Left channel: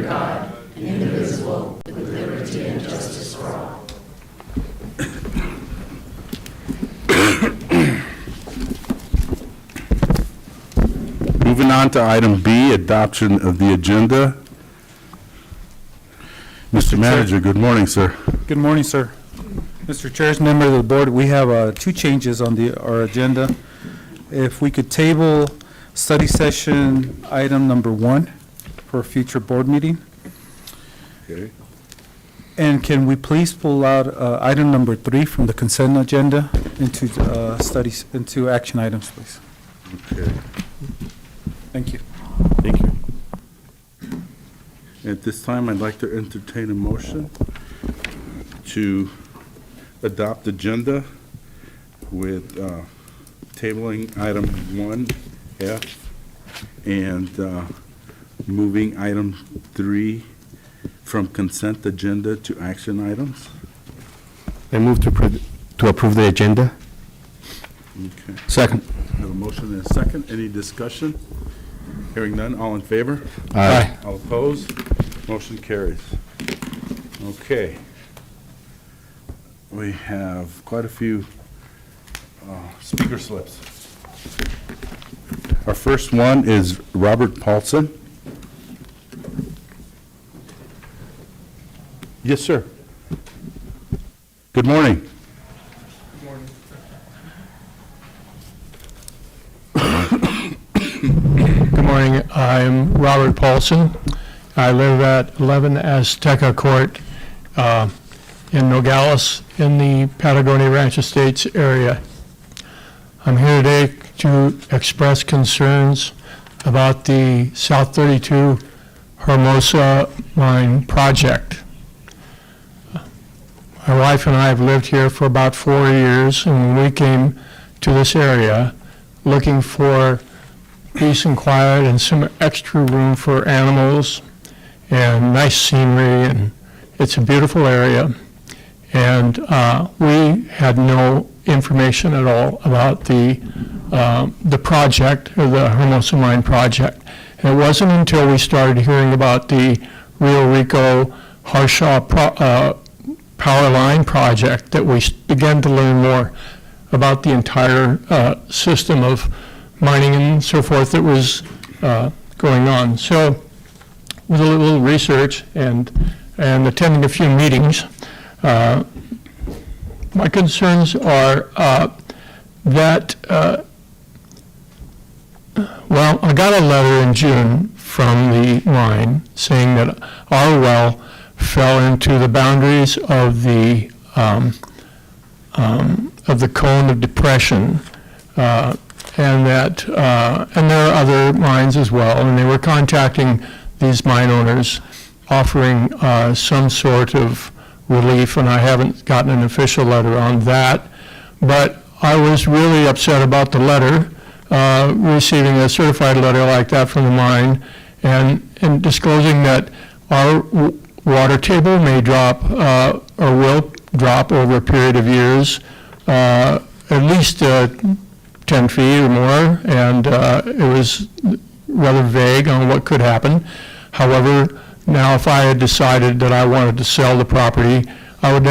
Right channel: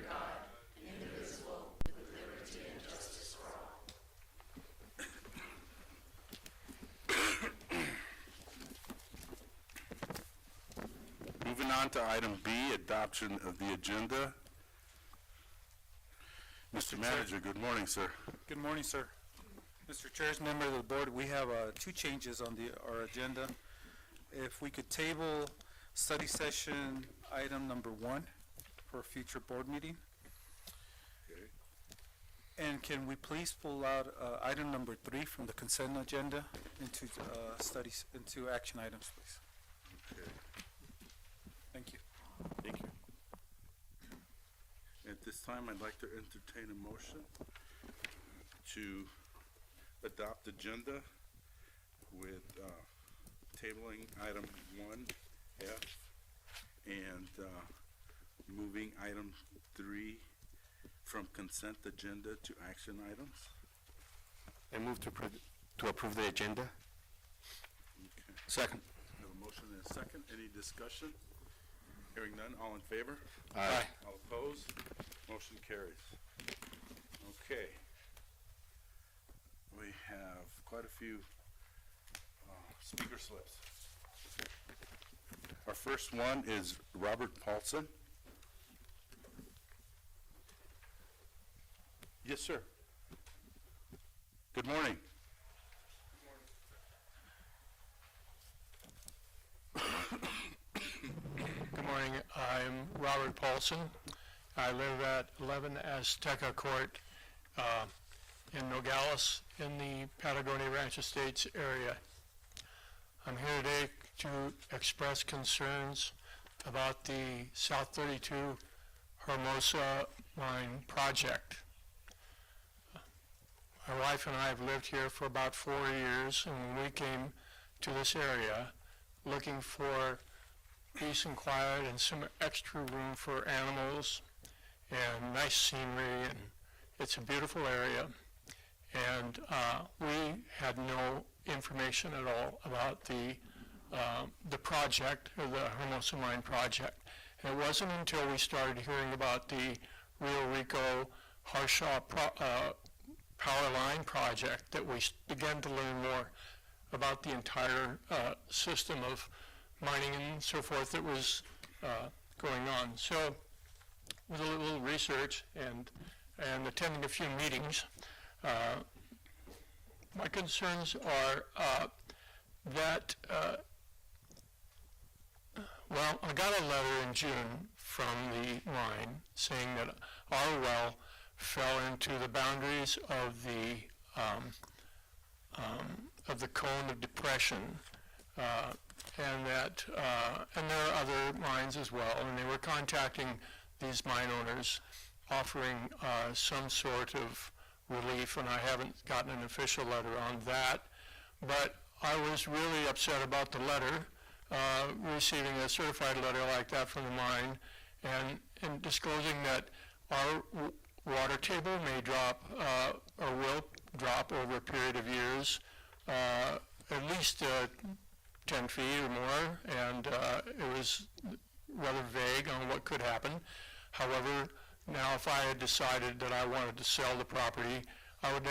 under God, indivisible, with liberty and justice for all. Moving on to item B, adoption of the agenda. Mr. Manager, good morning, sir. Good morning, sir. Mr. Chair, as member of the board, we have two changes on our agenda. If we could table study session item number 1 for a future board meeting. Okay. And can we please pull out item number 3 from the consent agenda into action items, please? Okay. Thank you. Thank you. At this time, I'd like to entertain a motion to adopt agenda with tabling item 1F and moving item 3 from consent agenda to action items. I move to approve the agenda. Okay. Second. I have a motion and a second. Any discussion? Hearing none, all in favor? Aye. All opposed? Motion carries. Okay. We have quite a few speaker slips. Our first one is Robert Paulson. Yes, sir. Good morning. Good morning. I'm Robert Paulson. I live at 11 Azteca Court in Nogales in the Patagonia Ranch Estates area. I'm here today to express concerns about the South 32 Hermosa Mine project. My wife and I have lived here for about 4 years, and when we came to this area looking for peace and quiet and some extra room for animals and nice scenery, and it's a beautiful area. And we had no information at all about the project, or the Hermosa Mine project. And it wasn't until we started hearing about the Rio Rico Harshaw power line project that we began to learn more about the entire system of mining and so forth that was going on. So with a little research and attending a few meetings, my concerns are that, well, I got a letter in June from the mine saying that our well fell into the boundaries of the cone of depression, and that and there are other mines as well, and they were contacting these mine owners offering some sort of relief, and I haven't gotten an official letter on that. But I was really upset about the letter, receiving a certified letter like that from the mine, and disclosing that our water table may drop or will drop over a period of years, at least 10 feet or more, and it was rather vague on what could happen. However, now if I had decided that I wanted to sell the property, I would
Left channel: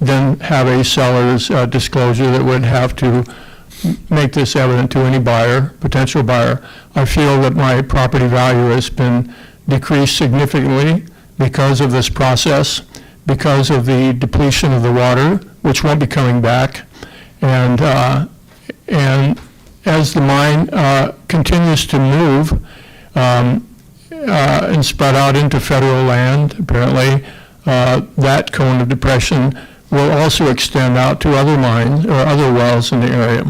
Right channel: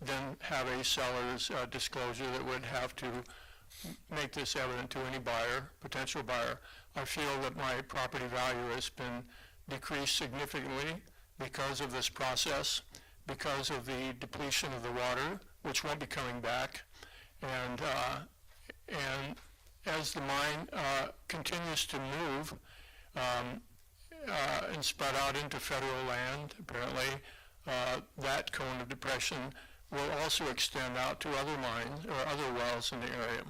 then have a seller's disclosure that would have to make this evident to any buyer, potential buyer. I feel that my property value has been decreased significantly because of this process, because of the depletion of the water, which won't be coming back, and as the mine continues to move and spread out into federal land, apparently that cone of depression will also extend out to other mines or other wells in the area.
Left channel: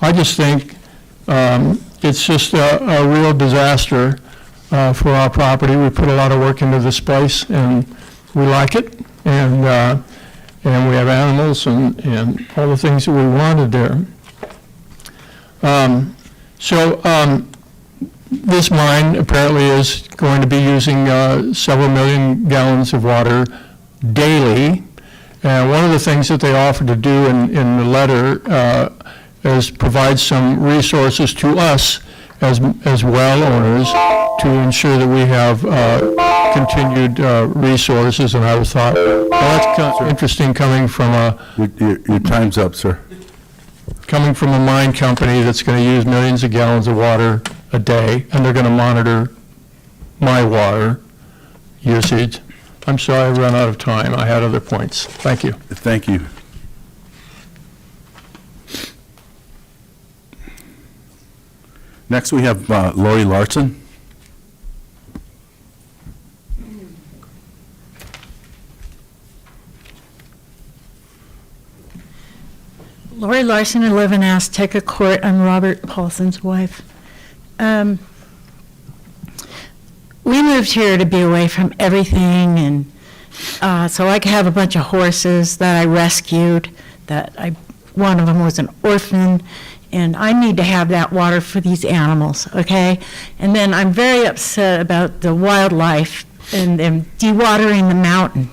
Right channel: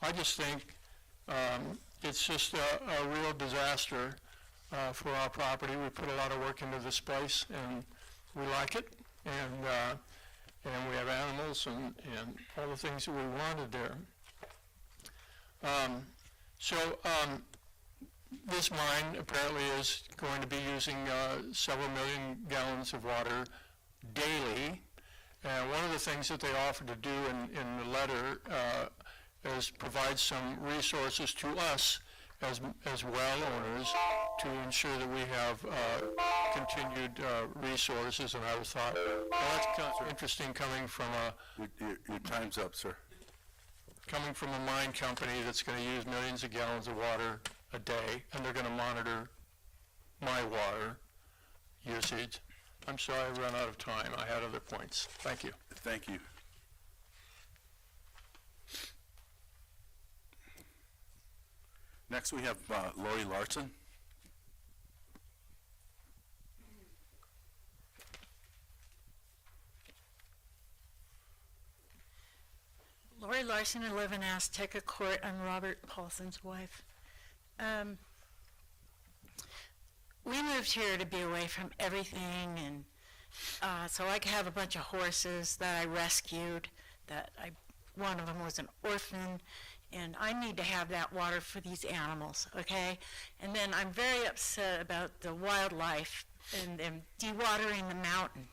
I just think it's just a real disaster for our property. We put a lot of work into this place, and we like it, and we have animals and all the things that we wanted there. This mine apparently is going to be using several million gallons of water daily. And one of the things that they offered to do in the letter is provide some resources to us as well owners to ensure that we have continued resources. And I thought, well, that's kind of interesting coming from Your time's up, sir. a mine company that's going to use millions of gallons of water a day, and they're going to monitor my water usage. I'm sorry I ran out of time. I had other points. Thank you. Thank you. Next, we have Lori Larson. Lori Larson, I live in Azteca Court. I'm Robert Paulson's wife. We moved here to be away from everything, and so I could have a bunch of horses that I rescued. One of them was an orphan, and I need to have that water for these animals, okay? And then I'm very upset about the wildlife and them dewatering the mountain.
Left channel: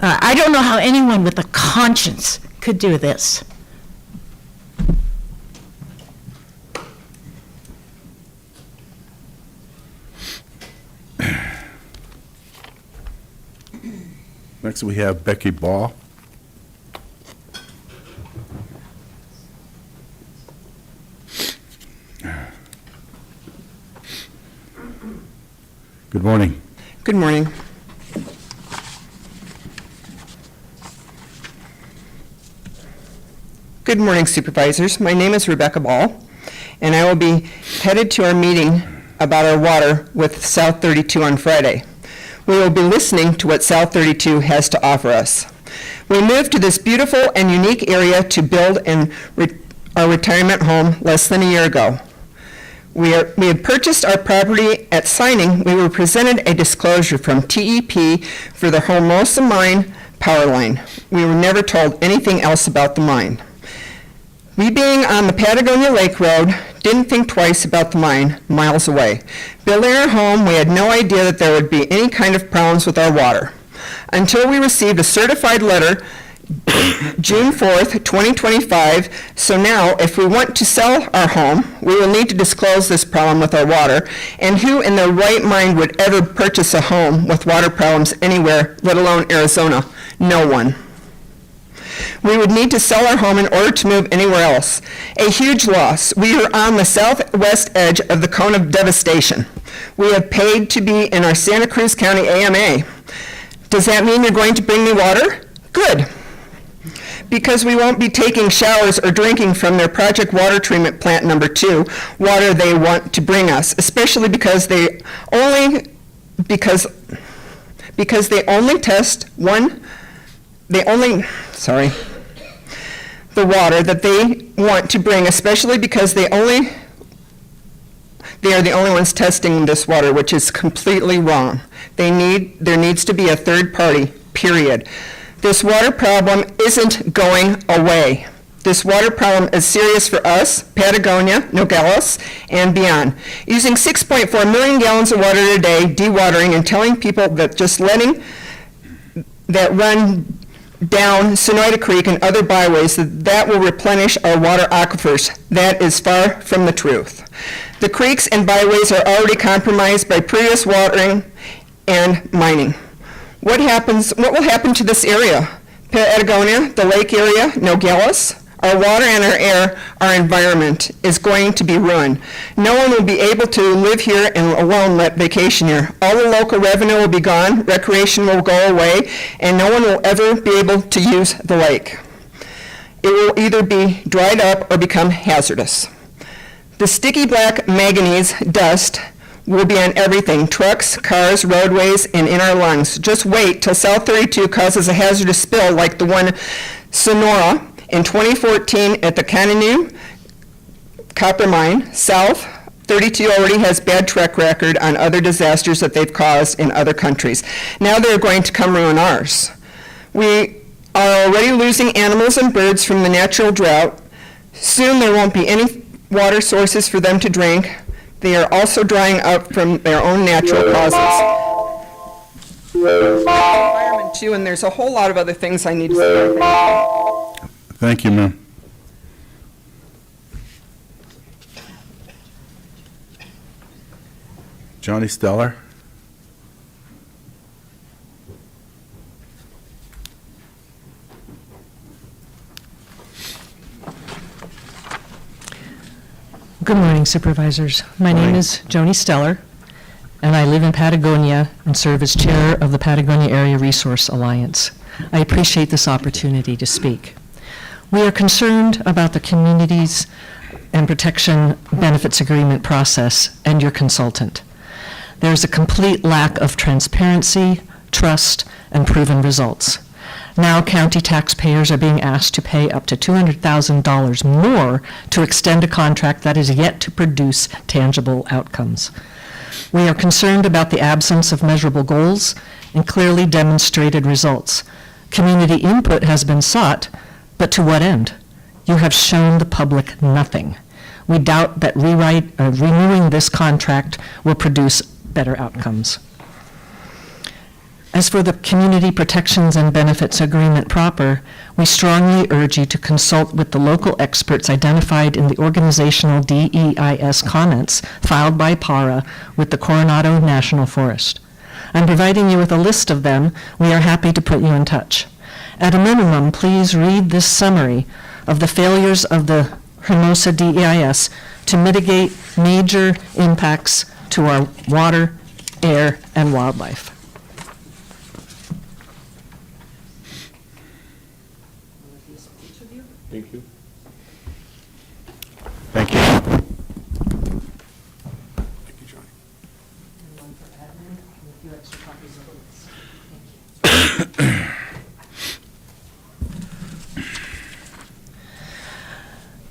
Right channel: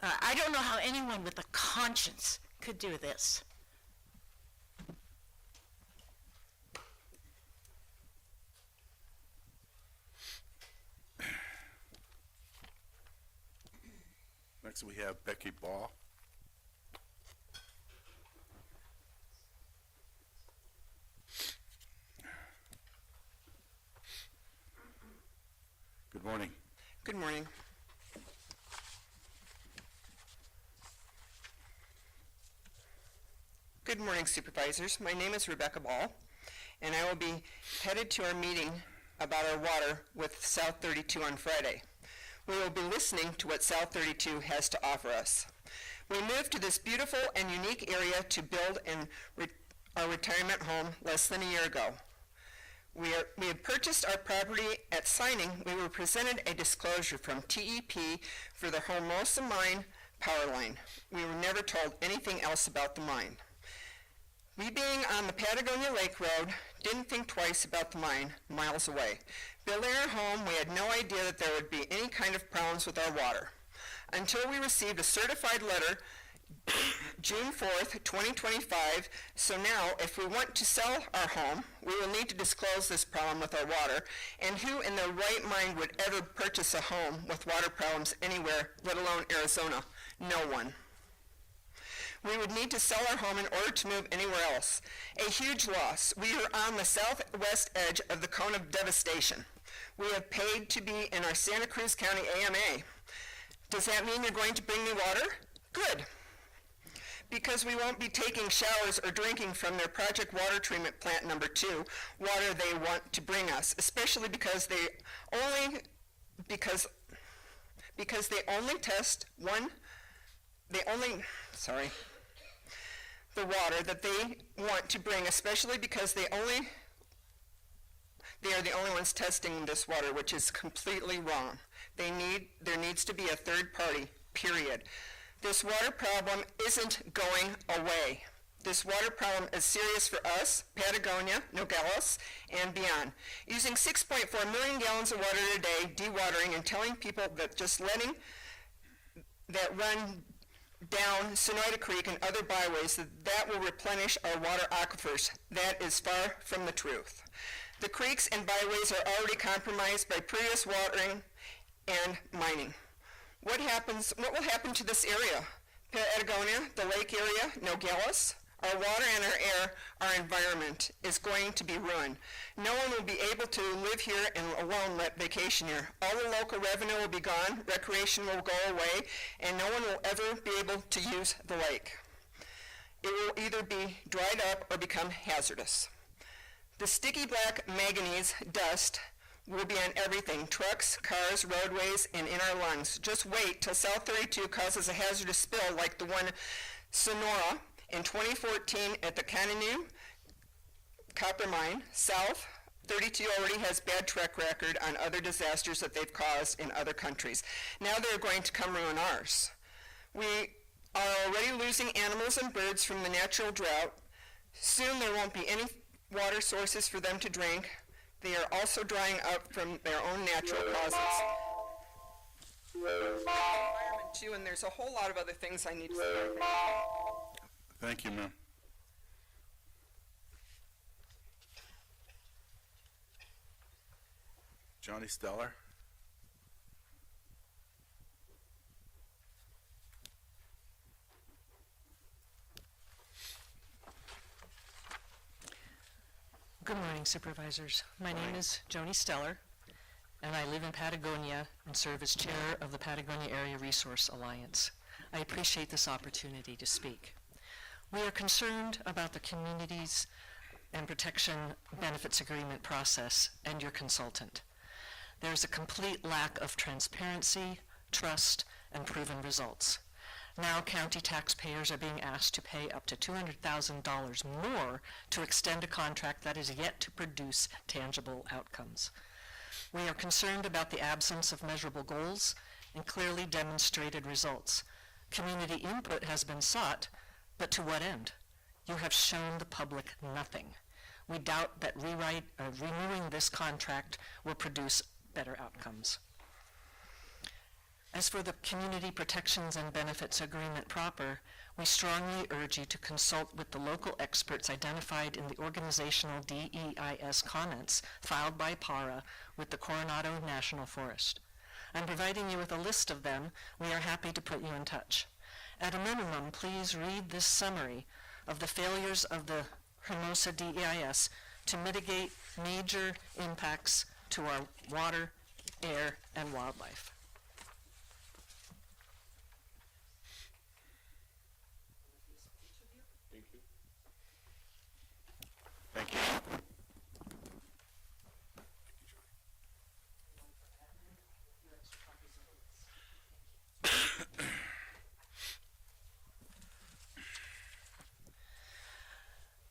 I don't know how anyone with a conscience could do this. Next, we have Becky Ball. Good morning. Good morning. Good morning, Supervisors. My name is Rebecca Ball, and I will be headed to our meeting about our water with South 32 on Friday. We will be listening to what South 32 has to offer us. We moved to this beautiful and unique area to build our retirement home less than a year ago. We had purchased our property. At signing, we were presented a disclosure from TEP for the Hermosa Mine power line. We were never told anything else about the mine. We, being on the Patagonia Lake Road, didn't think twice about the mine miles away. Building our home, we had no idea that there would be any kind of problems with our water. Until we received a certified letter June 4th, 2025. So now, if we want to sell our home, we will need to disclose this problem with our water. And who in their right mind would ever purchase a home with water problems anywhere, let alone Arizona? No one. We would need to sell our home in order to move anywhere else. A huge loss. We are on the southwest edge of the cone of devastation. We have paid to be in our Santa Cruz County AMA. Does that mean you're going to bring me water? Good. Because we won't be taking showers or drinking from their project water treatment plant number 2, water they want to bring us, especially because they only test the water that they want to bring, especially because they are the only ones testing this water, which is completely wrong. There needs to be a third party, period. This water problem isn't going away. This water problem is serious for us, Patagonia, Nogales, and beyond. Using 6.4 million gallons of water a day, dewatering, and telling people that just letting that run down Sonoyta Creek and other byways, that will replenish our water aquifers. That is far from the truth. The creeks and byways are already compromised by previous watering and mining. What will happen to this area? Patagonia, the lake area, Nogales, our water and our air, our environment is going to be ruined. No one will be able to live here and alone let vacation here. All the local revenue will be gone, recreation will go away, and no one will ever be able to use the lake. It will either be dried up or become hazardous. The sticky black manganese dust will be on everything, trucks, cars, roadways, and in our lungs. Just wait till South 32 causes a hazardous spill like the one Sonora in 2014 at the Cananoo copper mine. South 32 already has bad track record on other disasters that they've caused in other countries. Now they're going to come ruin ours. We are already losing animals and birds from the natural drought. Soon there won't be any water sources for them to drink. They are also drying up from their own natural causes. Environment too, and there's a whole lot of other things I need to say. Thank you, ma'am. Johnny Stellar. Good morning, Supervisors. My name is Joni Stellar, and I live in Patagonia and serve as Chair of the Patagonia Area Resource Alliance. I appreciate this opportunity to speak. We are concerned about the Communities and Protection Benefits Agreement process and your consultant. There's a complete lack of transparency, trust, and proven results. Now county taxpayers are being asked to pay up to $200,000 more to extend a contract that is yet to produce tangible outcomes. We are concerned about the absence of measurable goals and clearly demonstrated results. Community input has been sought, but to what end? You have shown the public nothing. We doubt that renewing this contract will produce better outcomes. As for the Community Protections and Benefits Agreement proper, we strongly urge you to consult with the local experts identified in the organizational DEIS comments filed by PARA with the Coronado National Forest. I'm providing you with a list of them. We are happy to put you in touch. At a minimum, please read this summary of the failures of the Hermosa DEIS to mitigate major impacts to our water, air, and wildlife. Thank you. Thank you.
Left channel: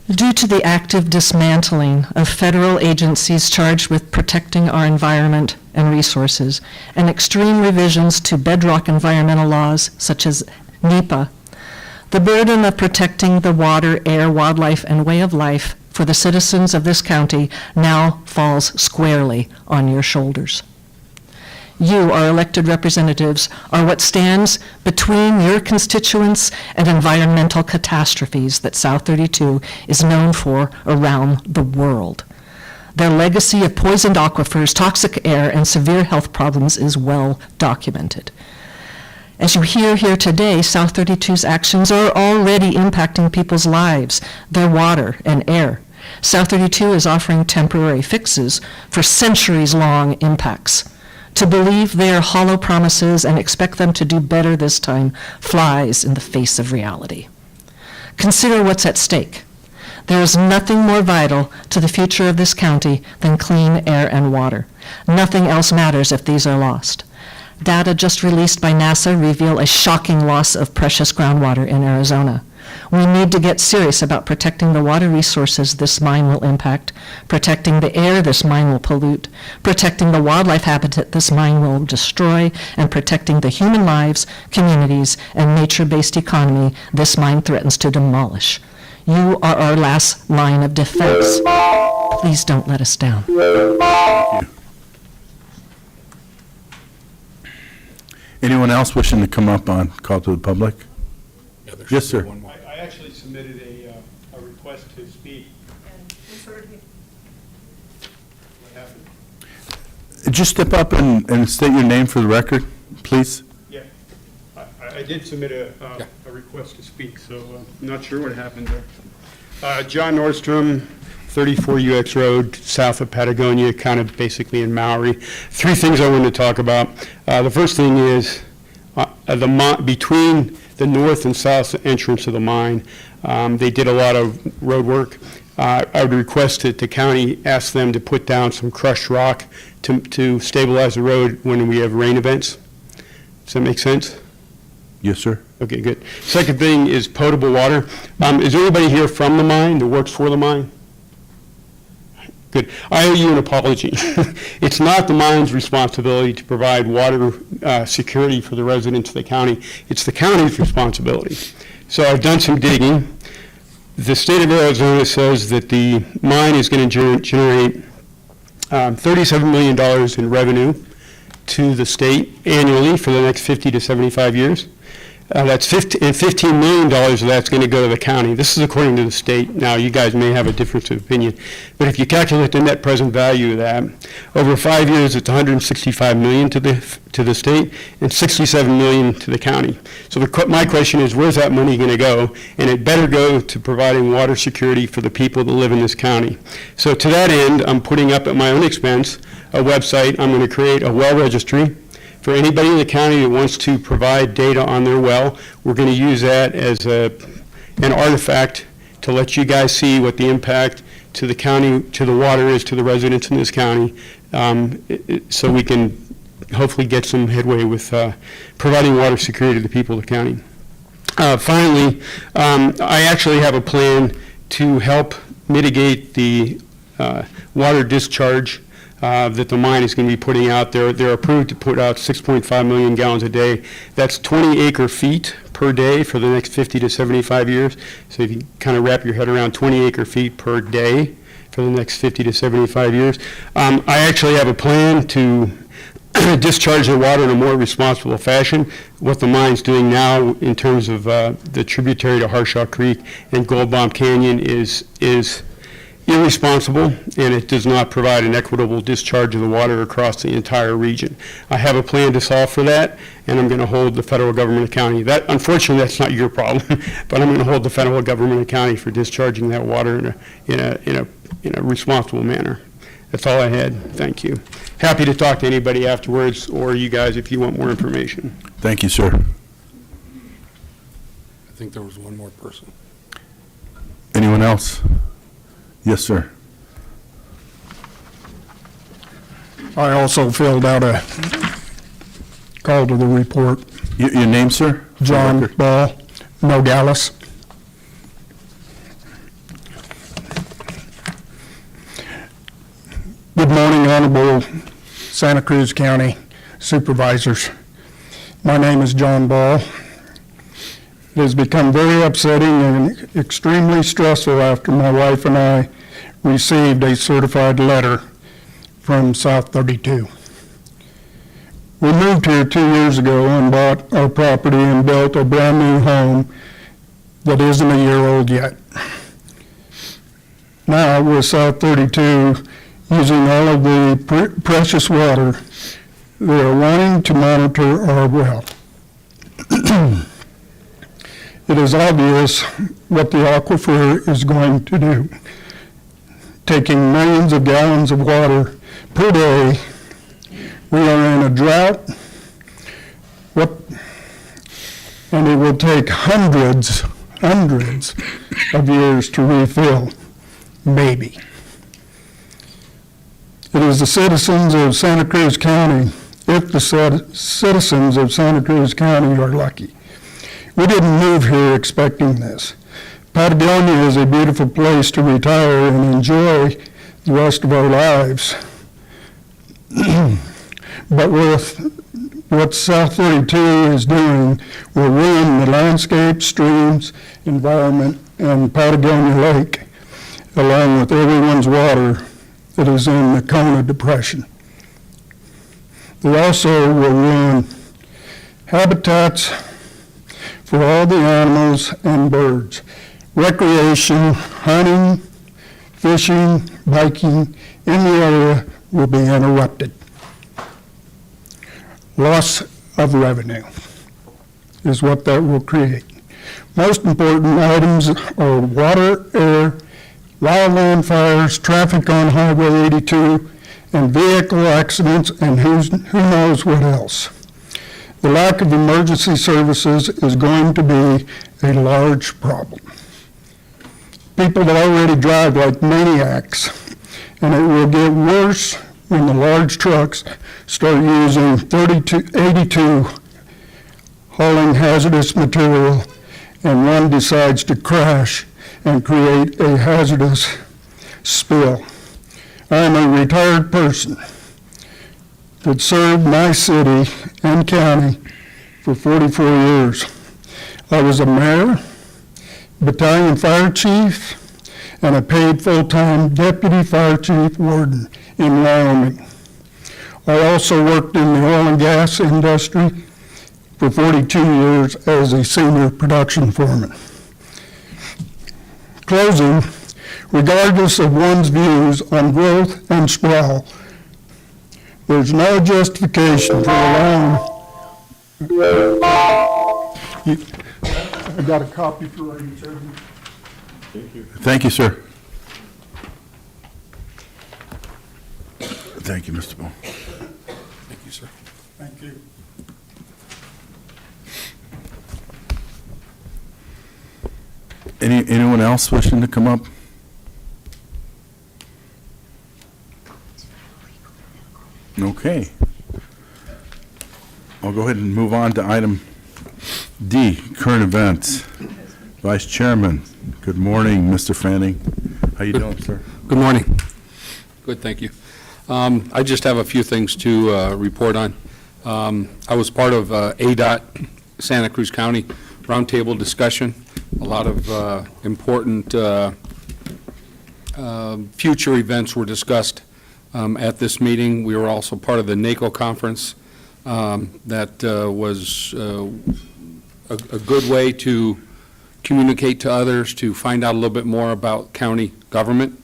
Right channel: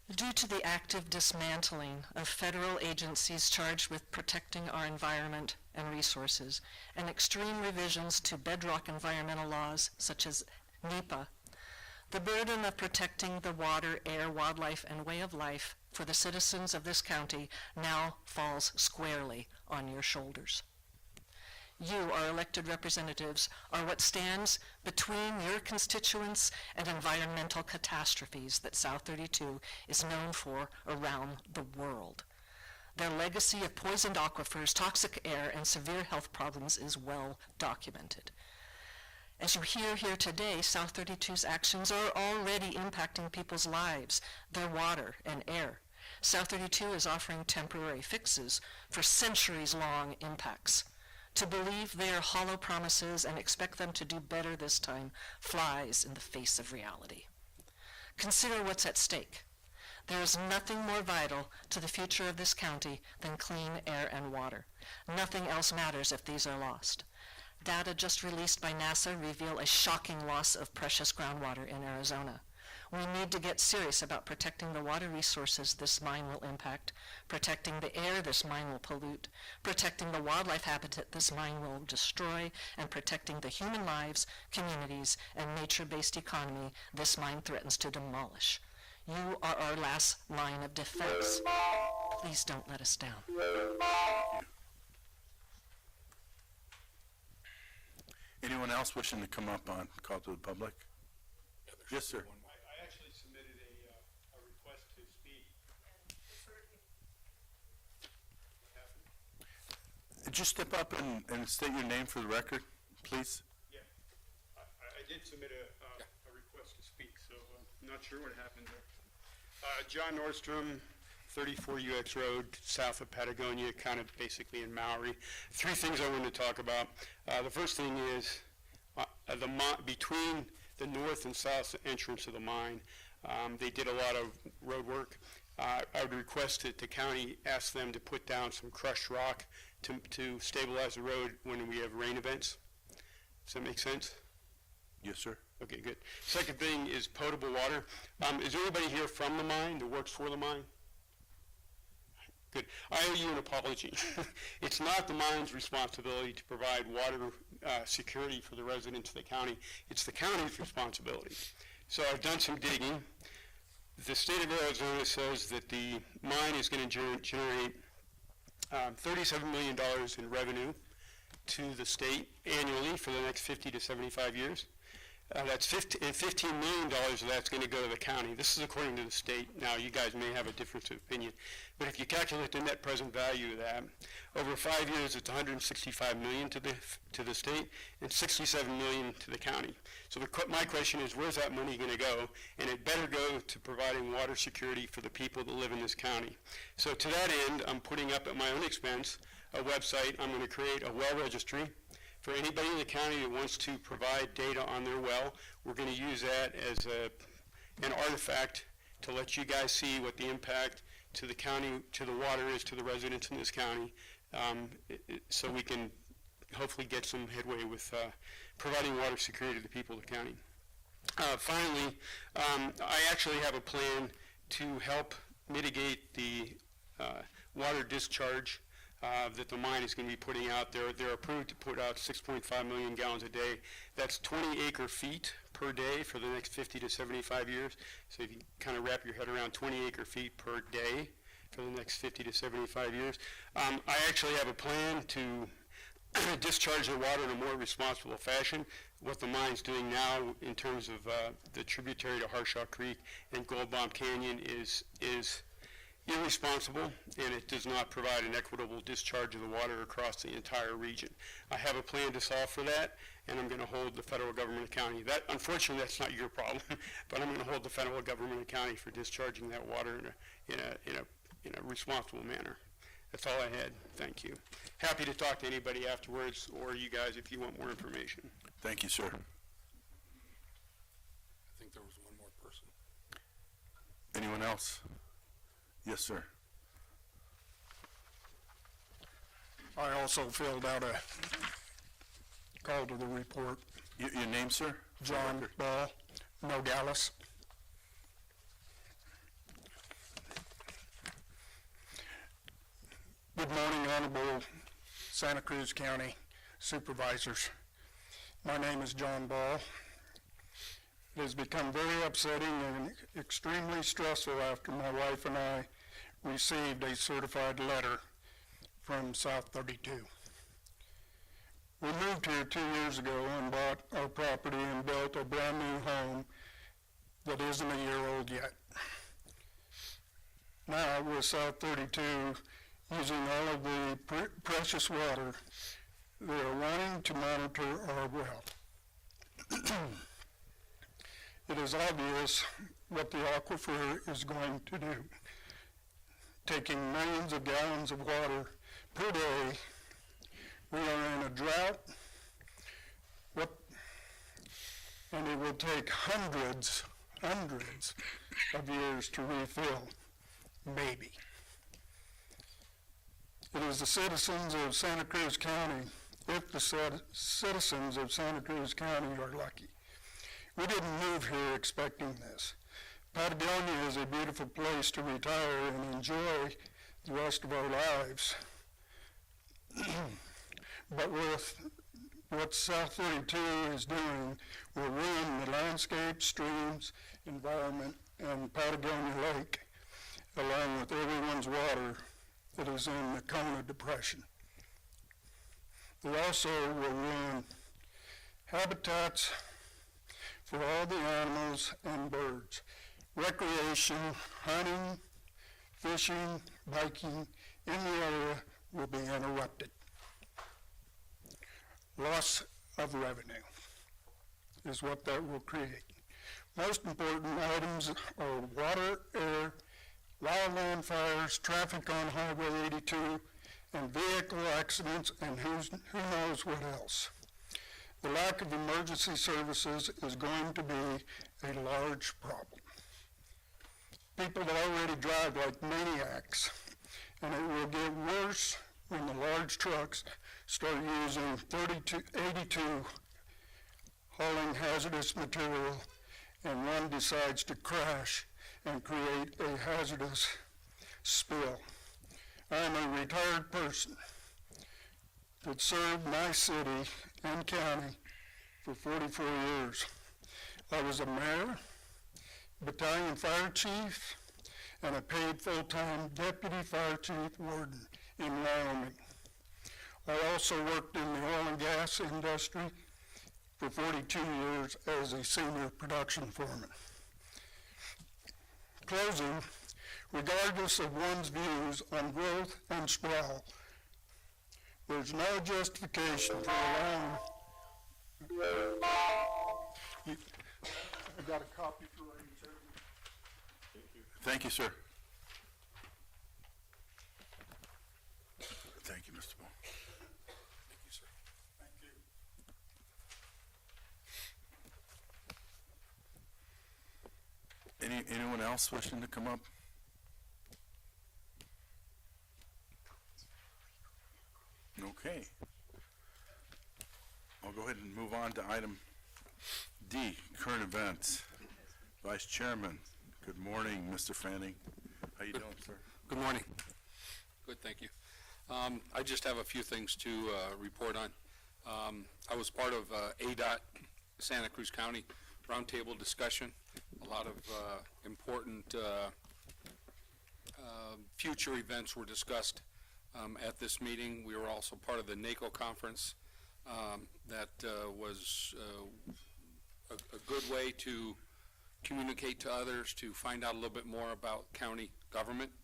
Due to the active dismantling of federal agencies charged with protecting our environment and resources, and extreme revisions to bedrock environmental laws such as NEPA, the burden of protecting the water, air, wildlife, and way of life for the citizens of this county now falls squarely on your shoulders. You, our elected representatives, are what stands between your constituents and environmental catastrophes that South 32 is known for around the world. Their legacy of poisoned aquifers, toxic air, and severe health problems is well documented. As you hear here today, South 32's actions are already impacting people's lives, their water and air. South 32 is offering temporary fixes for centuries-long impacts. To believe they are hollow promises and expect them to do better this time flies in the face of reality. Consider what's at stake. There is nothing more vital to the future of this county than clean air and water. Nothing else matters if these are lost. Data just released by NASA reveal a shocking loss of precious groundwater in Arizona. We need to get serious about protecting the water resources this mine will impact, protecting the air this mine will pollute, protecting the wildlife habitat this mine will destroy, and protecting the human lives, communities, and nature-based economy this mine threatens to demolish. You are our last line of defense. Please don't let us down. Anyone else wishing to come up on call to the public? Yes, sir. I actually submitted a request to speak. What happened? Just step up and state your name for the record, please. Yeah, I did submit a request to speak, so I'm not sure what happened there. John Nordstrom, 34 UX Road, south of Patagonia, kind of basically in Maui. Three things I wanted to talk about. The first thing is between the north and south entrance of the mine, they did a lot of road work. I would request that the county ask them to put down some crushed rock to stabilize the road when we have rain events. Does that make sense? Yes, sir. Okay, good. Second thing is potable water. Is there anybody here from the mine that works for the mine? Good. I owe you an apology. It's not the mine's responsibility to provide water security for the residents of the county. It's the county's responsibility. So I've done some digging. The state of Arizona says that the mine is going to generate $37 million in revenue to the state annually for the next 50 to 75 years. That's $15 million of that's going to go to the county. This is according to the state. Now, you guys may have a difference of opinion, but if you calculate the net present value of that, over 5 years, it's $165 million to the state and $67 million to the county. So my question is, where's that money going to go? And it better go to providing water security for the people that live in this county. So to that end, I'm putting up at my own expense a website. I'm going to create a well registry. For anybody in the county that wants to provide data on their well, we're going to use that as an artifact to let you guys see what the impact to the county, to the water is to the residents in this county, so we can hopefully get some headway with providing water security to the people of the county. Finally, I actually have a plan to help mitigate the water discharge that the mine is going to be putting out there. They're approved to put out 6.5 million gallons a day. That's 20 acre feet per day for the next 50 to 75 years. So if you kind of wrap your head around 20 acre feet per day for the next 50 to 75 years. I actually have a plan to discharge the water in a more responsible fashion. What the mine's doing now in terms of the tributary to Harshaw Creek and Gold Bomb Canyon is irresponsible, and it does not provide an equitable discharge of the water across the entire region. I have a plan to solve for that, and I'm going to hold the federal government accountable. That, unfortunately, that's not your problem, but I'm going to hold the federal government accountable for discharging that water in a responsible manner. That's all I had. Thank you. Happy to talk to anybody afterwards, or you guys if you want more information. Thank you, sir. I think there was one more person. Anyone else? Yes, sir. I also filled out a call to the report. Your name, sir? John Ball, Nogales. Good morning, Honorable Santa Cruz County Supervisors. My name is John Ball. It has become very upsetting and extremely stressful after my wife and I received a certified letter from South 32. We moved here 2 years ago and bought our property and built a brand new home that isn't a year old yet. Now, with South 32 using all of the precious water, they are wanting to monitor our well. It is obvious what the aquifer is going to do. Taking millions of gallons of water per day, we are in a drought, and it will take hundreds of years to refill, maybe. It is the citizens of Santa Cruz County, if the citizens of Santa Cruz County are lucky. We didn't move here expecting this. Patagonia is a beautiful place to retire and enjoy the rest of our lives. But with what South 32 is doing will ruin the landscape, streams, environment, and Patagonia Lake, along with everyone's water that is in the Kona Depression. They also will ruin habitats for all the animals and birds. Recreation, hunting, fishing, biking in the area will be interrupted. Loss of revenue is what that will create. Most important items are water, air, wildland fires, traffic on Highway 82, and vehicle accidents, and who knows what else. The lack of emergency services is going to be a large problem. People that already drive like maniacs, and it will get worse when the large trucks start using 82 hauling hazardous material, and one decides to crash and create a hazardous spill. I am a retired person that served my city and county for 44 years. I was a mayor, battalion fire chief, and a paid full-time deputy fire chief warden in Wyoming. I also worked in the oil and gas industry for for 42 years as a senior production foreman. Closing, regardless of one's views on growth and sprawl, there's no justification for allowing. I got a copy for you, Chairman. Thank you, sir. Thank you, Mr. Bone. Thank you, sir. Thank you. Anyone else wishing to come up? Okay. I'll go ahead and move on to item D, current events. Vice Chairman, good morning, Mr. Fanning. How you doing, sir? Good morning. Good, thank you. I just have a few things to report on. I was part of ADOT Santa Cruz County roundtable discussion. A lot of important future events were discussed at this meeting. We were also part of the NACO conference. That was a good way to communicate to others, to find out a little bit more about county government.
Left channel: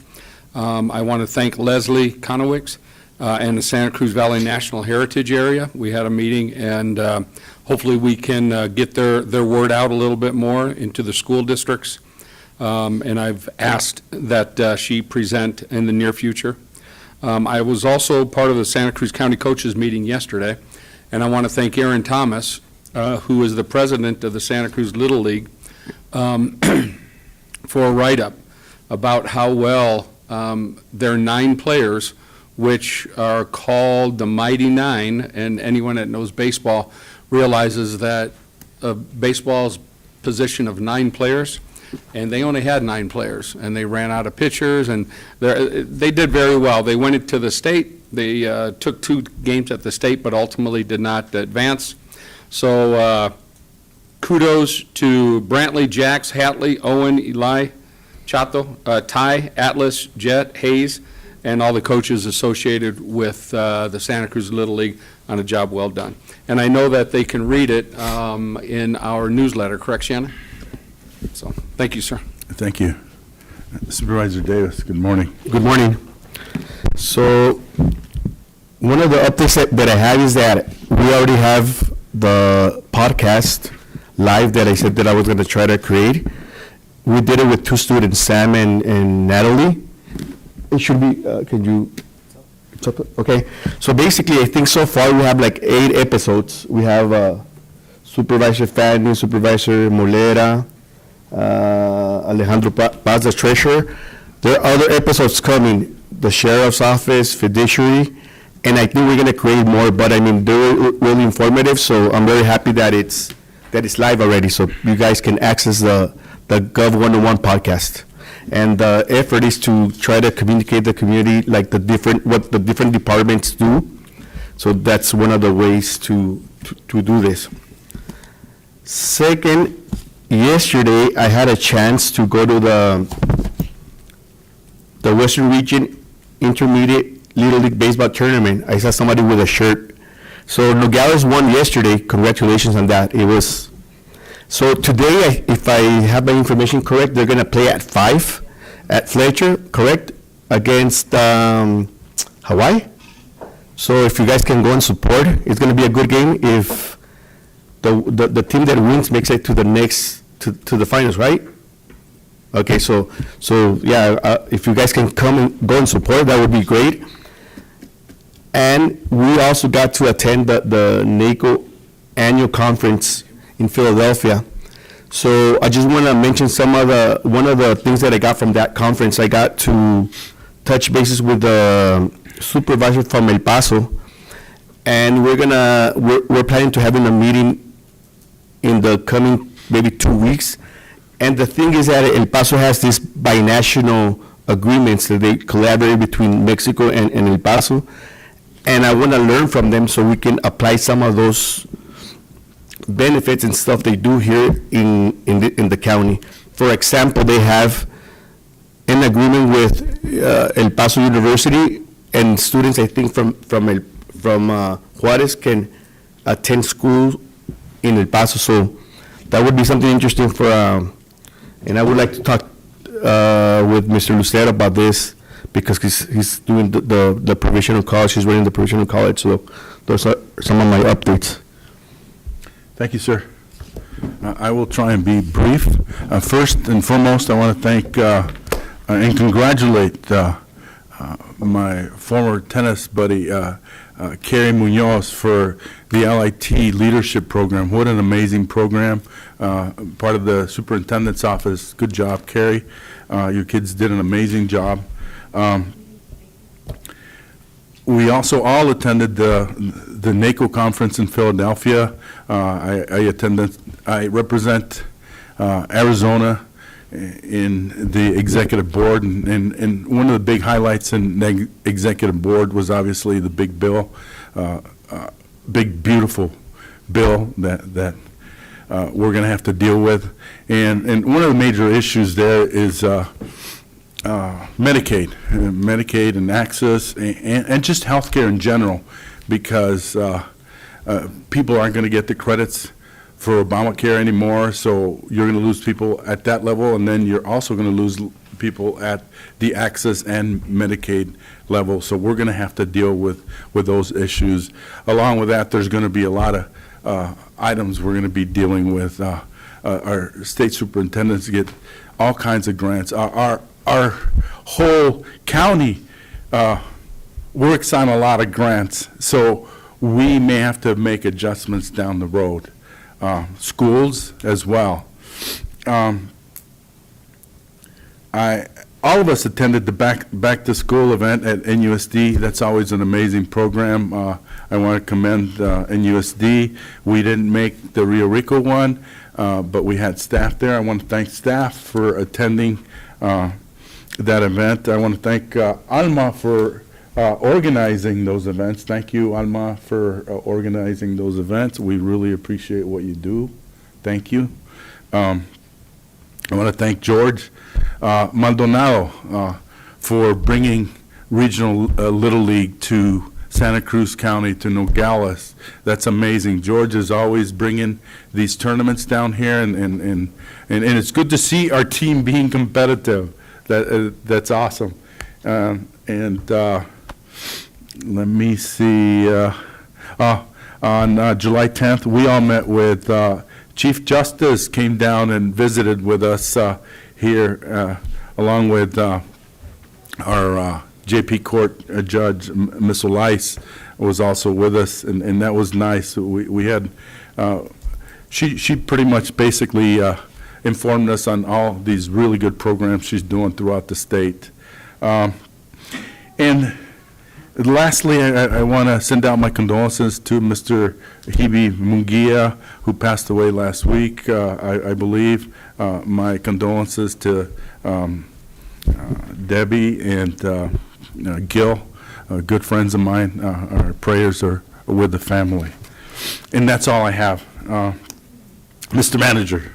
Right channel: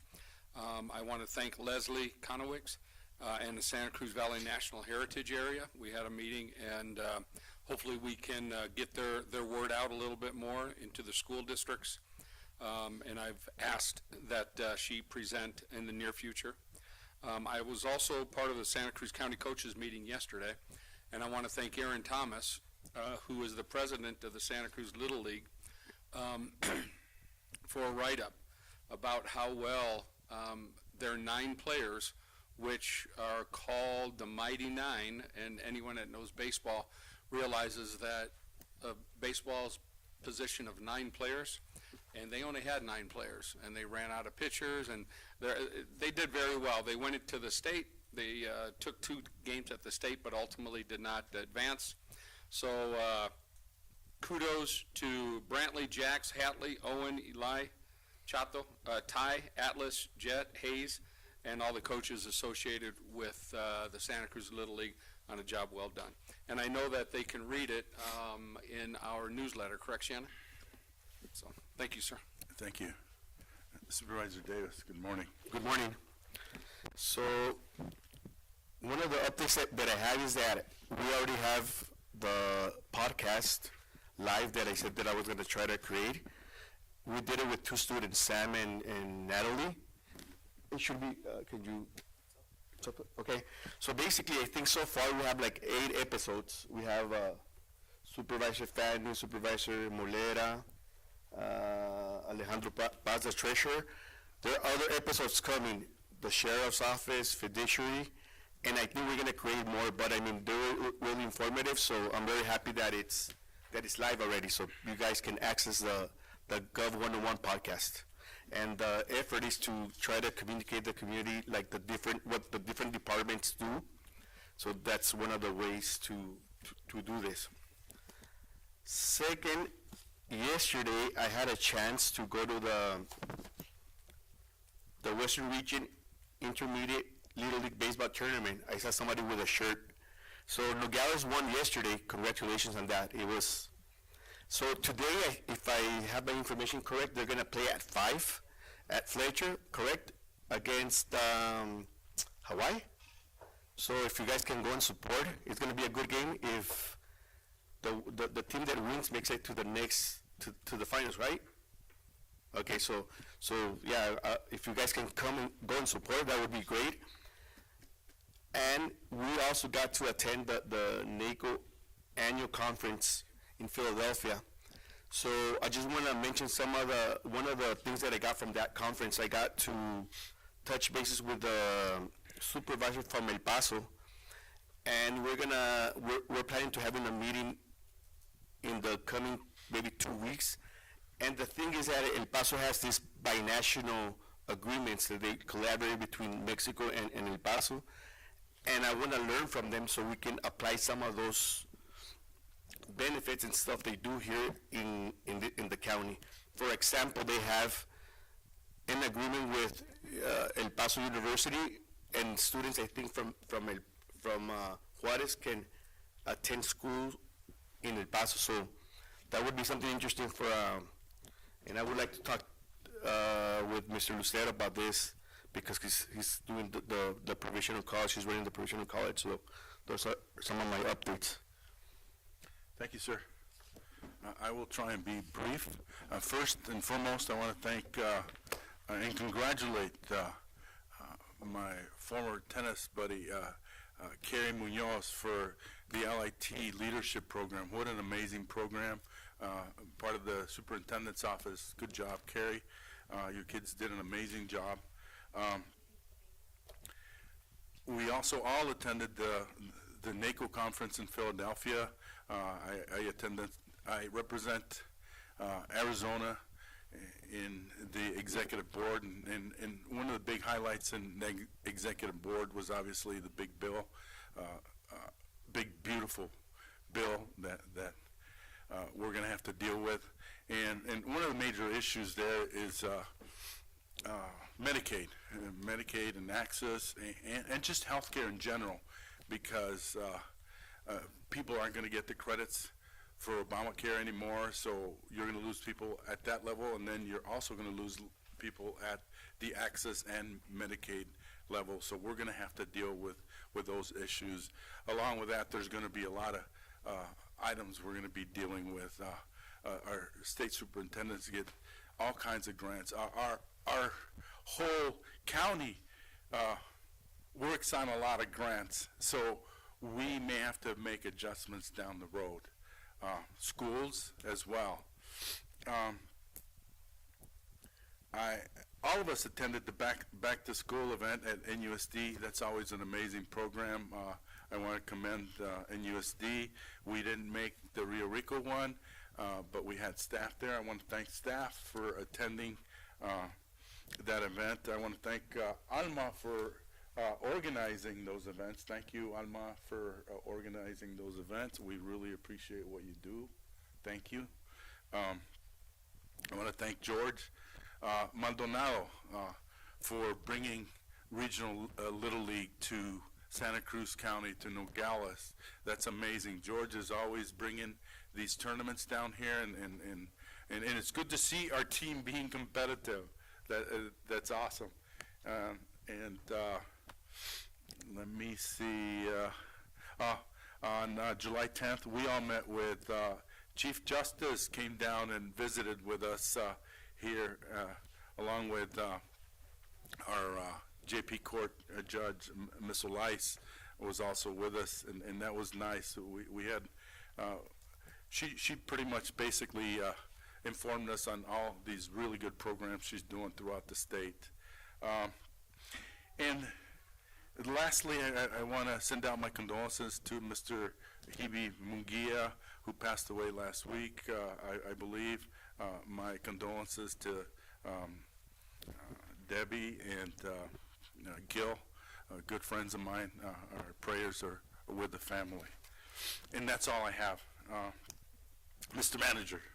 I want to thank Leslie Conowicz and the Santa Cruz Valley National Heritage Area. We had a meeting, and hopefully we can get their word out a little bit more into the school districts. And I've asked that she present in the near future. I was also part of the Santa Cruz County Coaches meeting yesterday, and I want to thank Aaron Thomas, who is the president of the Santa Cruz Little League, for a write-up about how well their 9 players, which are called the Mighty Nine, and anyone that knows baseball realizes that baseball's position of 9 players, and they only had 9 players, and they ran out of pitchers, and they did very well. They went into the state. They took 2 games at the state, but ultimately did not advance. So kudos to Brantley, Jax, Hatley, Owen, Eli, Chato, Ty, Atlas, Jet, Hayes, and all the coaches associated with the Santa Cruz Little League on a job well done. And I know that they can read it in our newsletter, correct, Shannon? So, thank you, sir. Thank you. Supervisor Davis, good morning. Good morning. So, one of the updates that I have is that we already have the podcast live that I said that I was going to try to create. We did it with 2 students, Sam and Natalie. It should be, can you, it's up, okay. So basically, I think so far we have like 8 episodes. We have Supervisor Fanning, Supervisor Molera, Alejandro Paz, the treasurer. There are other episodes coming, the sheriff's office, fiduciary, and I think we're going to create more, but I mean, they're really informative, so I'm very happy that it's live already, so you guys can access the Gov 101 podcast. And the effort is to try to communicate the community, like what the different departments do. So that's one of the ways to do this. Second, yesterday I had a chance to go to the Western Region Intermediate Little League Baseball Tournament. I saw somebody with a shirt. So Nogales won yesterday. Congratulations on that. It was. So today, if I have my information correct, they're going to play at 5 at Fletcher, correct, against Hawaii. So if you guys can go and support, it's going to be a good game. If the team that wins makes it to the next to the finals, right? Okay, so yeah, if you guys can come and go and support, that would be great. And we also got to attend the NACO annual conference in Philadelphia. So I just want to mention one of the things that I got from that conference. I got to touch bases with the supervisor from El Paso, and we're planning to having a meeting in the coming maybe 2 weeks. And the thing is that El Paso has these binational agreements that they collaborate between Mexico and El Paso, and I want to learn from them so we can apply some of those benefits and stuff they do here in the county. For example, they have an agreement with El Paso University, and students, I think, from Juarez can attend school in El Paso. So that would be something interesting for, and I would like to talk with Mr. Lucero about this, because he's doing the provisional college, he's running the provisional college, so those are some of my updates. Thank you, sir. I will try and be brief. First and foremost, I want to thank and congratulate my former tennis buddy, Kerry Munoz, for the LIT Leadership Program. What an amazing program. Part of the superintendent's office. Good job, Kerry. Your kids did an amazing job. We also all attended the NACO conference in Philadelphia. I represent Arizona in the executive board, and one of the big highlights in the executive board was obviously the big bill, big beautiful bill that we're going to have to deal with. And one of the major issues there is Medicaid and access, and just healthcare in general, because people aren't going to get the credits for Obamacare anymore, so you're going to lose people at that level, and then you're also going to lose people at the access and Medicaid level. So we're going to have to deal with those issues. Along with that, there's going to be a lot of items we're going to be dealing with. Our state superintendents get all kinds of grants. Our whole county works on a lot of grants, so we may have to make adjustments down the road. Schools as well. All of us attended the back to school event at NUSD. That's always an amazing program. I want to commend NUSD. We didn't make the Rio Rico one, but we had staff there. I want to thank staff for attending that event. I want to thank Alma for organizing those events. Thank you, Alma, for organizing those events. We really appreciate what you do. Thank you. I want to thank George Maldonado for bringing regional Little League to Santa Cruz County, to Nogales. That's amazing. George is always bringing these tournaments down here, and it's good to see our team being competitive. That's awesome. Let me see. On July 10th, we all met with Chief Justice, came down and visited with us here, along with our JP Court Judge, Ms. Olice, was also with us, and that was nice. We had, she pretty much basically informed us on all these really good programs she's doing throughout the state. And lastly, I want to send out my condolences to Mr. Hebe Munguia, who passed away last week, I believe. My condolences to Debbie and Gil, good friends of mine. Our prayers are with the family. And that's all I have. Mr. Manager.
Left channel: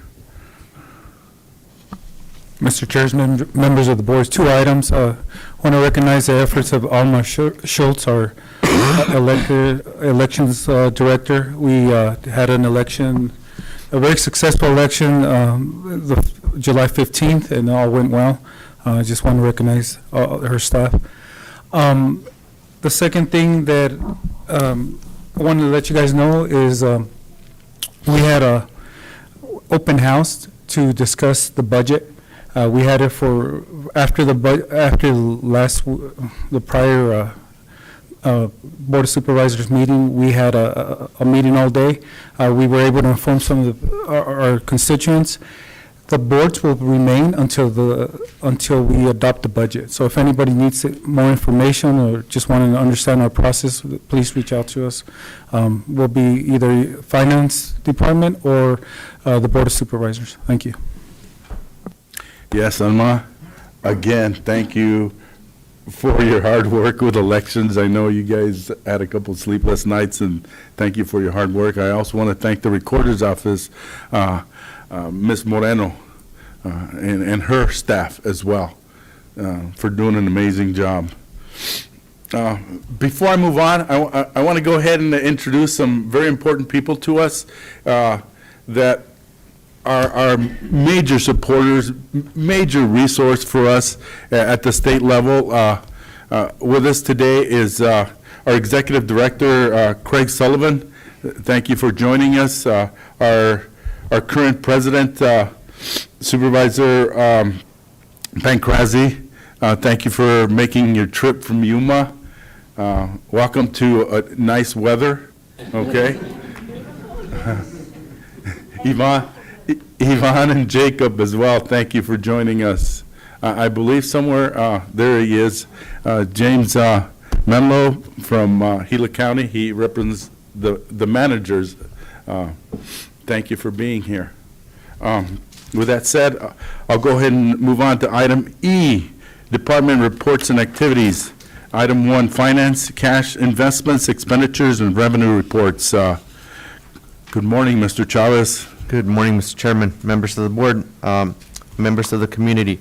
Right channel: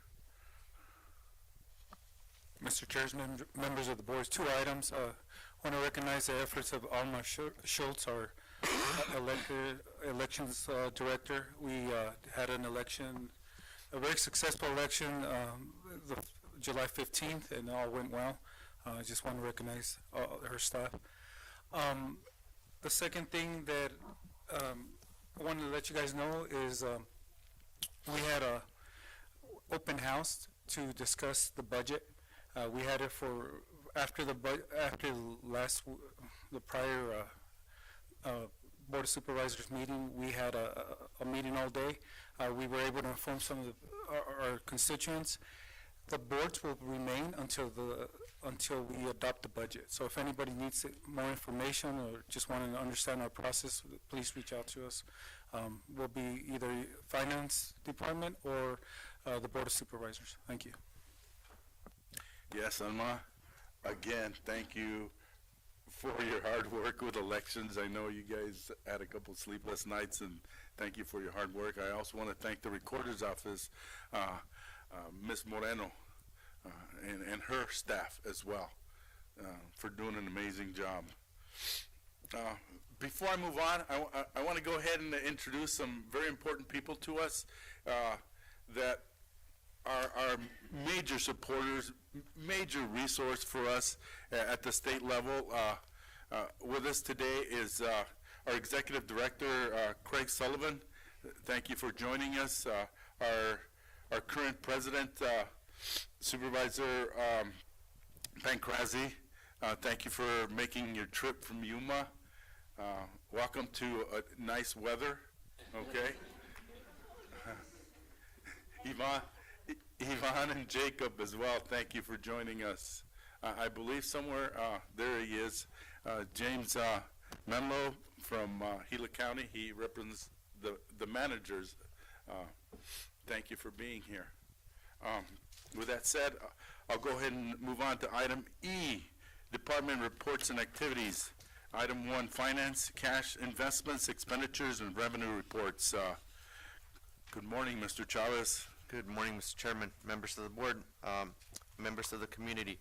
Mr. Chair, members of the board, 2 items. I want to recognize the efforts of Alma Schultz, our elections director. We had an election, a very successful election, July 15th, and all went well. I just want to recognize her staff. The second thing that I wanted to let you guys know is we had a open house to discuss the budget. We had it for after the prior Board of Supervisors meeting. We had a meeting all day. We were able to inform some of our constituents. The boards will remain until we adopt the budget. So if anybody needs more information or just wanting to understand our process, please reach out to us. We'll be either Finance Department or the Board of Supervisors. Thank you. Yes, Alma, again, thank you for your hard work with elections. I know you guys had a couple sleepless nights, and thank you for your hard work. I also want to thank the Recorder's Office, Ms. Moreno, and her staff as well, for doing an amazing job. Before I move on, I want to go ahead and introduce some very important people to us that are major supporters, major resource for us at the state level. With us today is our Executive Director, Craig Sullivan. Thank you for joining us. Our current President, Supervisor Pancrazi, thank you for making your trip from Yuma. Welcome to nice weather, okay? Yvonne and Jacob as well, thank you for joining us. I believe somewhere, there he is, James Menlo from Gila County. He represents the managers. Thank you for being here. With that said, I'll go ahead and move on to item E, Department Reports and Activities. Item 1, Finance, Cash Investments, Expenditures, and Revenue Reports. Good morning, Mr. Chavez. Good morning, Mr. Chairman, members of the board, members of the community.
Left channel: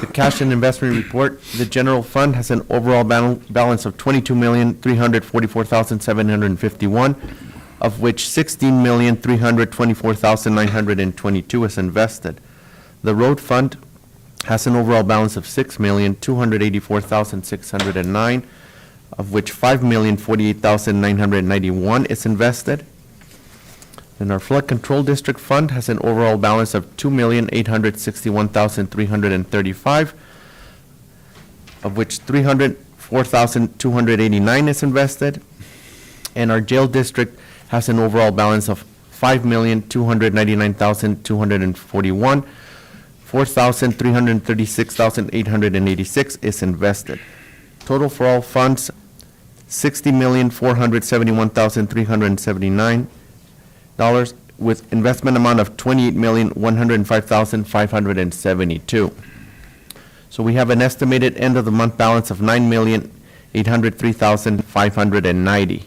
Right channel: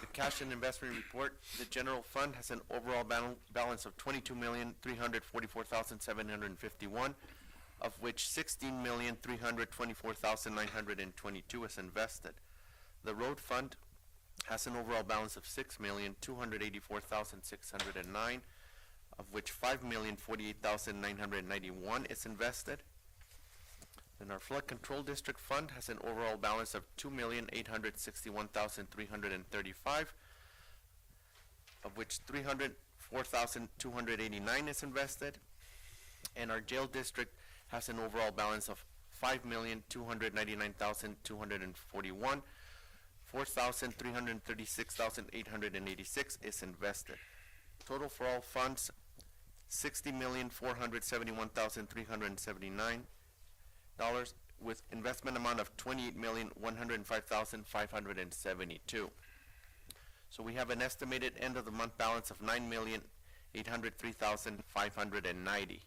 The cash and investment report, the general fund has an overall balance of $22,344,751, of which $16,324,922 is invested. The road fund has an overall balance of $6,284,609, of which $5,048,991 is invested. And our flood control district fund has an overall balance of $2,861,335, of which $304,289 is invested. And our jail district has an overall balance of $5,299,241. $4,336,886 is invested. Total for all funds, $60,471,379, with investment amount of $28,105,572. So we have an estimated end of the month balance of $9,803,590.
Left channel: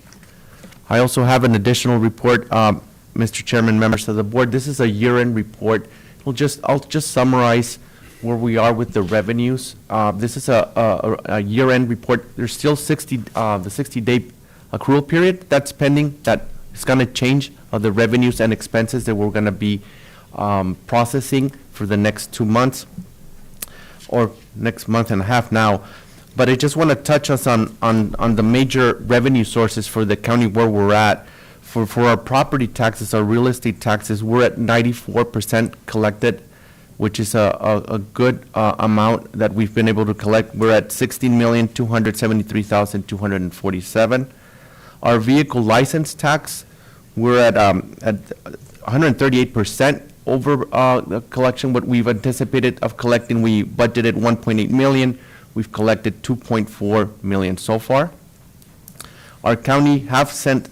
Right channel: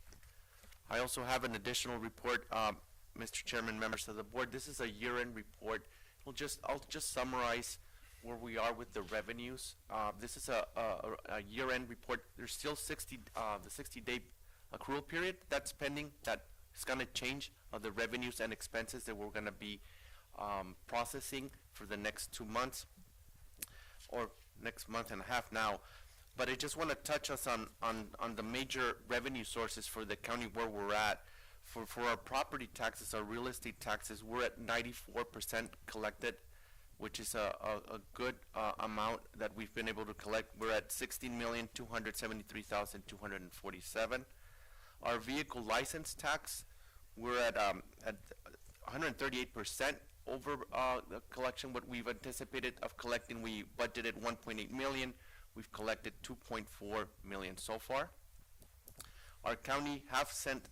I also have an additional report, Mr. Chairman, members of the board. This is a year-end report. I'll just summarize where we are with the revenues. This is a year-end report. There's still the 60-day accrual period. That's pending. That is going to change the revenues and expenses that we're going to be processing for the next 2 months or next month and a half now. But I just want to touch us on the major revenue sources for the county where we're at. For our property taxes, our real estate taxes, we're at 94% collected, which is a good amount that we've been able to collect. We're at $16,273,247. Our vehicle license tax, we're at 138% over the collection, what we've anticipated of collecting. We budgeted $1.8 million. We've collected $2.4 million so far. Our county have sent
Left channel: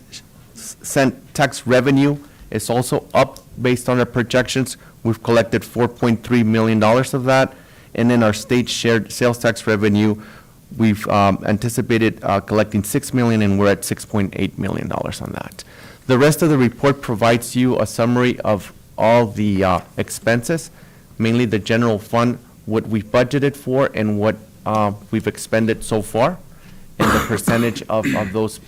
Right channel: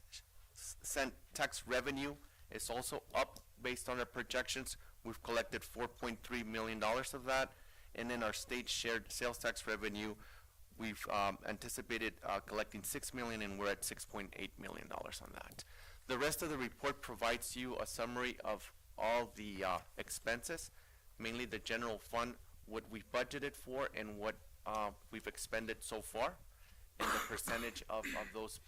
tax revenue is also up based on our projections. We've collected $4.3 million of that. And then our state shared sales tax revenue, we've anticipated collecting $6 million, and we're at $6.8 million on that. The rest of the report provides you a summary of all the expenses, mainly the general fund, what we've budgeted for and what we've expended so far, and the percentage of those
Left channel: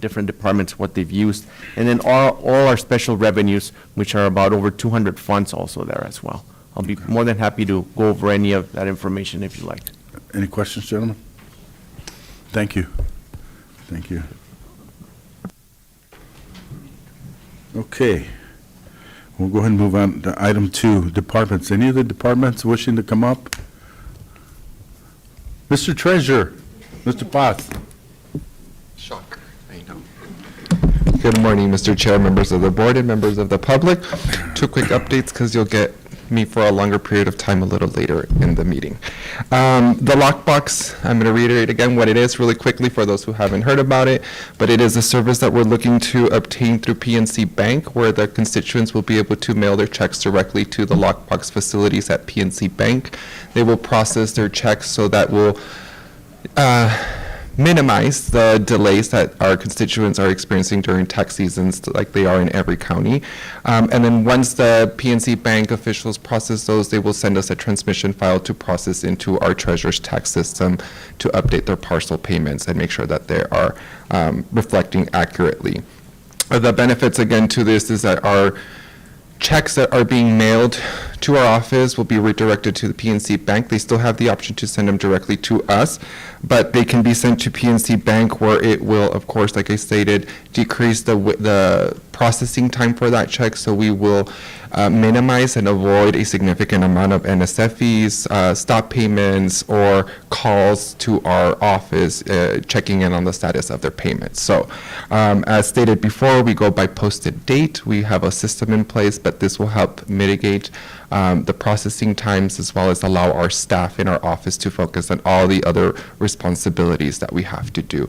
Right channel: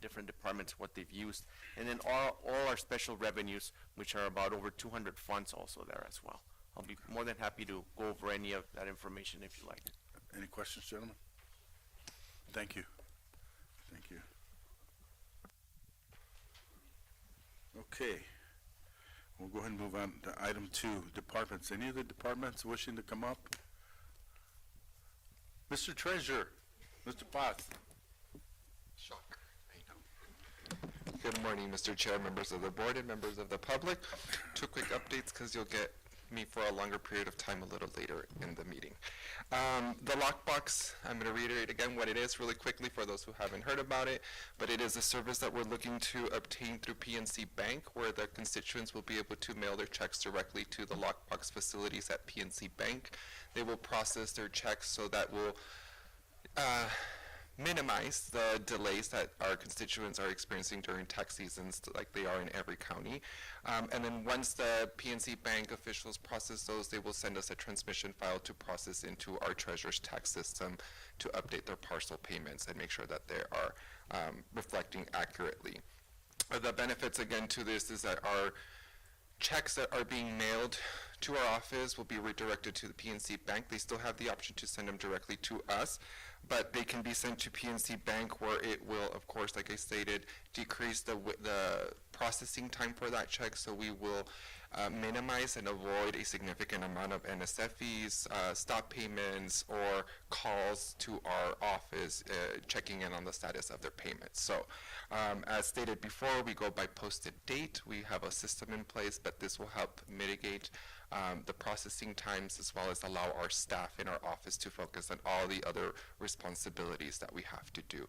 different departments, what they've used. And then all our special revenues, which are about over 200 funds also there as well. I'll be more than happy to go over any of that information if you like. Any questions, gentlemen? Thank you. Thank you. Okay. We'll go ahead and move on to item 2, departments. Any of the departments wishing to come up? Mr. Treasurer, Mr. Paz. Shocker, I know. Good morning, Mr. Chair, members of the board, and members of the public. 2 quick updates, because you'll get me for a longer period of time a little later in the meeting. The lockbox, I'm going to reiterate again what it is really quickly for those who haven't heard about it, but it is a service that we're looking to obtain through PNC Bank, where the constituents will be able to mail their checks directly to the lockbox facilities at PNC Bank. They will process their checks, so that will minimize the delays that our constituents are experiencing during tax seasons, like they are in every county. And then once the PNC Bank officials process those, they will send us a transmission file to process into our treasurer's tax system to update their parcel payments and make sure that they are reflecting accurately. The benefits, again, to this is that our checks that are being mailed to our office will be redirected to the PNC Bank. They still have the option to send them directly to us, but they can be sent to PNC Bank, where it will, of course, like I stated, decrease the processing time for that check, so we will minimize and avoid a significant amount of NSF fees, stop payments, or calls to our office checking in on the status of their payments. So as stated before, we go by posted date. We have a system in place, but this will help mitigate the processing times, as well as allow our staff in our office to focus on all the other responsibilities that we have to do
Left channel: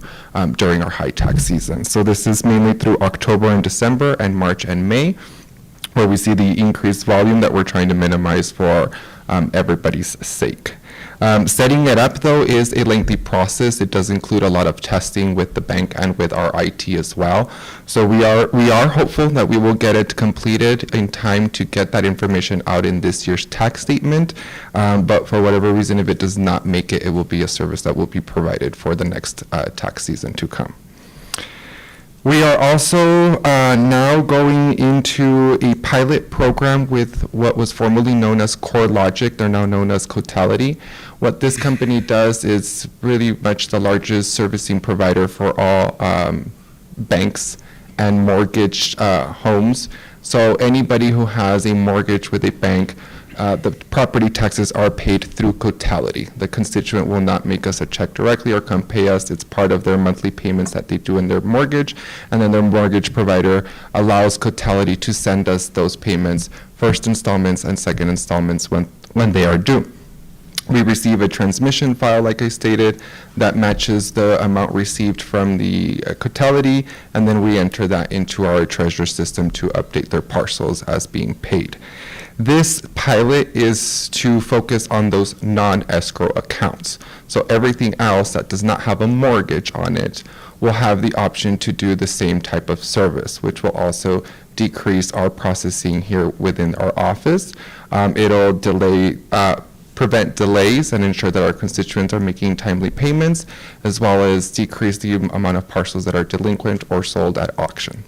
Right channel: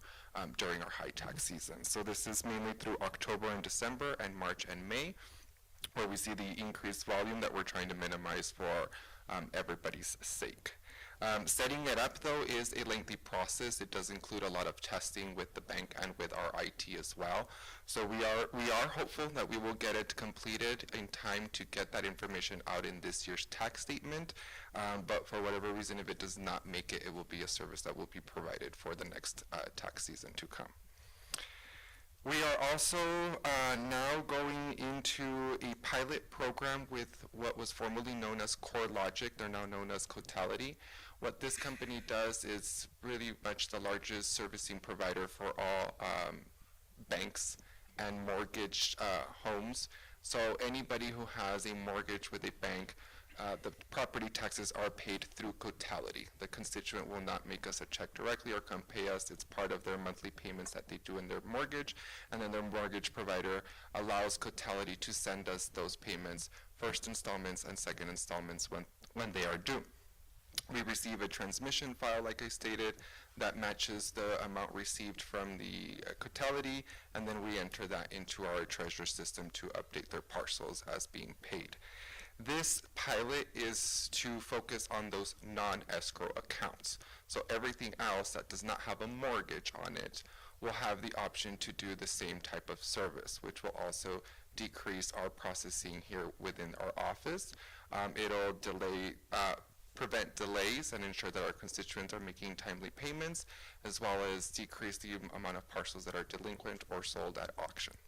during our high tax season. So this is mainly through October and December and March and May, where we see the increased volume that we're trying to minimize for everybody's sake. Setting it up, though, is a lengthy process. It does include a lot of testing with the bank and with our IT as well. So we are hopeful that we will get it completed in time to get that information out in this year's tax statement. But for whatever reason, if it does not make it, it will be a service that will be provided for the next tax season to come. We are also now going into a pilot program with what was formerly known as CoreLogic. They're now known as Cotality. What this company does is really much the largest servicing provider for all banks and mortgaged homes. So anybody who has a mortgage with a bank, the property taxes are paid through Cotality. The constituent will not make us a check directly or come pay us. It's part of their monthly payments that they do in their mortgage, and then their mortgage provider allows Cotality to send us those payments, first installments and second installments when they are due. We receive a transmission file, like I stated, that matches the amount received from the Cotality, and then we enter that into our treasurer system to update their parcels as being paid. This pilot is to focus on those non-escrow accounts. So everything else that does not have a mortgage on it will have the option to do the same type of service, which will also decrease our processing here within our office. It'll prevent delays and ensure that our constituents are making timely payments, as well as decrease the amount of parcels that are delinquent or sold at auction.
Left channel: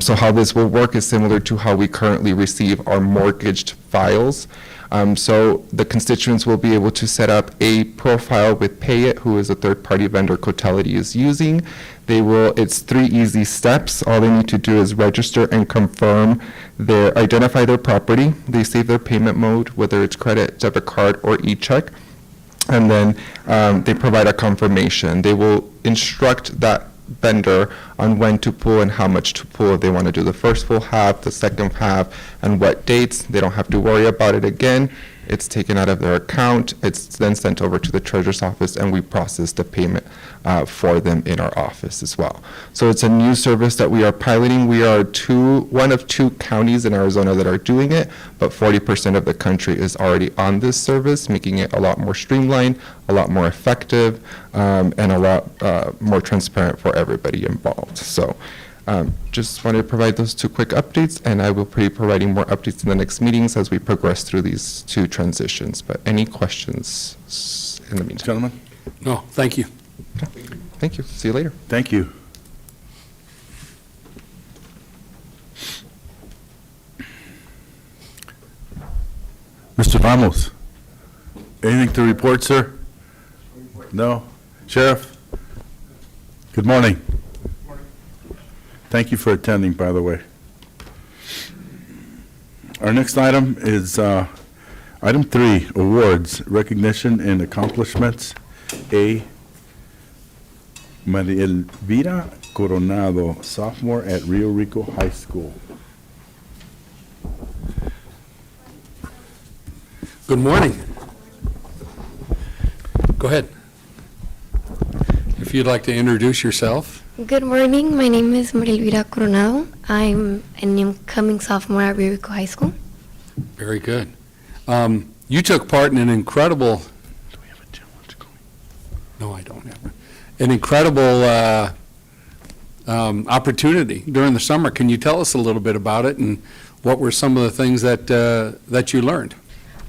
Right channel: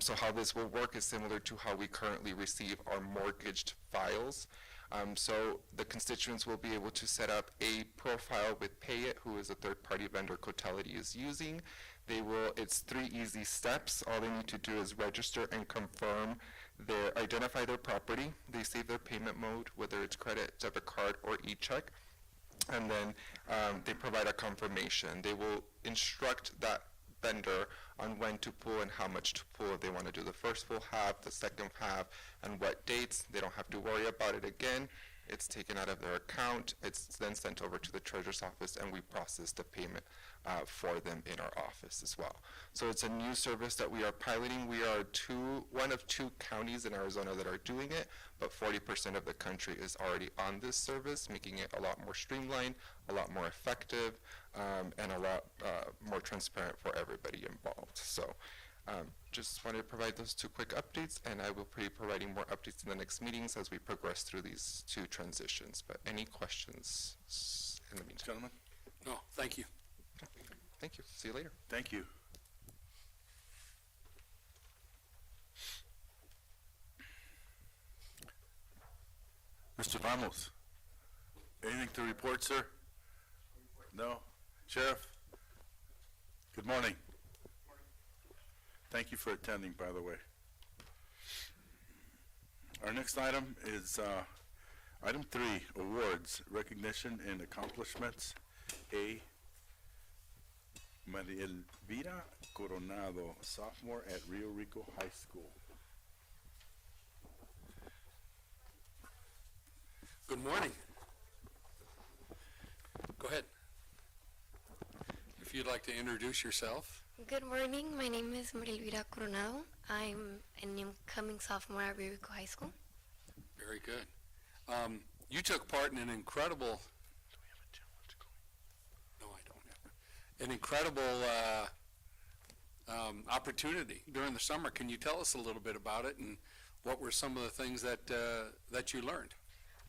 So how this will work is similar to how we currently receive our mortgaged files. So the constituents will be able to set up a profile with Payit, who is a third-party vendor Cotality is using. It's 3 easy steps. All they need to do is register and confirm identify their property. They save their payment mode, whether it's credit, debit card, or e-check. And then they provide a confirmation. They will instruct that vendor on when to pull and how much to pull. If they want to do the first full half, the second half, and what dates. They don't have to worry about it again. It's taken out of their account. It's then sent over to the treasurer's office, and we process the payment for them in our office as well. So it's a new service that we are piloting. We are one of 2 counties in Arizona that are doing it, but 40% of the country is already on this service, making it a lot more streamlined, a lot more effective, and a lot more transparent for everybody involved. So just wanted to provide those 2 quick updates, and I will be providing more updates in the next meetings as we progress through these 2 transitions. But any questions in the meantime? Gentlemen? No, thank you. Okay. Thank you. See you later. Thank you. Mr. Ramos, anything to report, sir? No? Sheriff? Good morning. Thank you for attending, by the way. Our next item is item 3, awards, recognition and accomplishments. A, Maria Elvira Coronado, sophomore at Rio Rico High School. Good morning. Go ahead. If you'd like to introduce yourself. Good morning. My name is Maria Elvira Coronado. I'm an incoming sophomore at Rio Rico High School. Very good. You took part in an incredible. Do we have a challenge going? No, I don't have. an incredible opportunity during the summer. Can you tell us a little bit about it, and what were some of the things that you learned?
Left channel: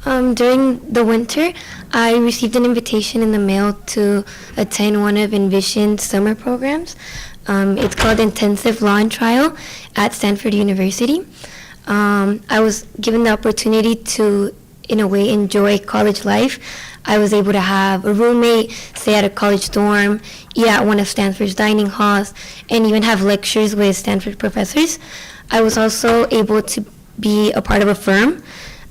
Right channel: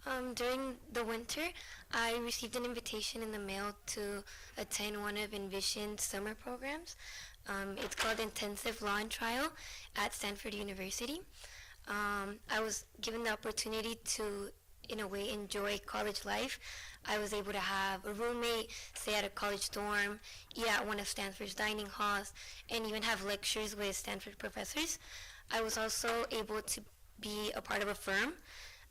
During the winter, I received an invitation in the mail to attend one of Envision's summer programs. It's called Intensive Law and Trial at Stanford University. I was given the opportunity to, in a way, enjoy college life. I was able to have a roommate, stay at a college dorm, eat at one of Stanford's dining halls, and even have lectures with Stanford professors. I was also able to be a part of a firm.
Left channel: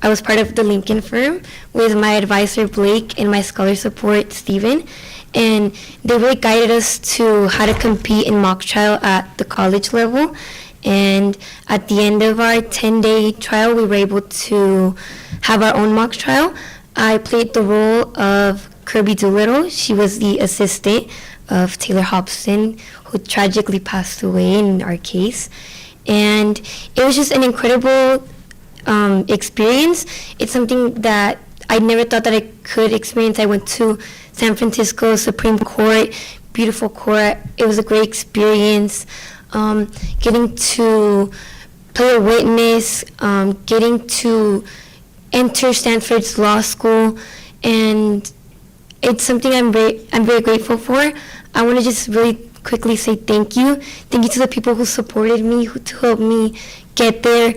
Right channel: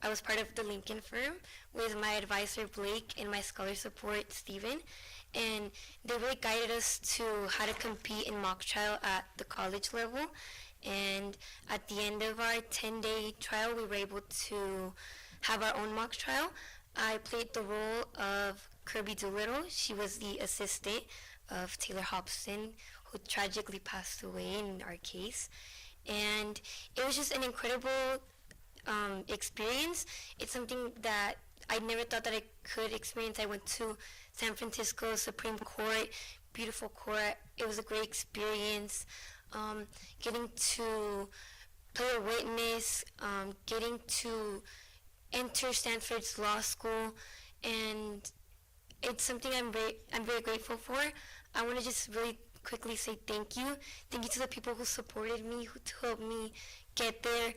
I was part of the Lincoln firm with my advisor, Blake, and my scholar support, Stephen. And they really guided us to how to compete in mock trial at the college level. And at the end of our 10-day trial, we were able to have our own mock trial. I played the role of Kirby Doolittle. She was the assistant of Taylor Hobson, who tragically passed away in our case. And it was just an incredible experience. It's something that I never thought that I could experience. I went to San Francisco Supreme Court, beautiful court. It was a great experience. Getting to play a witness, getting to enter Stanford's law school, and it's something I'm very grateful for. I want to just really quickly say thank you. Thank you to the people who supported me, who helped me get there.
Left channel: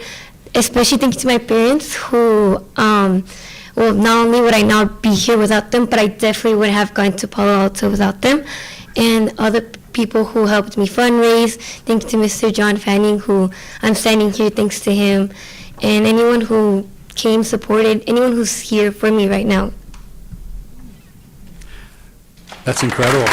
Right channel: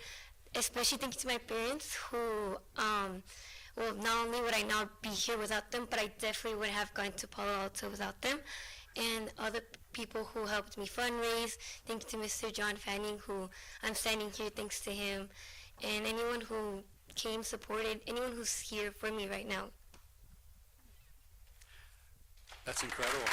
Especially thank you to my parents who, well, not only would I not be here without them, but I definitely would have gone to Palo Alto without them. And other people who helped me fundraise. Thanks to Mr. John Fanning, who I'm standing here thanks to him. And anyone who came, supported, anyone who's here for me right now. That's incredible.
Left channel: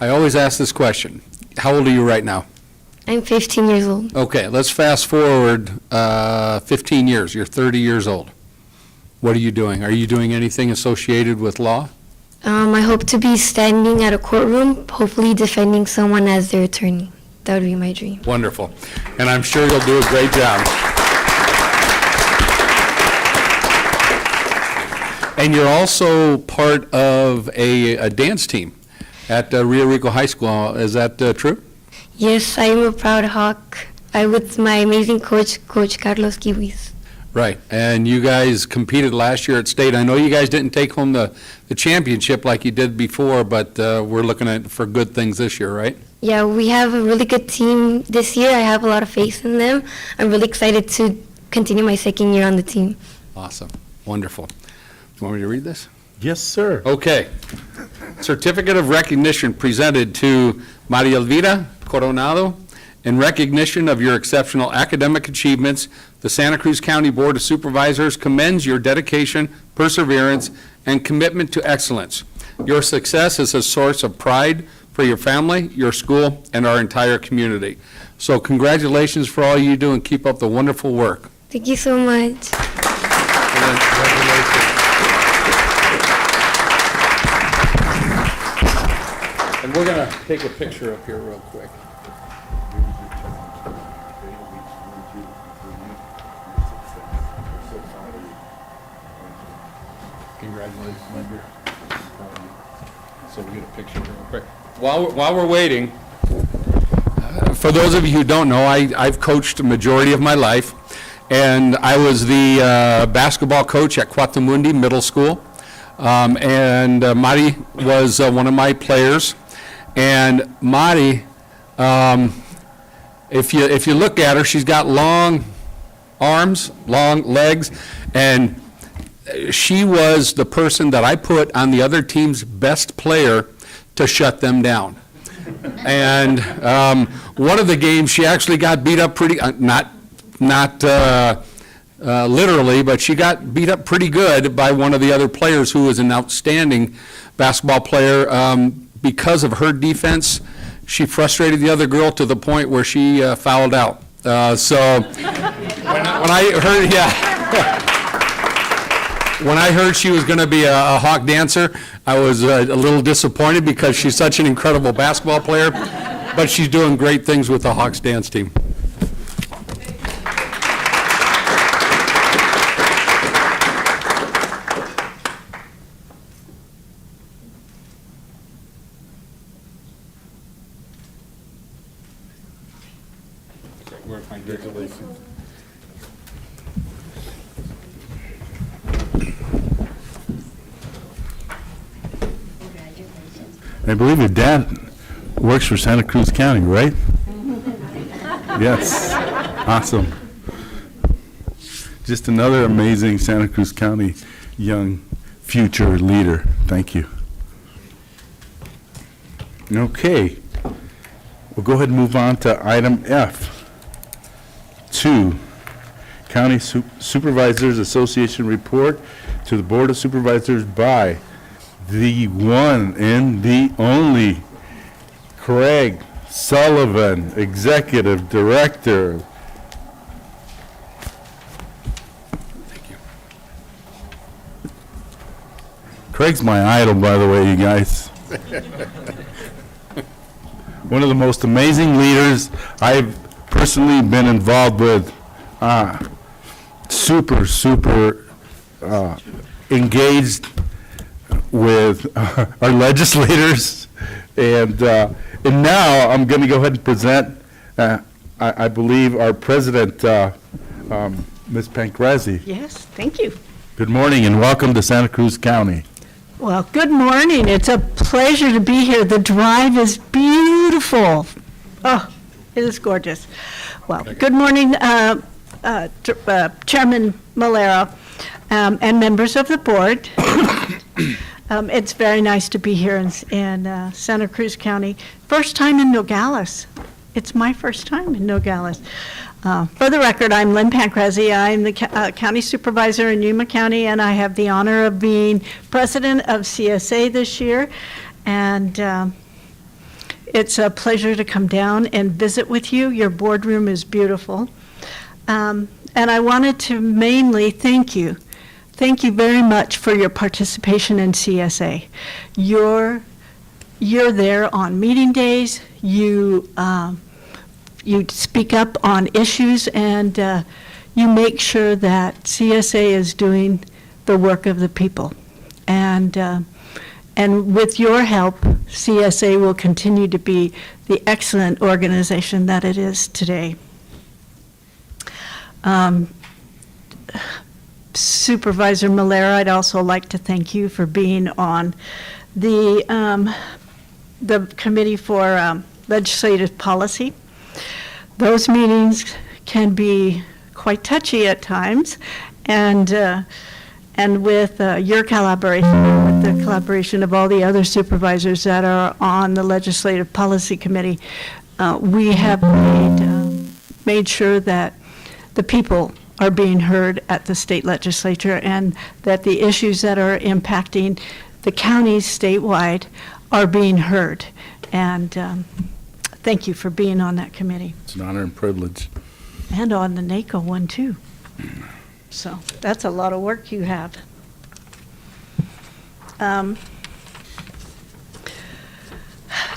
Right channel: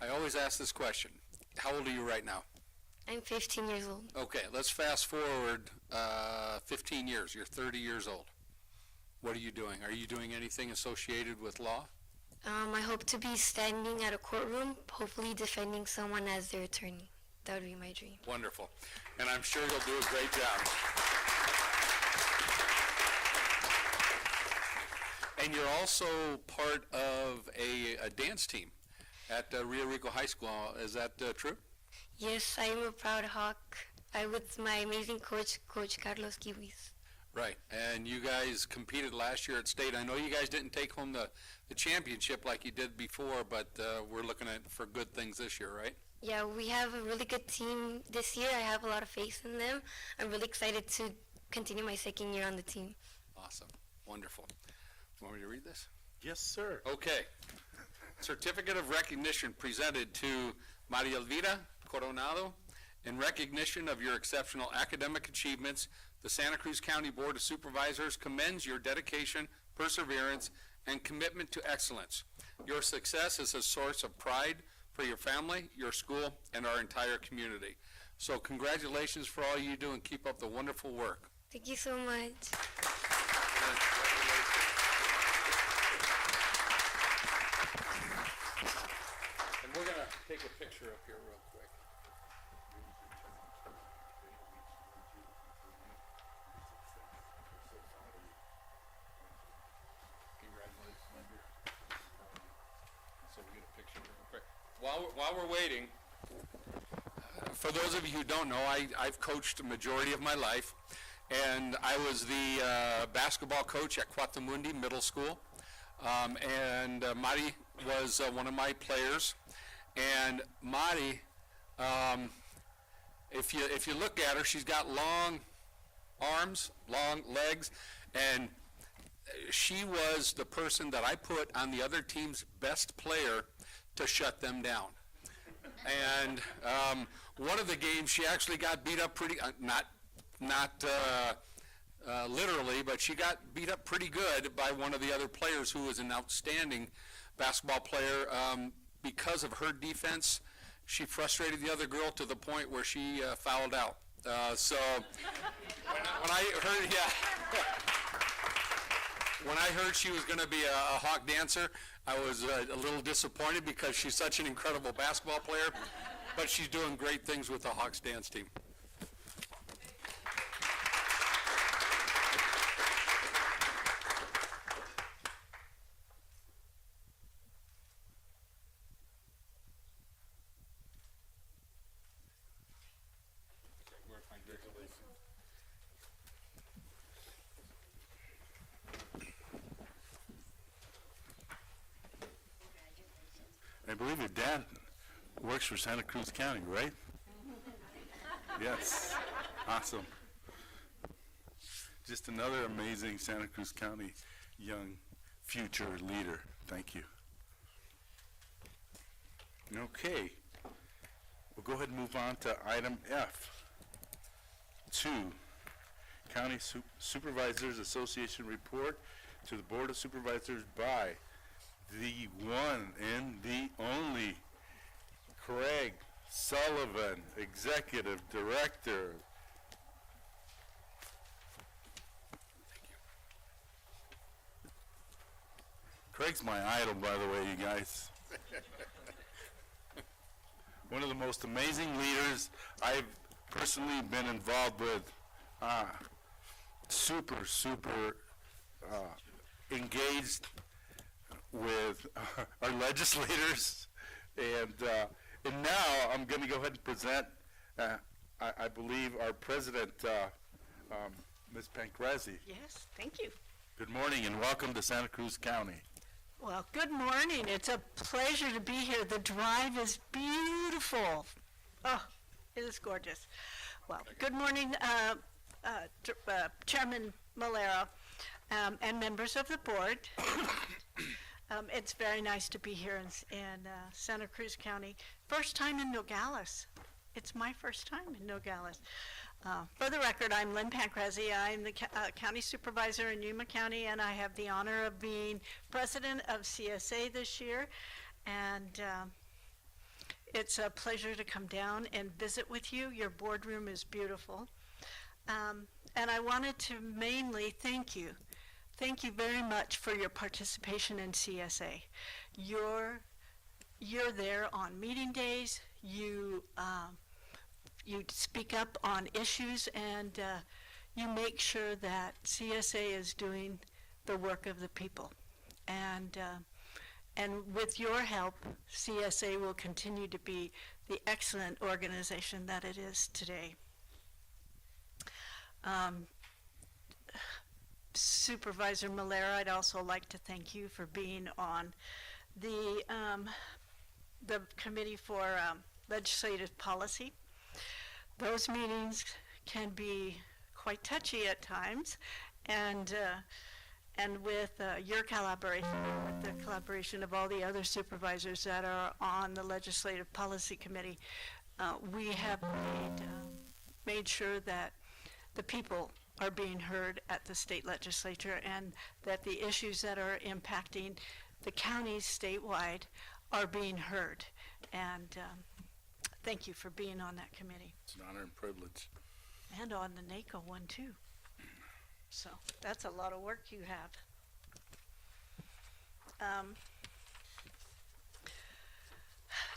I always ask this question. How old are you right now? I'm 15 years old. Okay, let's fast forward 15 years. You're 30 years old. What are you doing? Are you doing anything associated with law? I hope to be standing at a courtroom, hopefully defending someone as their attorney. That would be my dream. Wonderful. And I'm sure you'll do a great job. And you're also part of a dance team at Rio Rico High School. Is that true? Yes, I am a proud Hawk. I'm with my amazing coach, Coach Carlos Kiwis. Right. And you guys competed last year at state. I know you guys didn't take home the championship like you did before, but we're looking for good things this year, right? Yeah, we have a really good team this year. I have a lot of faith in them. I'm really excited to continue my second year on the team. Awesome. Wonderful. Do you want me to read this? Yes, sir. Okay. Certificate of recognition presented to Maria Elvira Coronado. In recognition of your exceptional academic achievements, the Santa Cruz County Board of Supervisors commends your dedication, perseverance, and commitment to excellence. Your success is a source of pride for your family, your school, and our entire community. So congratulations for all you do, and keep up the wonderful work. Thank you so much. And we're going to take a picture up here real quick. Congratulations, my dear. So we get a picture real quick. While we're waiting, for those of you who don't know, I've coached a majority of my life, and I was the basketball coach at Cuatamundi Middle School, and Mari was one of my players. And Mari, if you look at her, she's got long arms, long legs, and she was the person that I put on the other team's best player to shut them down. And one of the games, she actually got beat up pretty, not literally, but she got beat up pretty good by one of the other players who was an outstanding basketball player. Because of her defense, she frustrated the other girl to the point where she fouled out. So when I heard, when I heard she was going to be a Hawk dancer, I was a little disappointed because she's such an incredible basketball player, but she's doing great things with the Hawks dance team. Congratulations. I believe your dad works for Santa Cruz County, right? Yes, awesome. Just another amazing Santa Cruz County young future leader. Thank you. Okay, we'll go ahead and move on to item F. 2, County Supervisors Association report to the Board of Supervisors by the one and the only Craig Sullivan, Executive Director. Thank you. Craig's my idol, by the way, you guys. One of the most amazing leaders I've personally been involved with. Super engaged with our legislators, and now I'm going to go ahead and present, I believe, our president, Ms. Pancrazi. Yes, thank you. Good morning and welcome to Santa Cruz County. Well, good morning. It's a pleasure to be here. The drive is beautiful. Oh, it is gorgeous. Well, good morning, Chairman Malera, and members of the board. It's very nice to be here in Santa Cruz County. First time in Nogales. It's my first time in Nogales. For the record, I'm Lynn Pancrazi. I'm the county supervisor in Yuma County, and I have the honor of being president of CSA this year. And it's a pleasure to come down and visit with you. Your boardroom is beautiful. And I wanted to mainly thank you. Thank you very much for your participation in CSA. You're there on meeting days. You speak up on issues, and you make sure that CSA is doing the work of the people. And with your help, CSA will continue to be the excellent organization that it is today. Supervisor Malera, I'd also like to thank you for being on the Committee for Legislative Policy. Those meetings can be quite touchy at times, and with your collaboration, with the collaboration of all the other supervisors that are on the Legislative Policy Committee, we have made sure that the people are being heard at the state legislature, and that the issues that are impacting the counties statewide are being heard. And thank you for being on that committee. It's an honor and privilege. And on the NACO one, too. So that's a lot of work you have.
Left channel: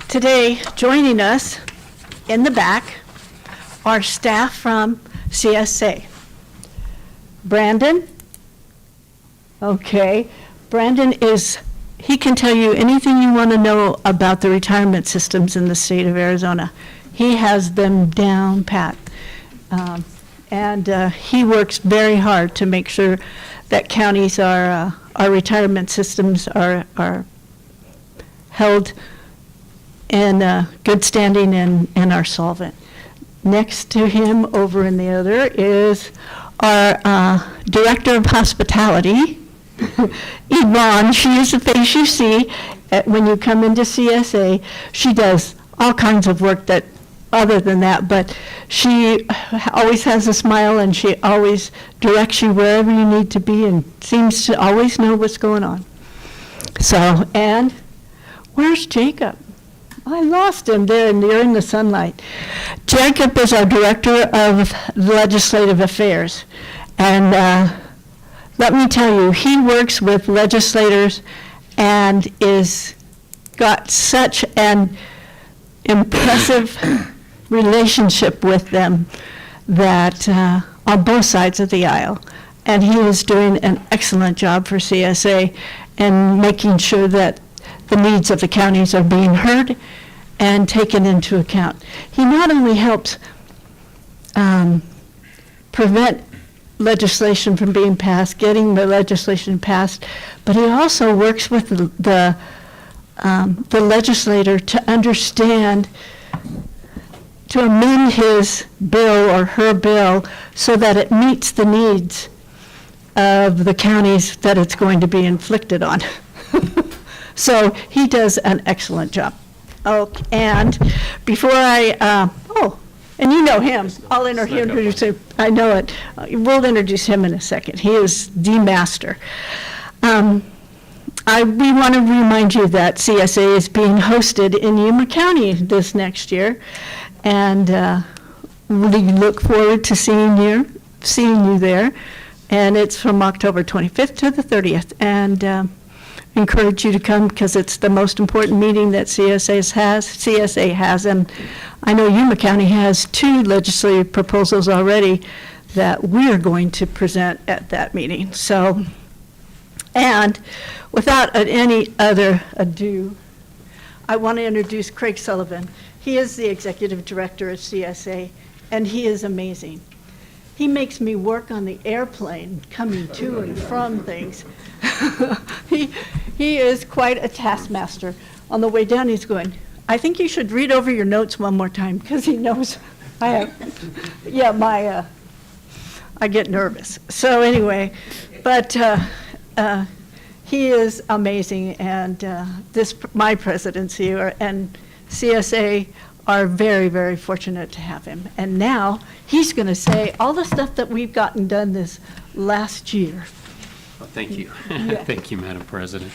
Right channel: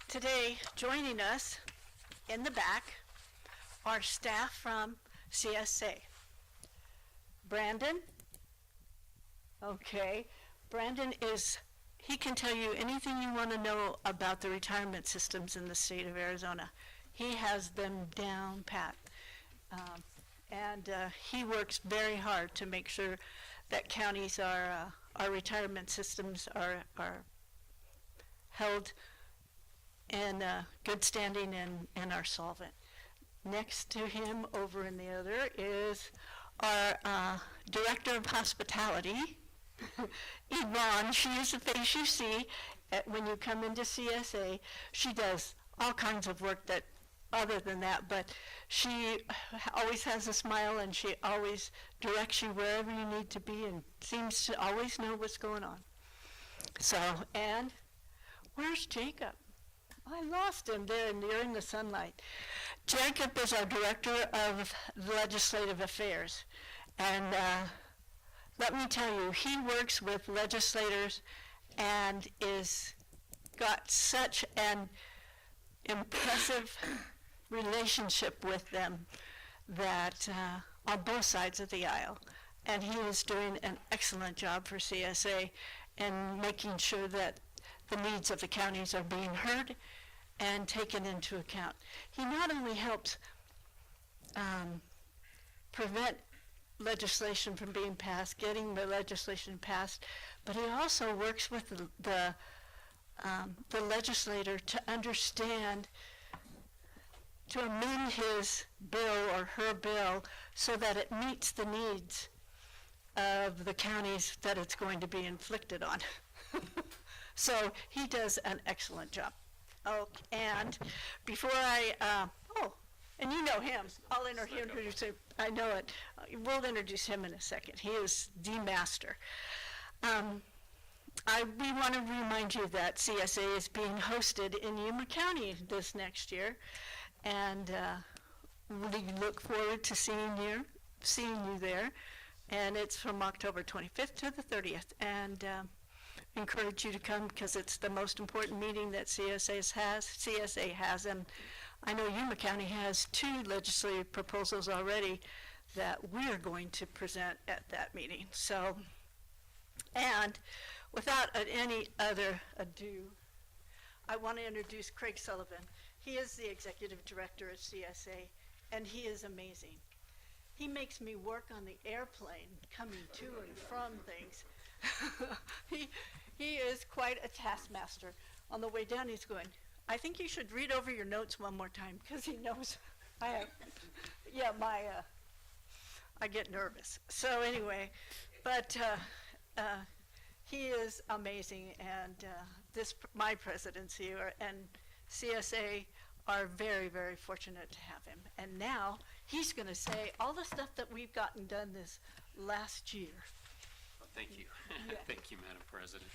Today, joining us in the back are staff from CSA. Brandon? Okay. Brandon he can tell you anything you want to know about the retirement systems in the state of Arizona. He has them down pat. And he works very hard to make sure that counties our retirement systems are held in good standing and are solvent. Next to him over in the other is our Director of Hospitality, Yvonne. She is the face you see when you come into CSA. She does all kinds of work that other than that, but she always has a smile, and she always directs you wherever you need to be, and seems to always know what's going on. So, and where's Jacob? I lost him there near in the sunlight. Jacob is our Director of Legislative Affairs, and let me tell you, he works with legislators and is got such an impressive relationship with them that on both sides of the aisle. And he is doing an excellent job for CSA and making sure that the needs of the counties are being heard and taken into account. He not only helps prevent legislation from being passed, getting the legislation passed, but he also works with the legislator to understand, to amend his bill or her bill so that it meets the needs of the counties that it's going to be inflicted on. So he does an excellent job. Oh, and before and you know him. I'll introduce him. I know it. We'll introduce him in a second. He is the master. We want to remind you that CSA is being hosted in Yuma County this next year, and we look forward to seeing you there. And it's from October 25th to the 30th, and encourage you to come because it's the most important meeting that CSA has, and I know Yuma County has 2 legislative proposals already that we're going to present at that meeting. So, and without any other ado, I want to introduce Craig Sullivan. He is the executive director of CSA, and he is amazing. He makes me work on the airplane coming to and from things. He is quite a taskmaster. On the way down, he's going, I think you should read over your notes one more time, because he knows I get nervous. So anyway, but he is amazing, and my presidency and CSA are very, very fortunate to have him. And now he's going to say all the stuff that we've gotten done this last year. Well, thank you. Yeah. Thank you, Madam President.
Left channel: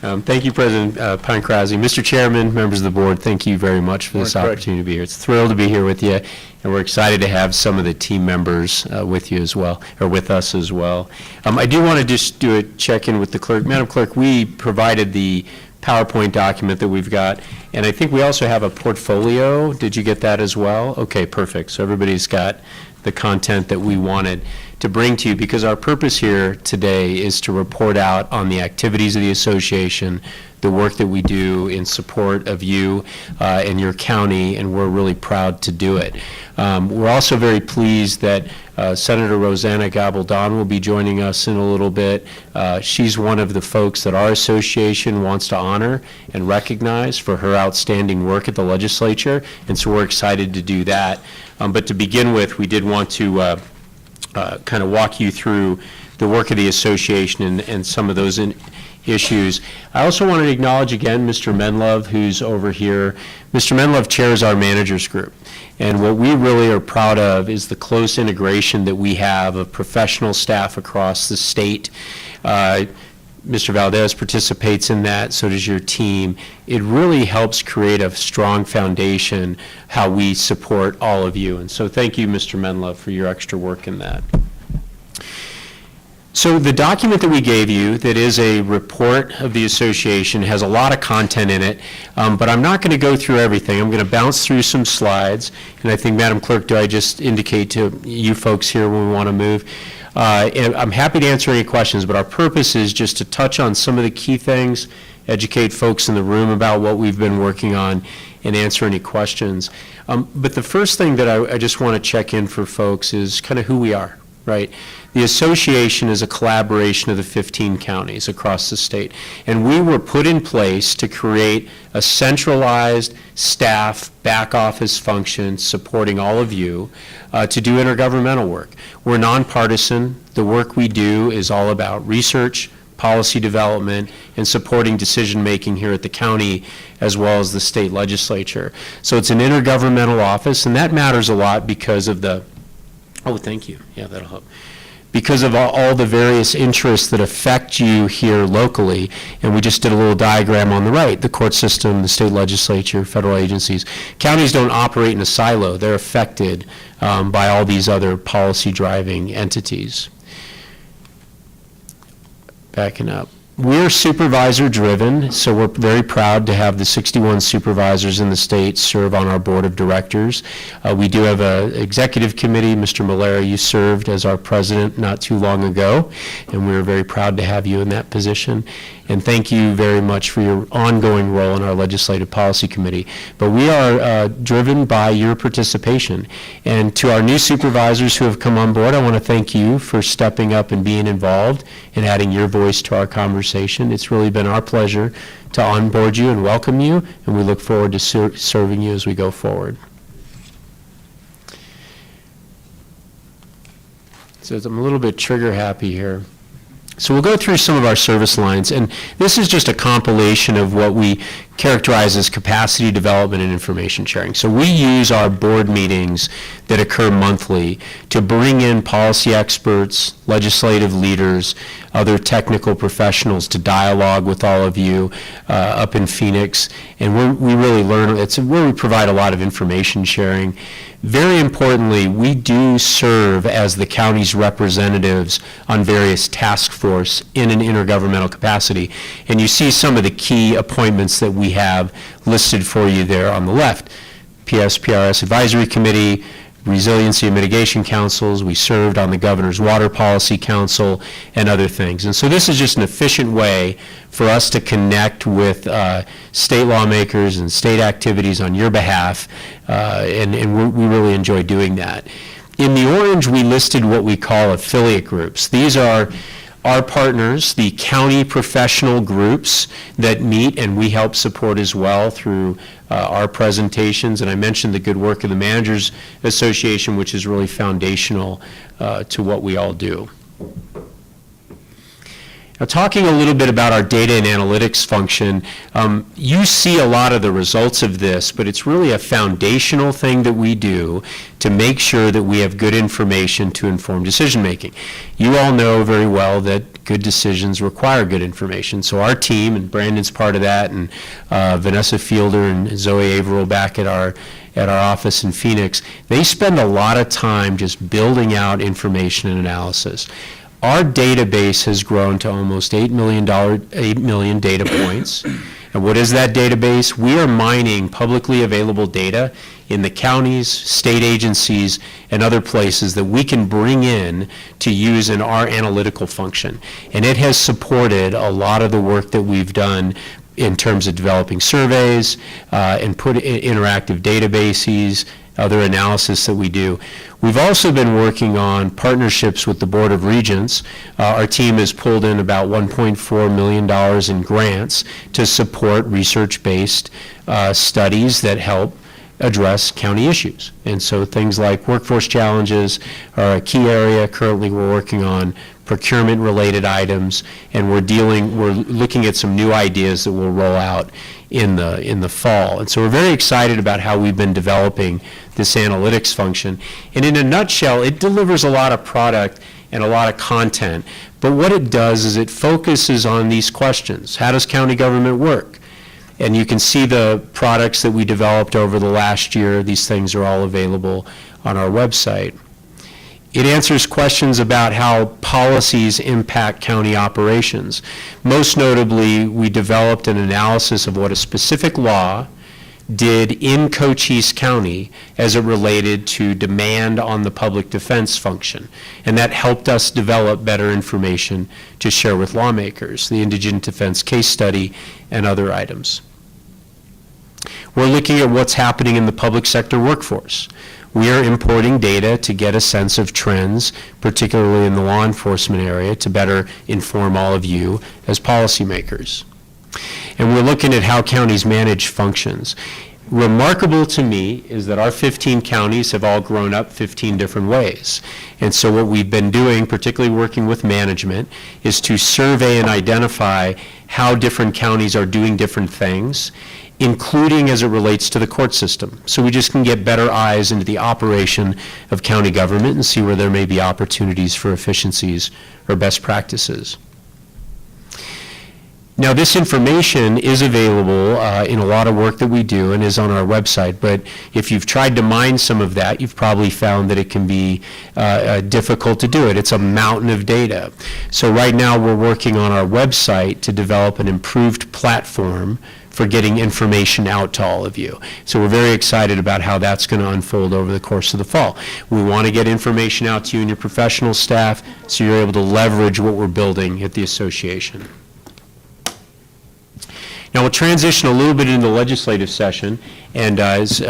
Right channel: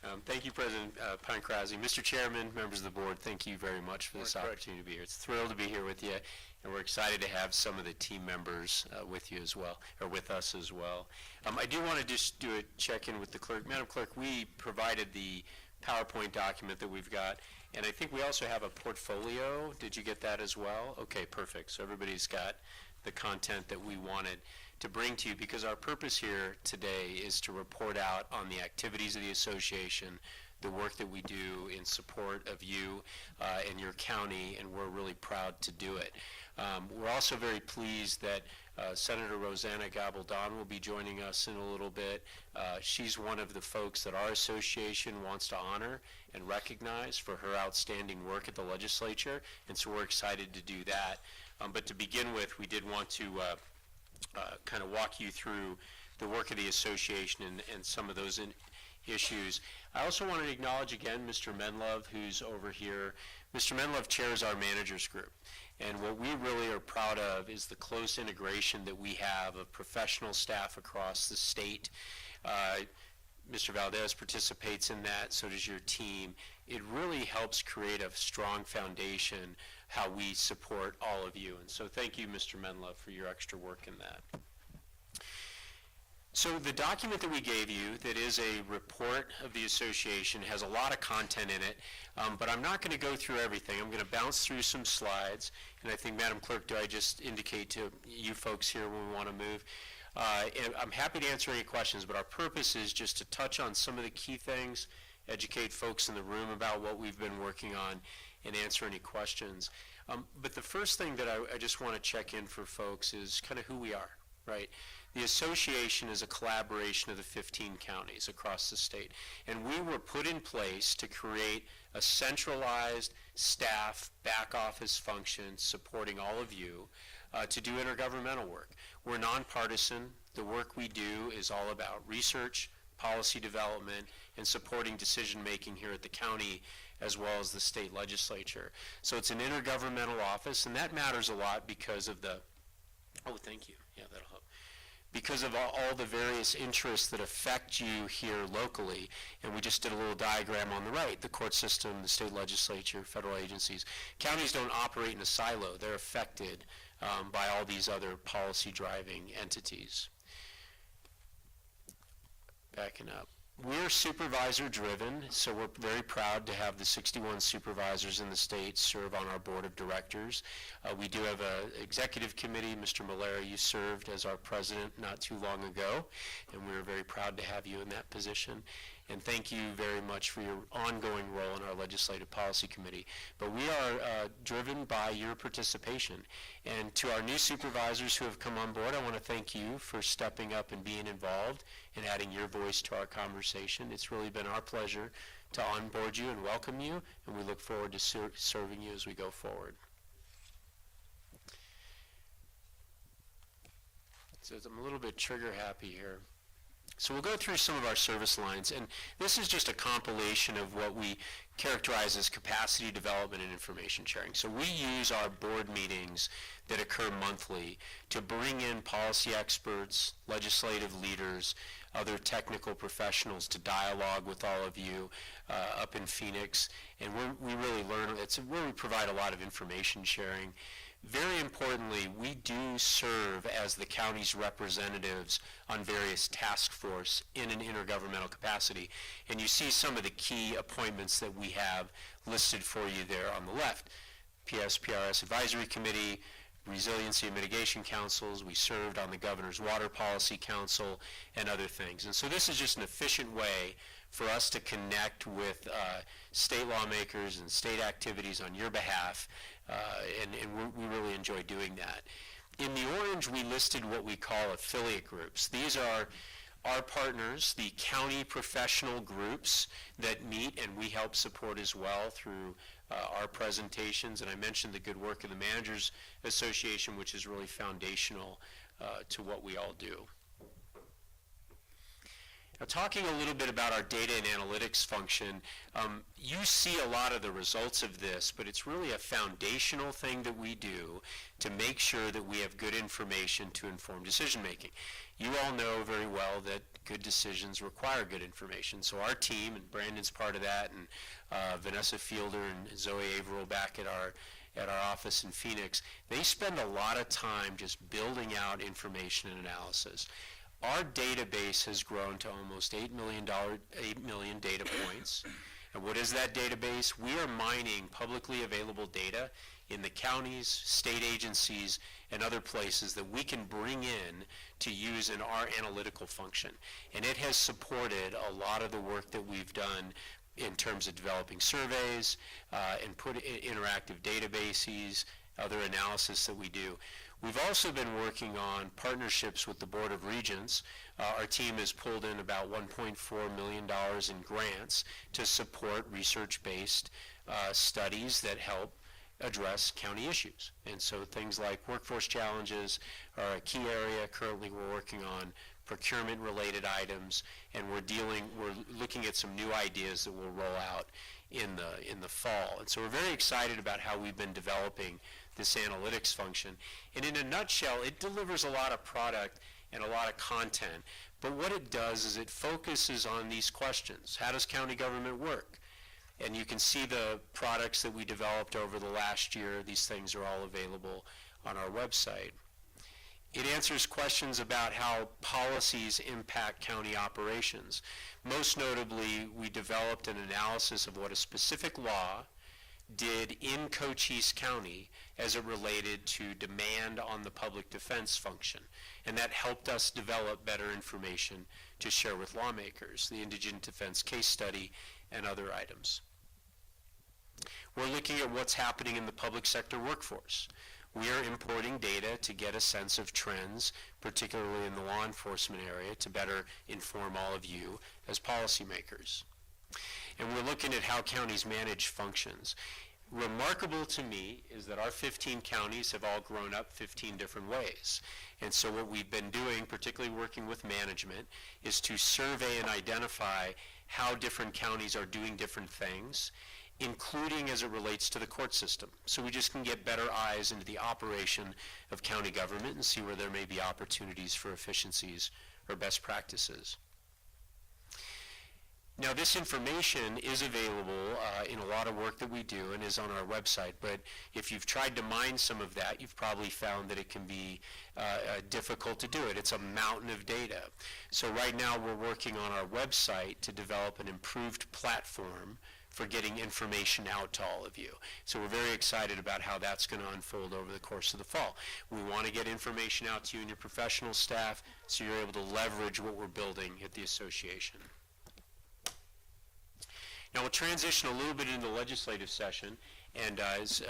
Thank you, President Pancrazzi. Mr. Chairman, members of the board, thank you very much for this opportunity to be here. It's thrilled to be here with you, and we're excited to have some of the team members with you as well, or with us as well. I do want to just do a check-in with the clerk. Madam Clerk, we provided the PowerPoint document that we've got, and I think we also have a portfolio. Did you get that as well? Okay, perfect. So everybody's got the content that we wanted to bring to you, because our purpose here today is to report out on the activities of the association, the work that we do in support of you and your county, and we're really proud to do it. We're also very pleased that Senator Rosanna Gabaldon will be joining us in a little bit. She's one of the folks that our association wants to honor and recognize for her outstanding work at the legislature, and so we're excited to do that. But to begin with, we did want to kind of walk you through the work of the association and some of those issues. I also wanted to acknowledge again Mr. Menlove, who's over here. Mr. Menlove chairs our managers group, and what we really are proud of is the close integration that we have of professional staff across the state. Mr. Valdez participates in that, so does your team. It really helps create a strong foundation how we support all of you, and so thank you, Mr. Menlove, for your extra work in that. So the document that we gave you, that is a report of the association, has a lot of content in it, but I'm not going to go through everything. I'm going to bounce through some slides, and I think, Madam Clerk, do I just indicate to you folks here when we want to move? And I'm happy to answer any questions, but our purpose is just to touch on some of the key things, educate folks in the room about what we've been working on, and answer any questions. But the first thing that I just want to check in for folks is kind of who we are, right? The association is a collaboration of the 15 counties across the state, and we were put in place to create a centralized staff back office function supporting all of you to do intergovernmental work. We're nonpartisan. The work we do is all about research, policy development, and supporting decision-making here at the county as well as the state legislature. So it's an intergovernmental office, and that matters a lot because of the, oh, thank you. Yeah, that'll help. Because of all the various interests that affect you here locally, and we just did a little diagram on the right, the court system, the state legislature, federal agencies. Counties don't operate in a silo. They're affected by all these other policy-driving entities. Backing up. We're supervisor-driven, so we're very proud to have the 61 supervisors in the state serve on our board of directors. We do have an executive committee. Mr. Malera, you served as our president not too long ago, and we're very proud to have you in that position. and thank you very much for your ongoing role in our Legislative Policy Committee. But we are driven by your participation. And to our new supervisors who have come on board, I want to thank you for stepping up and being involved and adding your voice to our conversation. It's really been our pleasure to onboard you and welcome you, and we look forward to serving you as we go forward. So I'm a little bit trigger happy here. So we'll go through some of our service lines, and this is just a compilation of what we characterize as capacity development and information sharing. So we use our board meetings that occur monthly to bring in policy experts, legislative leaders, other technical professionals to dialogue with all of you up in Phoenix, and we really learn. It's where we provide a lot of information sharing. Very importantly, we do serve as the county's representatives on various task force in an intergovernmental capacity. And you see some of the key appointments that we have listed for you there on the left. PSPRS Advisory Committee, Resiliency and Mitigation Councils, we served on the Governor's Water Policy Council, and other things. And so this is just an efficient way for us to connect with state lawmakers and state activities on your behalf, and we really enjoy doing that. In the orange, we listed what we call affiliate groups. These are our partners, the county professional groups that meet and we help support as well through our presentations. And I mentioned the good work of the Managers Association, which is really foundational to what we all do. Now, talking a little bit about our data and analytics function, you see a lot of the results of this, but it's really a foundational thing that we do to make sure that we have good information to inform decision making. You all know very well that good decisions require good information. So our team, and Brandon's part of that, and Vanessa Fielder and Zoe Averill back at our office in Phoenix, they spend a lot of time just building out information and analysis. Our database has grown to almost 8 million data points. And what is that database? We are mining publicly available data in the counties, state agencies, and other places that we can bring in to use in our analytical function. And it has supported a lot of the work that we've done in terms of developing surveys and put interactive databases, other analysis that we do. We've also been working on partnerships with the Board of Regents. Our team has pulled in about $1.4 million in grants to support research-based studies that help address county issues. And so things like workforce challenges are a key area. Currently, we're working on procurement-related items, and we're looking at some new ideas that we'll roll out in the fall. And so we're very excited about how we've been developing this analytics function. And in a nutshell, it delivers a lot of product and a lot of content. But what it does is it focuses on these questions. How does county government work? And you can see the products that we developed over the last year. These things are all available on our website. It answers questions about how policies impact county operations. Most notably, we developed an analysis of what a specific law did in Cochise County as it related to demand on the public defense function. And that helped us develop better information to share with lawmakers, the indigent defense case study and other items. We're looking at what's happening in the public sector workforce. We are importing data to get a sense of trends, particularly in the law enforcement area, to better inform all of you as policymakers. And we're looking at how counties manage functions. Remarkable to me is that our 15 counties have all grown up 15 different ways. And so what we've been doing, particularly working with management, is to survey and identify how different counties are doing different things, including as it relates to the court system. So we just can get better eyes into the operation of county government and see where there may be opportunities for efficiencies or best practices. Now, this information is available in a lot of work that we do and is on our website, but if you've tried to mine some of that, you've probably found that it can be difficult to do it. It's a mountain of data. So right now we're working on our website to develop an improved platform for getting information out to all of you. So we're very excited about how that's going to unfold over the course of the fall. We want to get information out to you and your professional staff so you're able to leverage what we're building at the association. Now, we'll transition a little bit into the legislative session, and as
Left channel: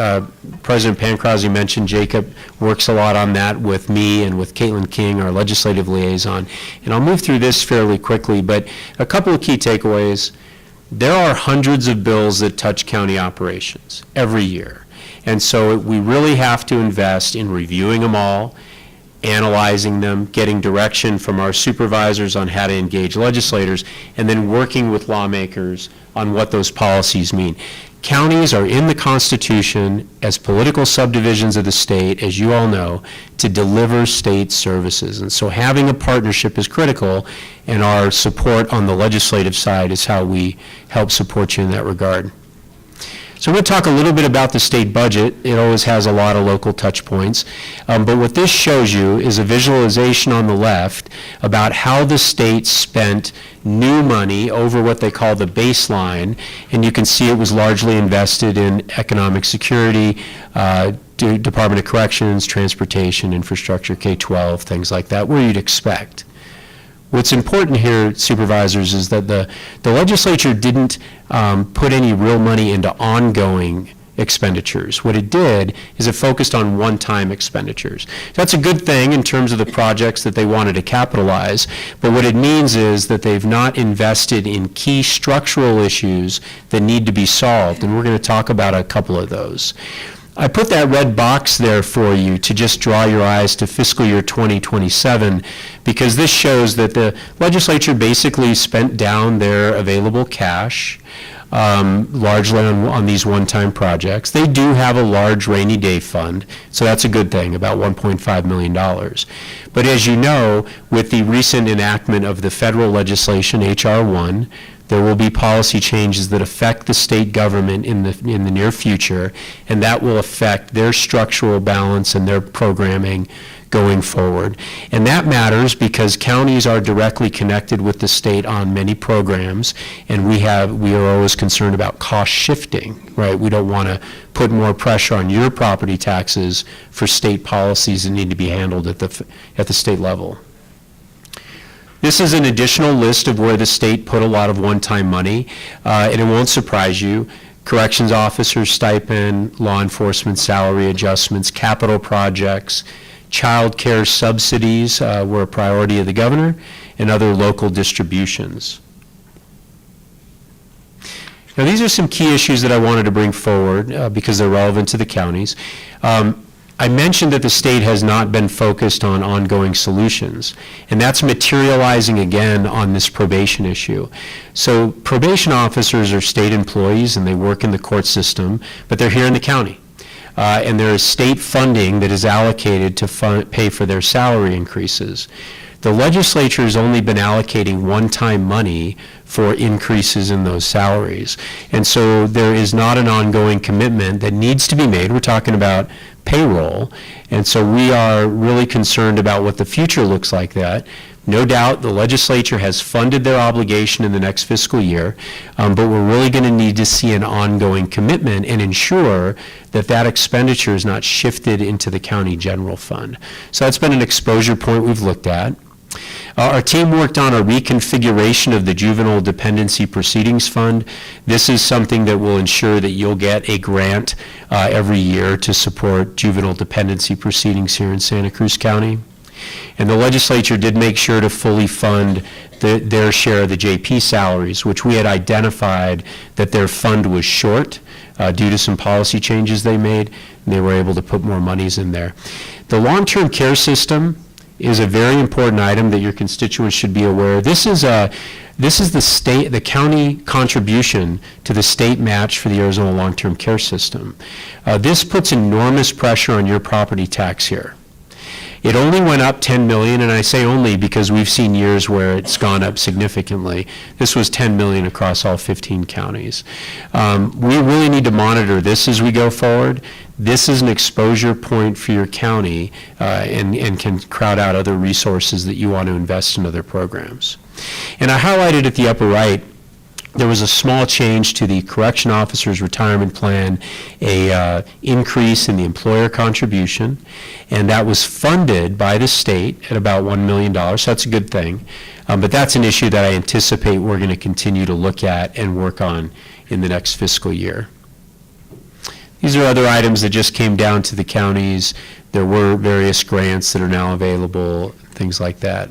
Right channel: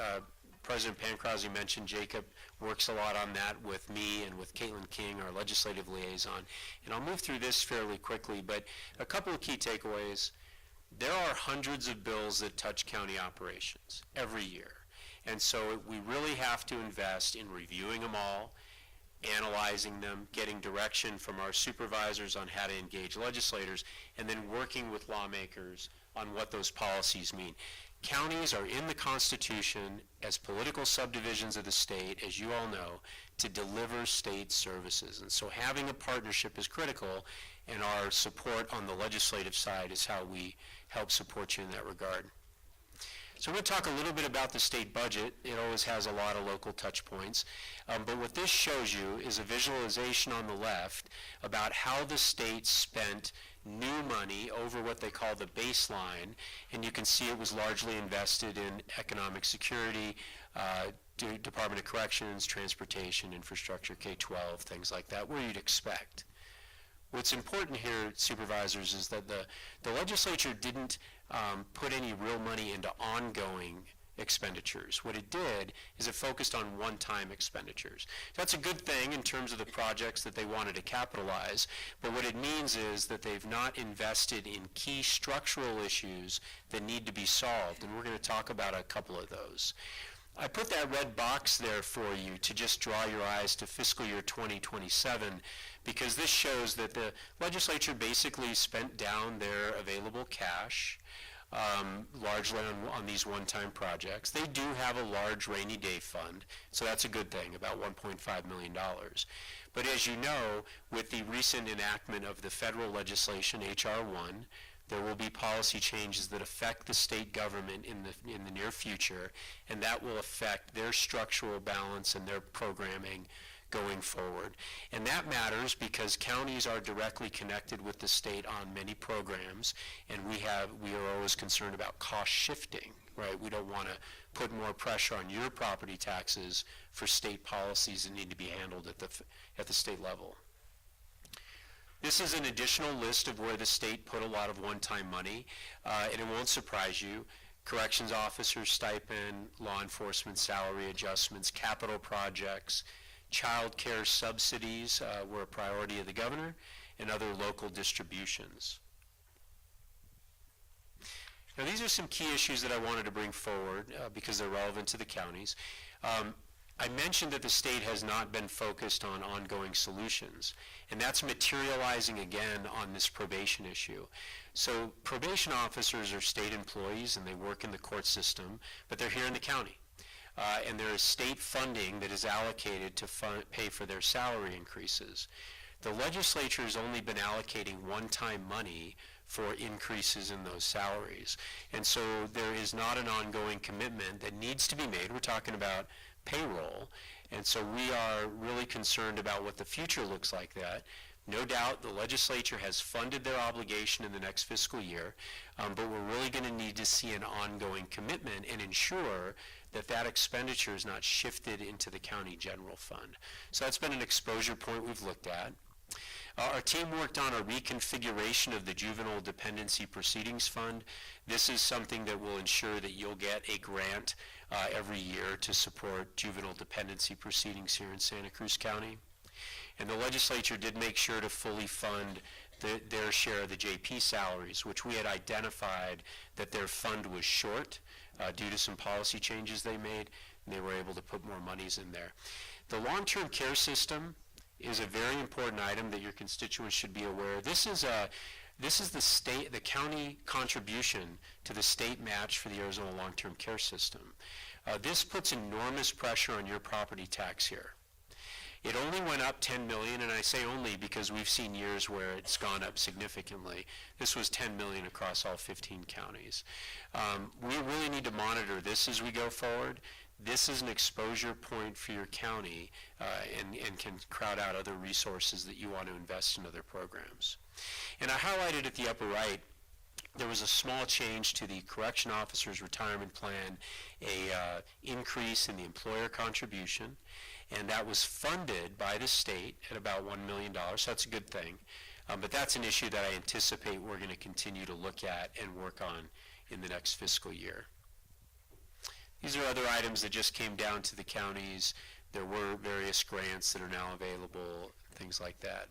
President Pancrazzi mentioned, Jacob works a lot on that with me and with Caitlin King, our legislative liaison. And I'll move through this fairly quickly, but a couple of key takeaways. There are hundreds of bills that touch county operations every year. And so we really have to invest in reviewing them all, analyzing them, getting direction from our supervisors on how to engage legislators, and then working with lawmakers on what those policies mean. Counties are in the Constitution as political subdivisions of the state, as you all know, to deliver state services. And so having a partnership is critical, and our support on the legislative side is how we help support you in that regard. So I'm going to talk a little bit about the state budget. It always has a lot of local touch points. But what this shows you is a visualization on the left about how the state spent new money over what they call the baseline. And you can see it was largely invested in economic security, Department of Corrections, transportation, infrastructure, K-12, things like that, where you'd expect. What's important here, supervisors, is that the legislature didn't put any real money into ongoing expenditures. What it did is it focused on one-time expenditures. That's a good thing in terms of the projects that they wanted to capitalize, but what it means is that they've not invested in key structural issues that need to be solved, and we're going to talk about a couple of those. I put that red box there for you to just draw your eyes to fiscal year 2027, because this shows that the legislature basically spent down their available cash, largely on these one-time projects. They do have a large rainy day fund, so that's a good thing, about $1.5 million. But as you know, with the recent enactment of the federal legislation, H.R. 1, there will be policy changes that affect the state government in the near future, and that will affect their structural balance and their programming going forward. And that matters because counties are directly connected with the state on many programs, and we are always concerned about cost shifting, right? We don't want to put more pressure on your property taxes for state policies that need to be handled at the state level. This is an additional list of where the state put a lot of one-time money, and it won't surprise you. Corrections officer stipend, law enforcement salary adjustments, capital projects, child care subsidies were a priority of the governor, and other local distributions. Now, these are some key issues that I wanted to bring forward because they're relevant to the counties. I mentioned that the state has not been focused on ongoing solutions, and that's materializing again on this probation issue. So probation officers are state employees and they work in the court system, but they're here in the county. And there is state funding that is allocated to pay for their salary increases. The legislature has only been allocating one-time money for increases in those salaries. And so there is not an ongoing commitment that needs to be made. We're talking about payroll. And so we are really concerned about what the future looks like that. No doubt the legislature has funded their obligation in the next fiscal year, but we're really going to need to see an ongoing commitment and ensure that that expenditure is not shifted into the county general fund. So that's been an exposure point we've looked at. Our team worked on a reconfiguration of the Juvenile Dependency Proceedings Fund. This is something that will ensure that you'll get a grant every year to support juvenile dependency proceedings here in Santa Cruz County. And the legislature did make sure to fully fund their share of the JP salaries, which we had identified that their fund was short due to some policy changes they made, and they were able to put more monies in there. The long-term care system is a very important item that your constituents should be aware of. This is the county contribution to the state match for the Arizona long-term care system. This puts enormous pressure on your property tax here. It only went up 10 million, and I say only because we've seen years where it's gone up significantly. This was 10 million across all 15 counties. We really need to monitor this as we go forward. This is an exposure point for your county and can crowd out other resources that you want to invest in other programs. And I highlighted at the upper right There was a small change to the correction officer's retirement plan, a increase in the employer contribution, and that was funded by the state at about $1 million, so that's a good thing. But that's an issue that I anticipate we're going to continue to look at and work on in the next fiscal year. These are other items that just came down to the counties. There were various grants that are now available, things like that.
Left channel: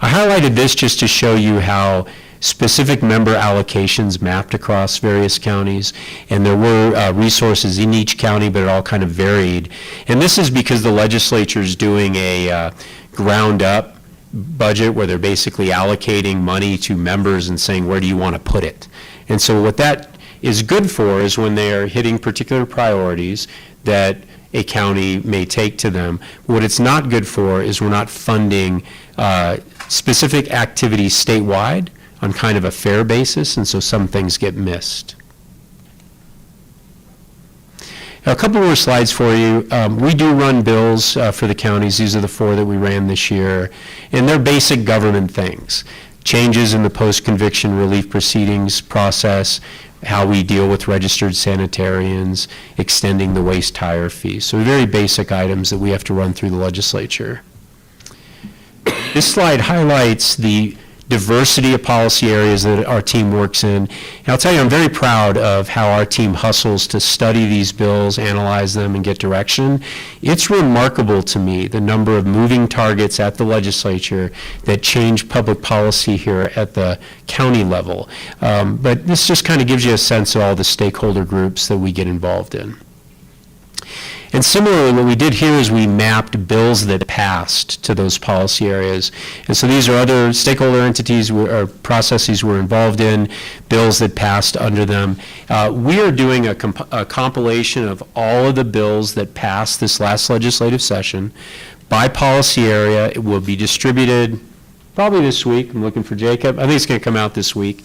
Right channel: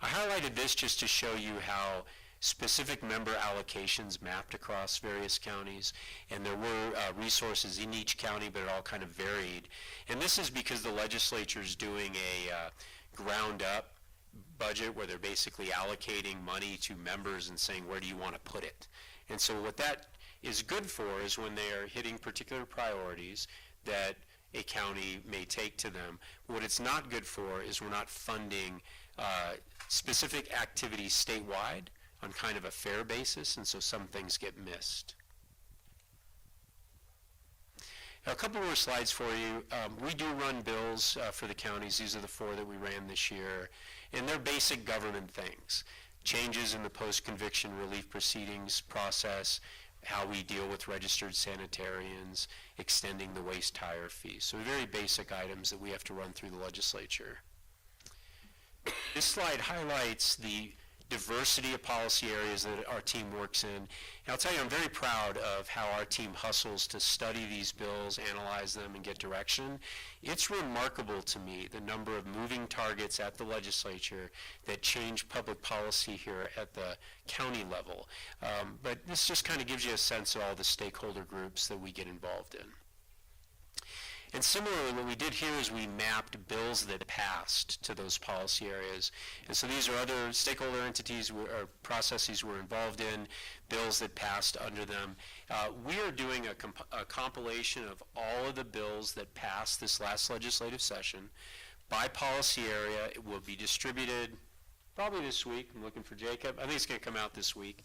I highlighted this just to show you how specific member allocations mapped across various counties, and there were resources in each county, but it all kind of varied. And this is because the legislature is doing a ground-up budget where they're basically allocating money to members and saying, where do you want to put it? And so what that is good for is when they are hitting particular priorities that a county may take to them. What it's not good for is we're not funding specific activities statewide on kind of a fair basis, and so some things get missed. Now, a couple more slides for you. We do run bills for the counties. These are the 4 that we ran this year, and they're basic government things. Changes in the post-conviction relief proceedings process, how we deal with registered sanitarians, extending the waste tire fee. So very basic items that we have to run through the legislature. This slide highlights the diversity of policy areas that our team works in. And I'll tell you, I'm very proud of how our team hustles to study these bills, analyze them, and get direction. It's remarkable to me the number of moving targets at the legislature that change public policy here at the county level. But this just kind of gives you a sense of all the stakeholder groups that we get involved in. And similarly, what we did here is we mapped bills that passed to those policy areas. And so these are other stakeholder entities or processes we're involved in, bills that passed under them. We are doing a compilation of all of the bills that passed this last legislative session by policy area. It will be distributed probably this week. I'm looking for Jacob. I think it's going to come out this week.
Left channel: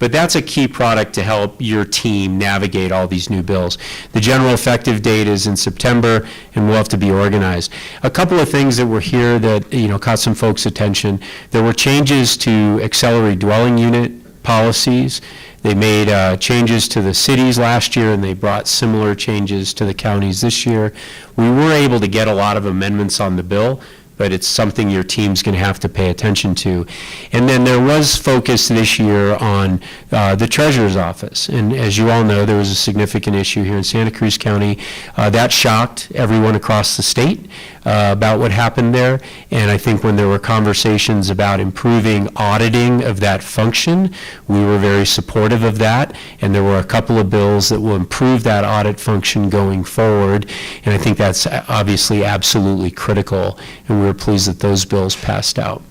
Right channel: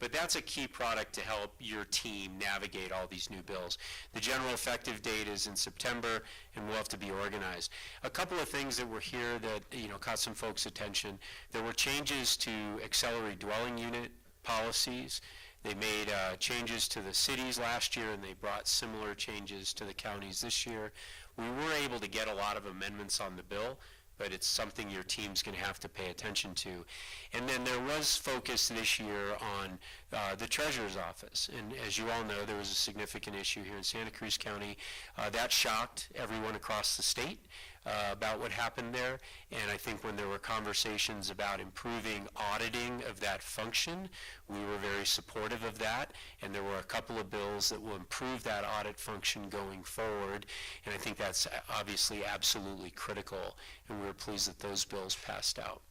But that's a key product to help your team navigate all these new bills. The general effective date is in September, and we'll have to be organized. A couple of things that were here that caught some folks' attention. There were changes to auxiliary dwelling unit policies. They made changes to the cities last year, and they brought similar changes to the counties this year. We were able to get a lot of amendments on the bill, but it's something your team's going to have to pay attention to. And then there was focus this year on the Treasurer's Office. And as you all know, there was a significant issue here in Santa Cruz County. That shocked everyone across the state about what happened there. And I think when there were conversations about improving auditing of that function, we were very supportive of that. And there were a couple of bills that will improve that audit function going forward. And I think that's obviously absolutely critical. And we're pleased that those bills passed out.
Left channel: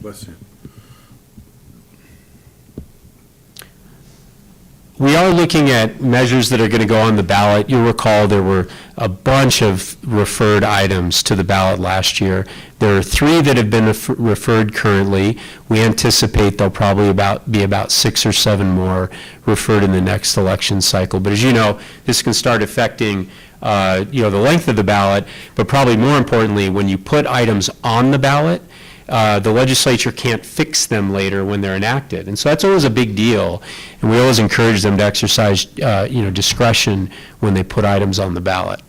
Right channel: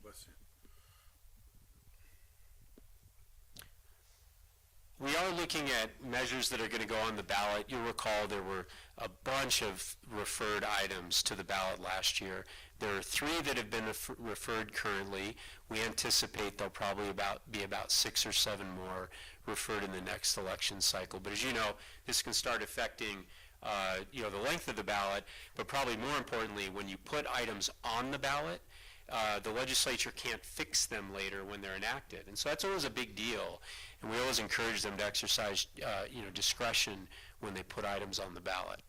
Bless you. We are looking at measures that are going to go on the ballot. You'll recall there were a bunch of referred items to the ballot last year. There are 3 that have been referred currently. We anticipate there'll probably be about 6 or 7 more referred in the next election cycle. But as you know, this can start affecting the length of the ballot, but probably more importantly, when you put items on the ballot, the legislature can't fix them later when they're enacted. And so that's always a big deal. And we always encourage them to exercise, discretion when they put items on the ballot.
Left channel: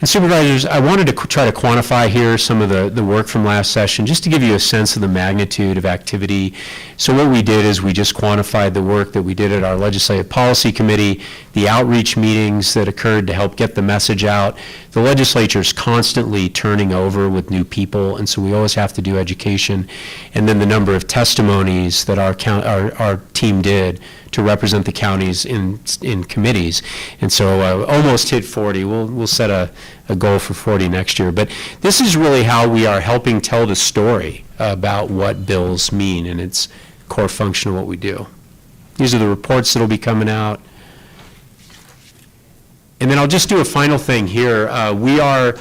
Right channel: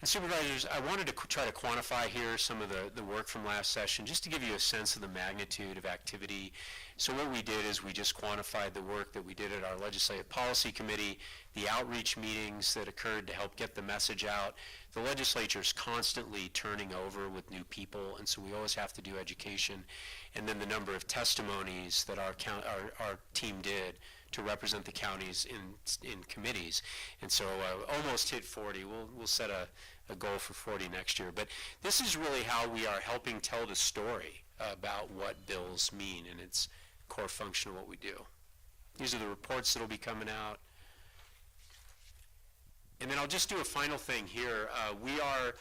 And Supervisors, I wanted to try to quantify here some of the work from last session, just to give you a sense of the magnitude of activity. So what we did is we just quantified the work that we did at our Legislative Policy Committee, the outreach meetings that occurred to help get the message out. The legislature is constantly turning over with new people, and so we always have to do education. And then the number of testimonies that our team did to represent the counties in committees. And so almost hit 40. We'll set a goal for 40 next year. But this is really how we are helping tell the story about what bills mean, and it's core function of what we do. These are the reports that will be coming out. And then I'll just do a final thing here. We are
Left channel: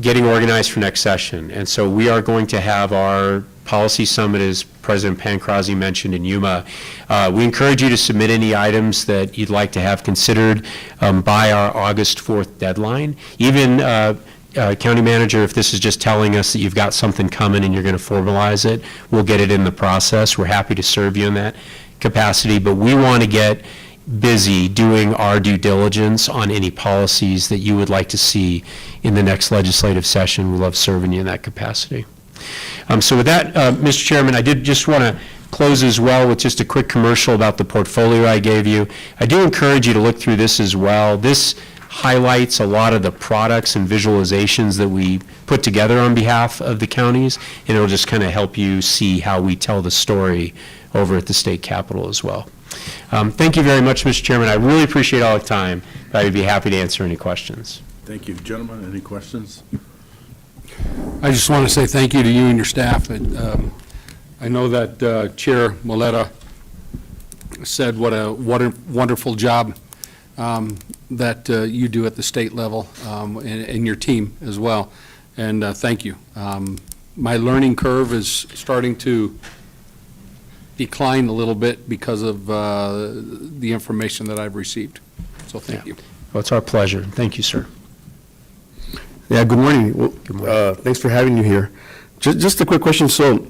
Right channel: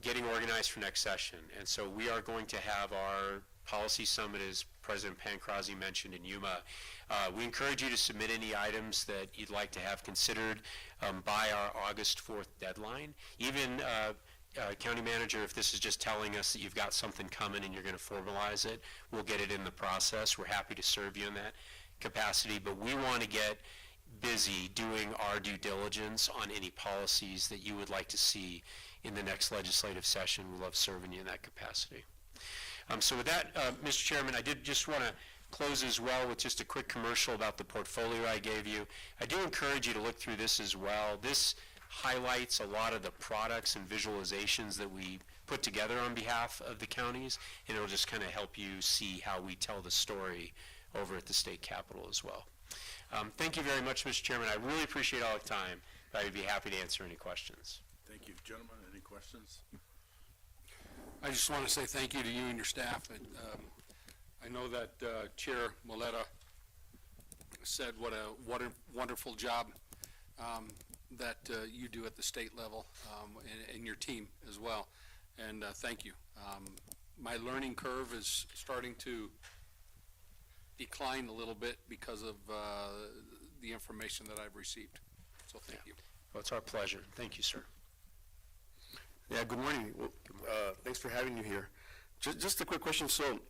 getting organized for next session, and so we are going to have our policy summit, as President Pancrazi mentioned, in Yuma. We encourage you to submit any items that you'd like to have considered by our August 4th deadline. Even County Manager, if this is just telling us that you've got something coming and you're going to formalize it, we'll get it in the process. We're happy to serve you in that capacity, but we want to get busy doing our due diligence on any policies that you would like to see in the next legislative session. We love serving you in that capacity. So with that, Mr. Chairman, I did just want to close as well with just a quick commercial about the portfolio I gave you. I do encourage you to look through this as well. This highlights a lot of the products and visualizations that we put together on behalf of the counties, and it'll just kind of help you see how we tell the story over at the state capitol as well. Thank you very much, Mr. Chairman. I really appreciate all the time. I would be happy to answer any questions. Thank you. Gentlemen, any questions? I just want to say thank you to you and your staff. I know that Chair Moleta said what a wonderful job that you do at the state level, and your team as well. And thank you. My learning curve is starting to decline a little bit because of the information that I've received. So thank you. Well, it's our pleasure. Thank you, sir. Yeah, good morning. Well, Good morning. thanks for having you here. Just a quick question. So,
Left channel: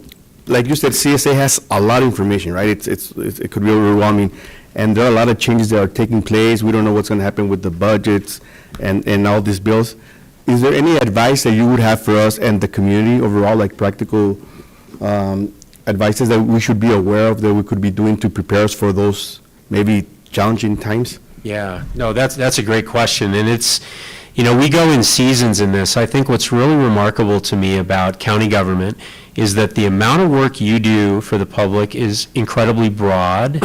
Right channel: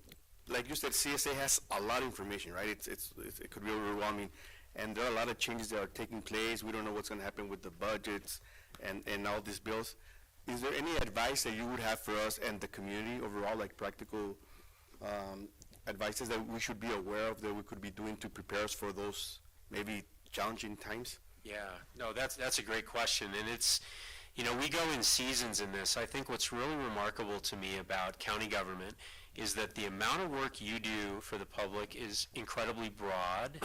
like you said, CSA has a lot of information, right? It could be overwhelming, and there are a lot of changes that are taking place. We don't know what's going to happen with the budgets and all these bills. Is there any advice that you would have for us and the community overall, like practical advices that we should be aware of that we could be doing to prepare us for those maybe challenging times? Yeah, no, that's a great question, and it's, you know, we go in seasons in this. I think what's really remarkable to me about county government is that the amount of work you do for the public is incredibly broad,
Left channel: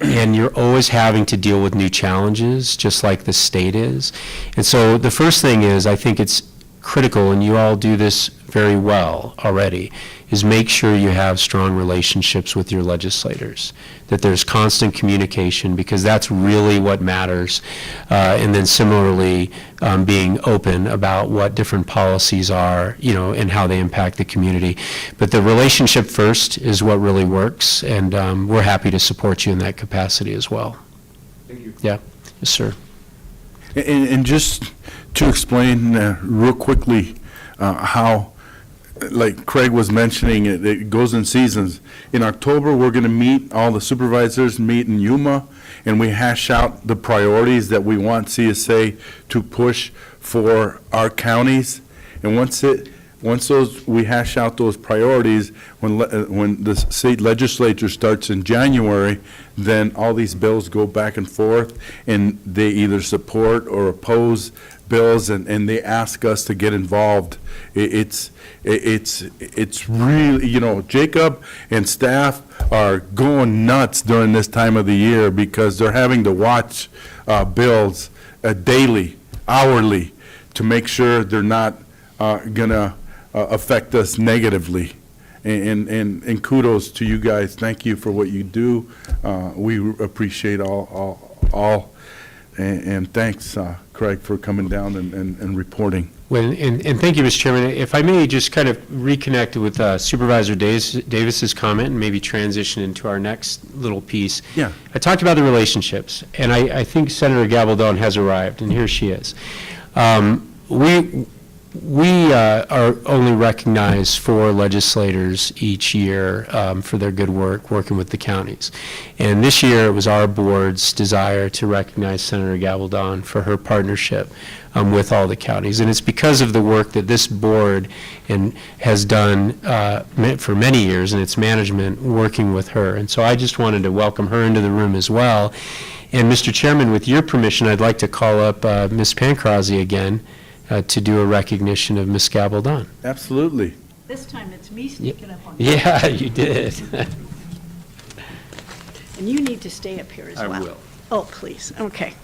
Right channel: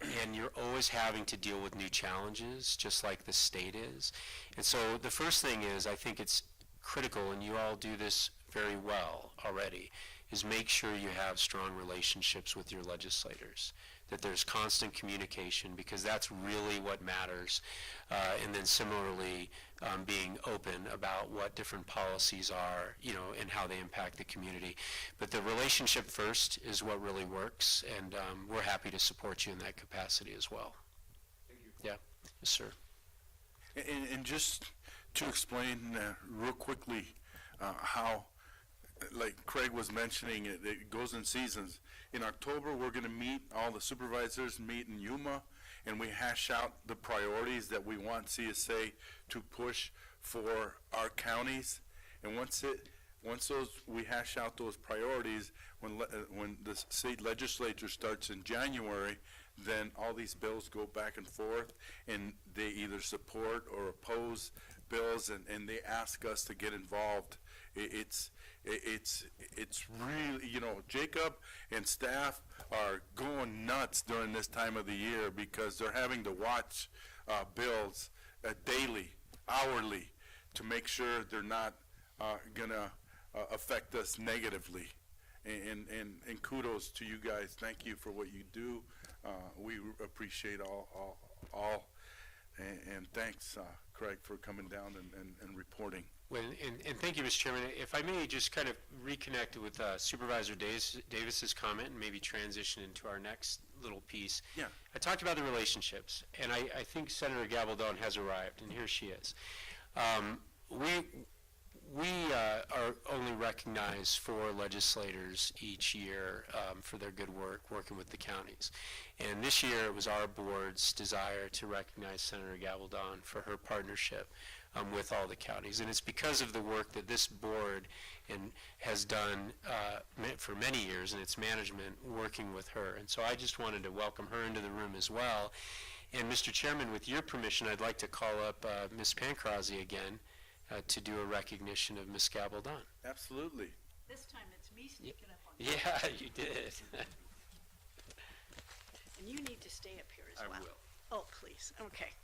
and you're always having to deal with new challenges, just like the state is. And so the first thing is, I think it's critical, and you all do this very well already, is make sure you have strong relationships with your legislators, that there's constant communication, because that's really what matters. And then similarly, being open about what different policies are, you know, and how they impact the community. But the relationship first is what really works, and we're happy to support you in that capacity as well. Thank you. Yeah, yes, sir. And just to explain real quickly how, like Craig was mentioning, it goes in seasons. In October, we're going to meet, all the supervisors meet in Yuma, and we hash out the priorities that we want CSA to push for our counties. And once we hash out those priorities, when the state legislature starts in January, then all these bills go back and forth, and they either support or oppose bills, and they ask us to get involved. It's really, you know, Jacob and staff are going nuts during this time of the year because they're having to watch bills daily, hourly, to make sure they're not gonna affect us negatively. And kudos to you guys. Thank you for what you do. We appreciate all. And thanks, Craig, for coming down and reporting. Well, and thank you, Mr. Chairman. If I may just kind of reconnect with Supervisor Davis's comment and maybe transition into our next little piece. Yeah. I talked about the relationships, and I think Senator Gabaldon has arrived, and here she is. We are only recognized 4 legislators each year for their good work working with the counties. And this year, it was our board's desire to recognize Senator Gabaldon for her partnership with all the counties. And it's because of the work that this board has done for many years, and its management working with her. And so I just wanted to welcome her into the room as well. And Mr. Chairman, with your permission, I'd like to call up Ms. Pancrazzi again to do a recognition of Ms. Gabaldon. Absolutely. This time it's me sneaking up on you. Yeah, you did. And you need to stay up here as well. I will. Oh, please, okay.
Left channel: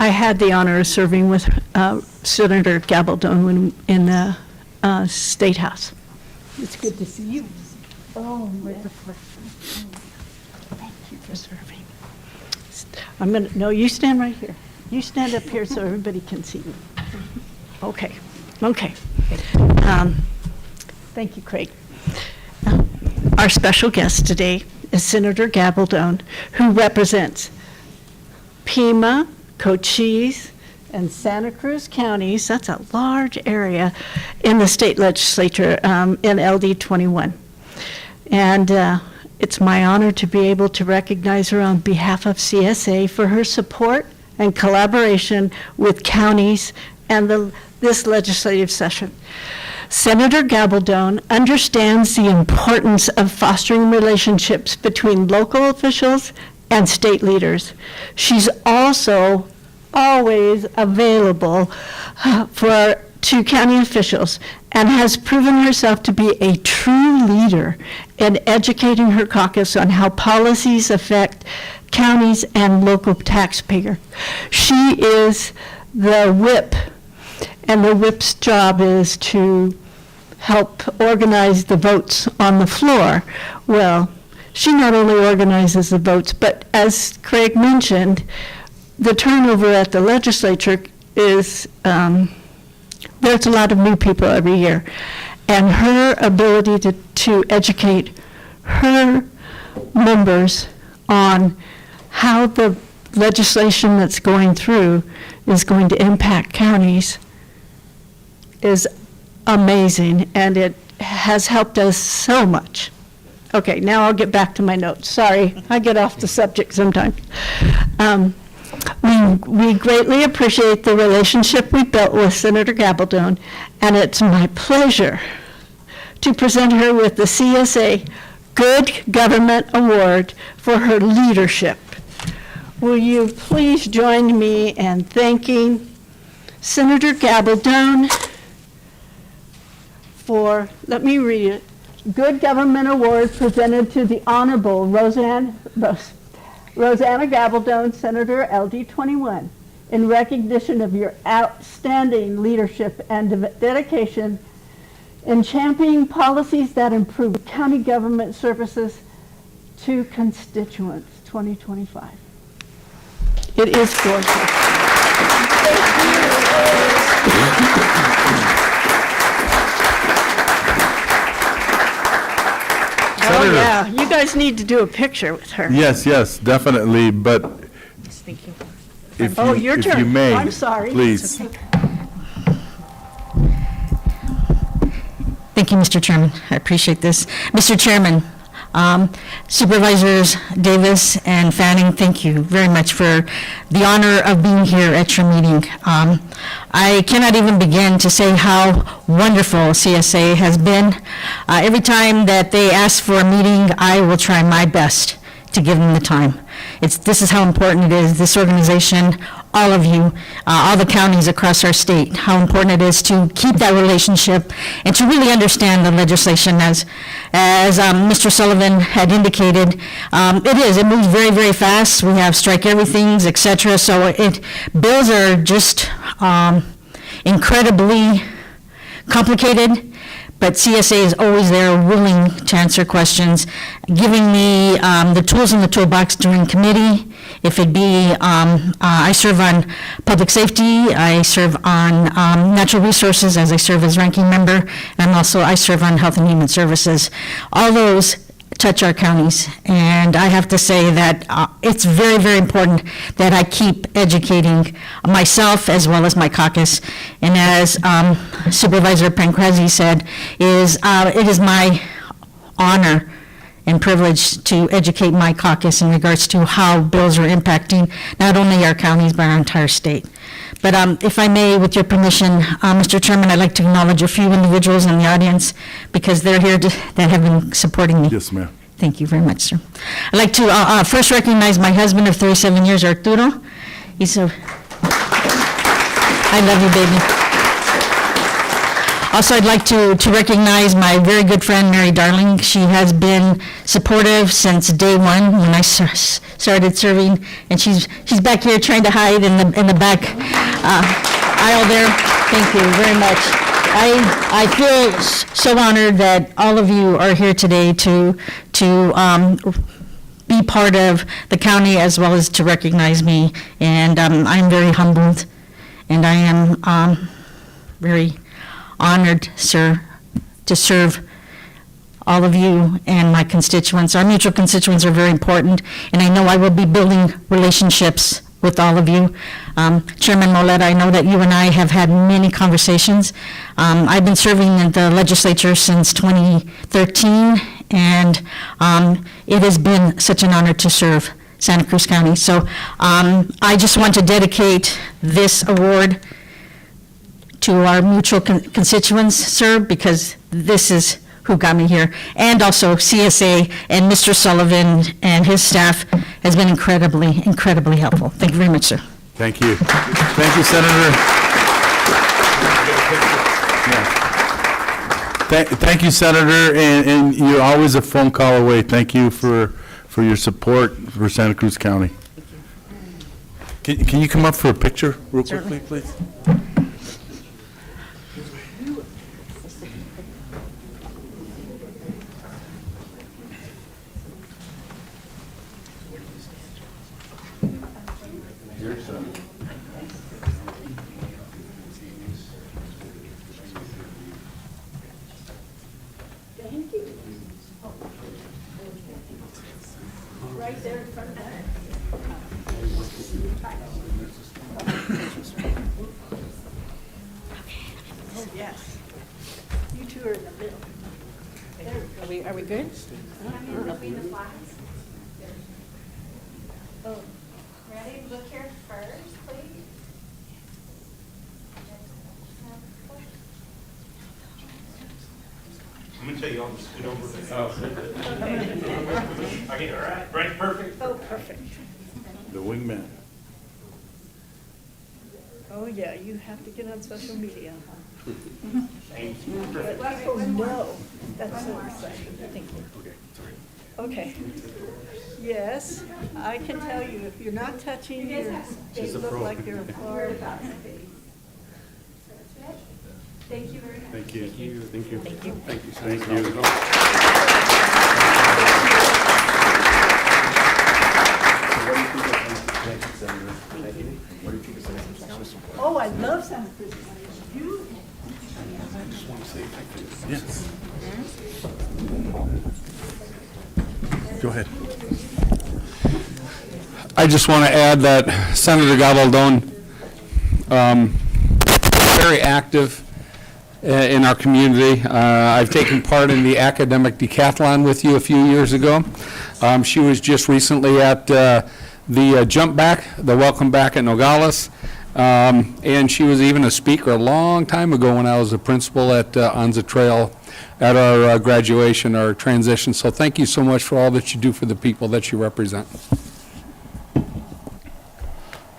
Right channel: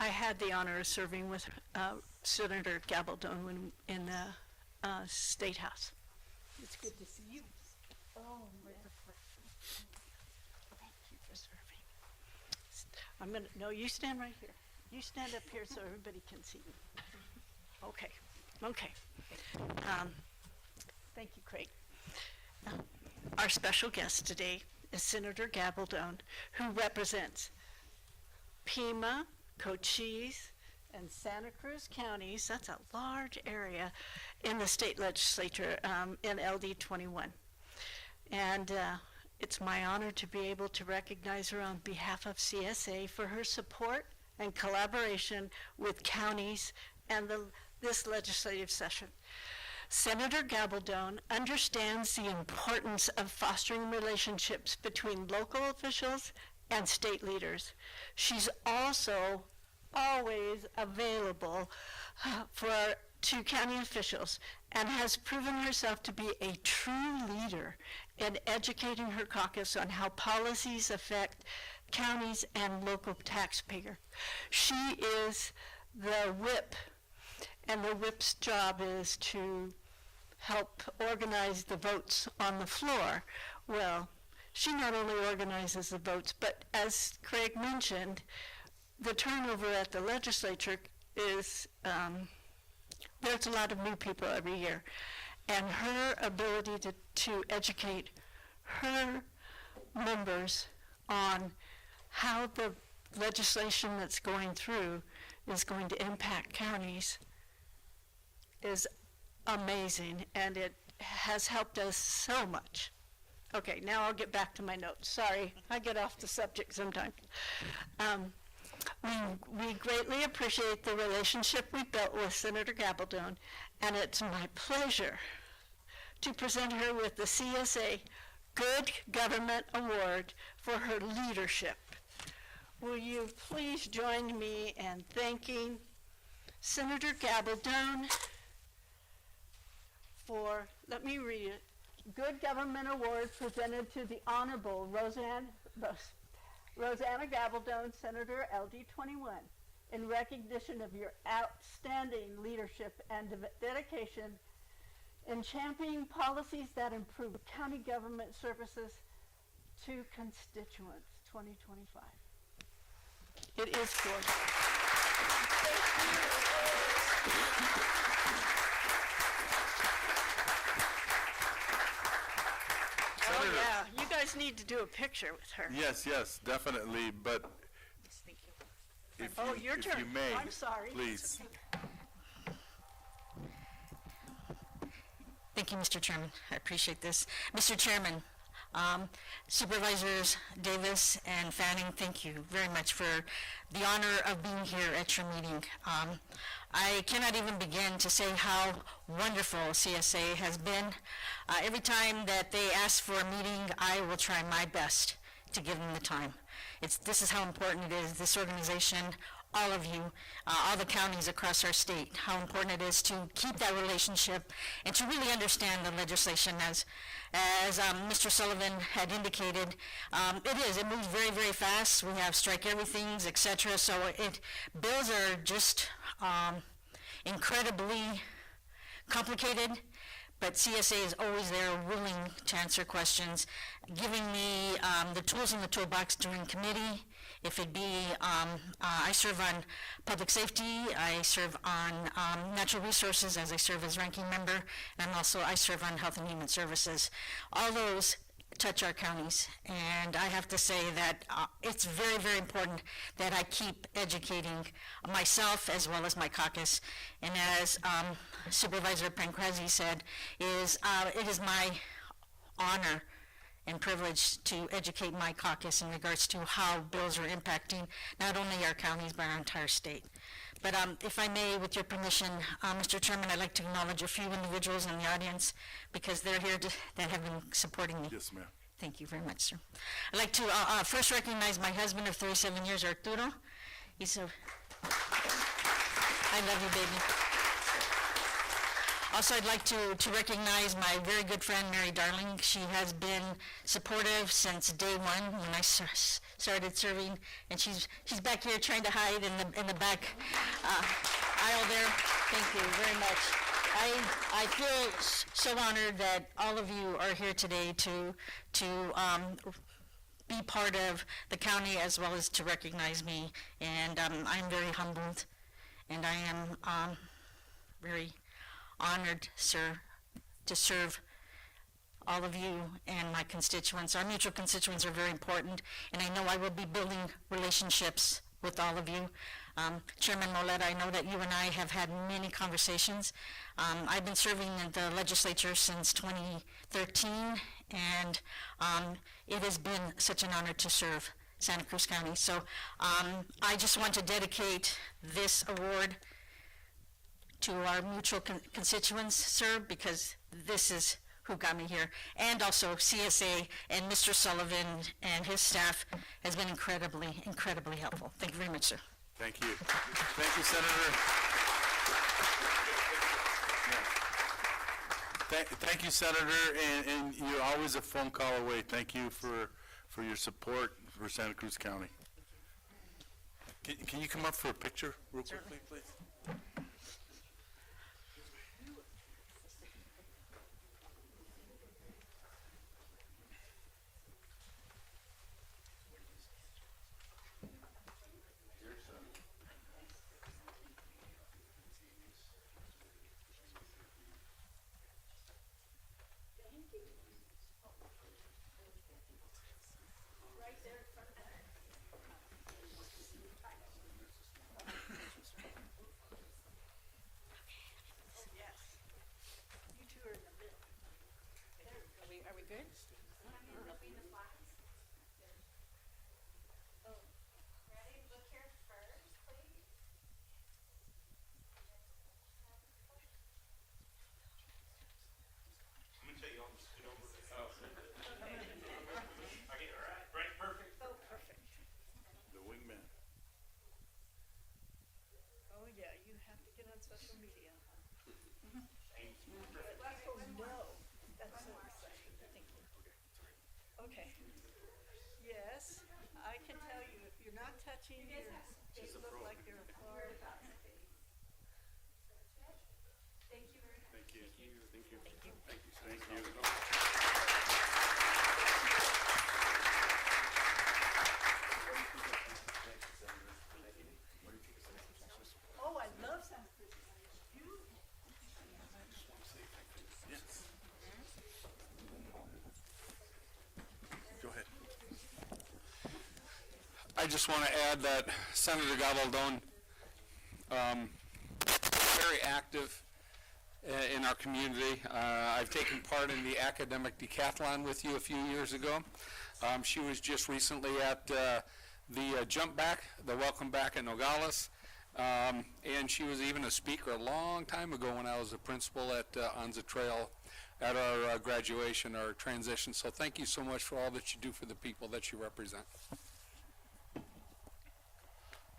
I had the honor of serving with Senator Gabaldon in the State House. It's good to see you. Oh, with the pleasure. Thank you for serving. No, you stand right here. You stand up here so everybody can see you. Okay, okay. Thank you, Craig. Our special guest today is Senator Gabaldon, who represents Pima, Cochise, and Santa Cruz counties. That's a large area in the state legislature in LD 21. And it's my honor to be able to recognize her on behalf of CSA for her support and collaboration with counties and this legislative session. Senator Gabaldon understands the importance of fostering relationships between local officials and state leaders. She's also always available to county officials and has proven herself to be a true leader in educating her caucus on how policies affect counties and local taxpayer. She is the whip, and the whip's job is to help organize the votes on the floor. Well, she not only organizes the votes, but as Craig mentioned, the turnover at the legislature is, there's a lot of new people every year. And her ability to educate her members on how the legislation that's going through is going to impact counties is amazing, and it has helped us so much. Okay, now I'll get back to my notes. Sorry, I get off the subject sometimes. We greatly appreciate the relationship we built with Senator Gabaldon, and it's my pleasure to present her with the CSA Good Government Award for her leadership. Will you please join me in thanking Senator Gabaldon for, let me read it, Good Government Award presented to the Honorable Rosanna Gabaldon, Senator LD 21, in recognition of your outstanding leadership and dedication in championing policies that improve county government services to constituents, 2025. It is gorgeous. Oh, yeah, you guys need to do a picture with her. Yes, yes, definitely, but if Oh, you, your if turn. you may, I'm sorry. please. Thank you, Mr. Chairman. I appreciate this. Mr. Chairman, Supervisors Davis and Fanning, thank you very much for the honor of being here at your meeting. I cannot even begin to say how wonderful CSA has been. Every time that they ask for a meeting, I will try my best to give them the time. This is how important it is, this organization, all of you, all the counties across our state, how important it is to keep that relationship and to really understand the legislation as Mr. Sullivan had indicated. It moves very, very fast. We have strike everythings, et cetera, so bills are just incredibly complicated. But CSA is always there, willing to answer questions, giving me the tools in the toolbox during committee. If it be, I serve on public safety, I serve on natural resources as I serve as ranking member, and I serve on health and human services. All those touch our counties, and I have to say that it's very, very important that I keep educating myself as well as my caucus. And as Supervisor Pancrazi said, it is my honor and privilege to educate my caucus in regards to how bills are impacting not only our counties but our entire state. But if I may, with your permission, Mr. Chairman, I'd like to acknowledge a few individuals in the audience because they're here that have been supporting me. Yes, ma'am. Thank you very much, sir. I'd like to first recognize my husband of 37 years, Arturo. I love you, baby. Also, I'd like to recognize my very good friend, Mary Darling. She has been supportive since day one when I started serving, and she's back here trying to hide in the back aisle there. Thank you very much. I feel so honored that all of you are here today to be part of the county as well as to recognize me, and I'm very humbled, and I am very honored, sir, to serve all of you and my constituents. Our mutual constituents are very important, and I know I will be building relationships with all of you. Chairman Moleta, I know that you and I have had many conversations. I've been serving in the legislature since 2013, and it has been such an honor to serve Santa Cruz County. So I just want to dedicate this award to our mutual constituents, sir, because this is who got me here, and also CSA and Mr. Sullivan and his staff has been incredibly, incredibly helpful. Thank you very much, sir. Thank you. Thank you, Senator. Yeah. Thank you, Senator, and you're always a phone call away. Thank you for your support for Santa Cruz County. Can you come up for a picture real quickly, please? Are we good? Ready? Look here first, please. I'm gonna tell you all to scoot over. Okay, all right, right, perfect. Oh, perfect. The wingman. Oh, yeah, you have to get on social media, huh? Thank you. Oh, no, that's so exciting, thank you. Okay. Yes, I can tell you, if you're not touching, they look like they're far. Thank you very much. Thank you. Thank you. Thank you. Thank you. Thank you. Oh, I love Santa Cruz. You? Yes. Go ahead. I just want to add that Senator Gabaldon, very active in our community. I've taken part in the academic decathlon with you a few years ago. She was just recently at the jump back, the welcome back at Nogales. And she was even a speaker a long time ago when I was a principal at Anza Trail at our graduation, our transition. So thank you so much for all that you do for the people that you represent.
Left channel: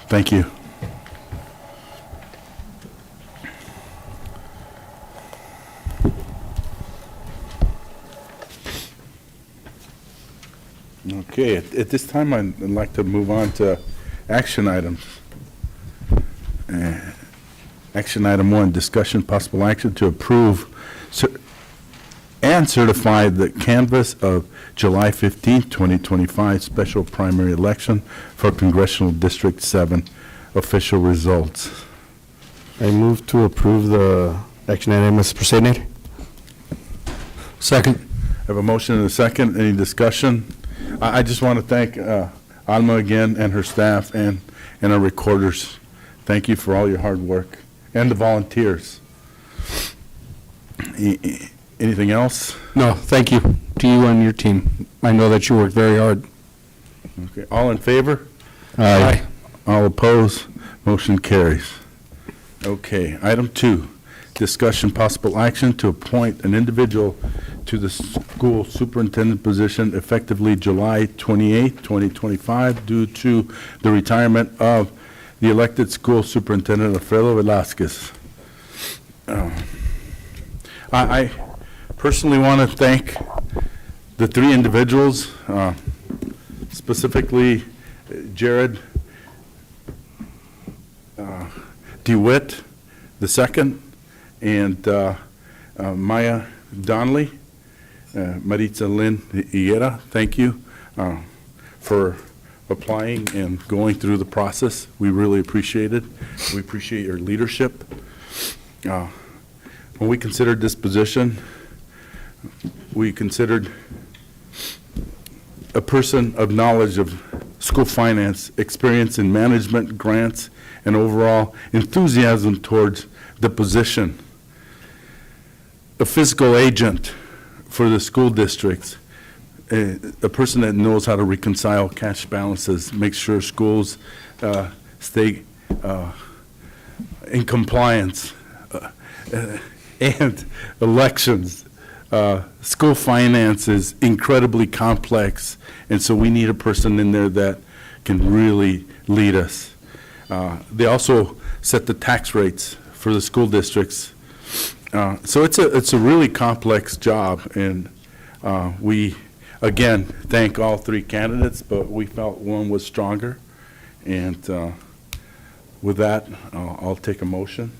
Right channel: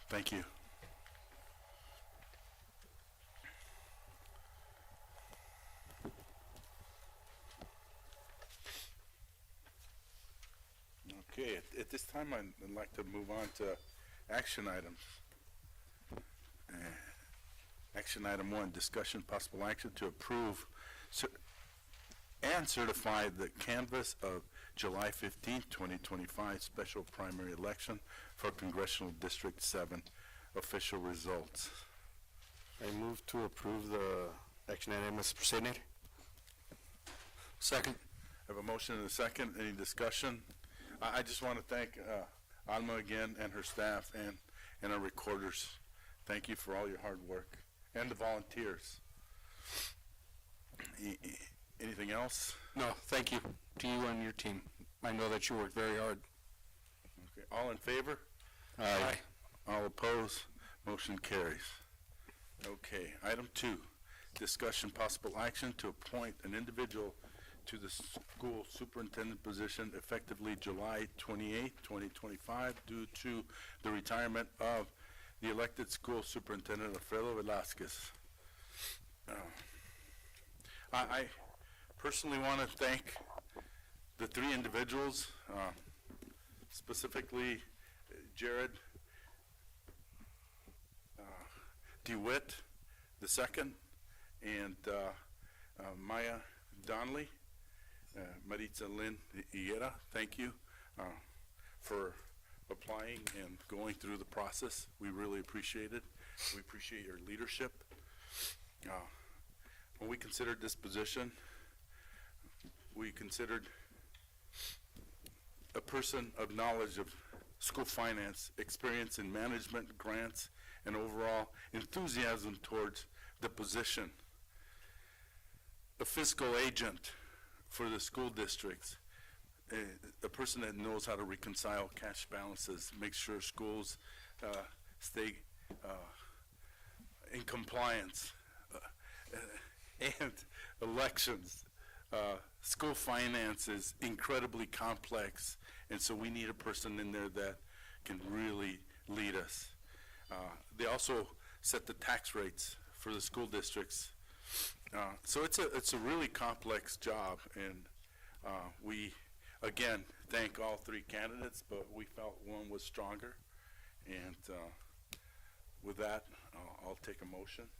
Thank you. Okay, at this time, I'd like to move on to action items. Action item 1, discussion possible action to approve and certify the canvass of July 15, 2025 special primary election for Congressional District 7 official results. I move to approve the action item as presented. Second. I have a motion and a second. Any discussion? I just want to thank Alma again and her staff and our recorders. Thank you for all your hard work, and the volunteers. Anything else? No, thank you to you and your team. I know that you work very hard. Okay, all in favor? Aye. All opposed? Motion carries. Okay, item 2, discussion possible action to appoint an individual to the school superintendent position effectively July 28, 2025, due to the retirement of the elected school superintendent, Alfredo Velasquez. I personally want to thank the 3 individuals, specifically Jared DeWitt II and Maya Donnelly, Maritza Lynn Higuera. Thank you for applying and going through the process. We really appreciate it. We appreciate your leadership. When we considered this position, we considered a person of knowledge of school finance, experience in management, grants, and overall enthusiasm towards the position. A fiscal agent for the school districts, a person that knows how to reconcile cash balances, make sure schools stay in compliance, and elections. School finance is incredibly complex, and so we need a person in there that can really lead us. They also set the tax rates for the school districts. So it's a really complex job, and we, again, thank all three candidates, but we felt one was stronger. And with that, I'll take a motion.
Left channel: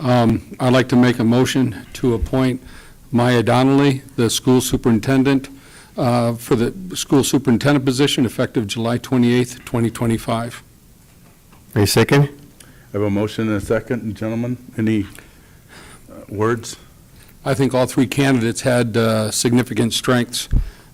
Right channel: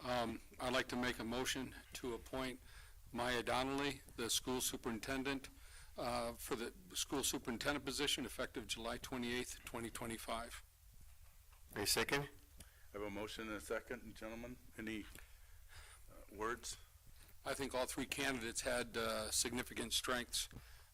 I'd like to make a motion to appoint Maya Donnelly, the school superintendent, for the school superintendent position effective July 28th, 2025. A second? I have a motion and a second. Gentlemen, any words? I think all three candidates had significant strengths,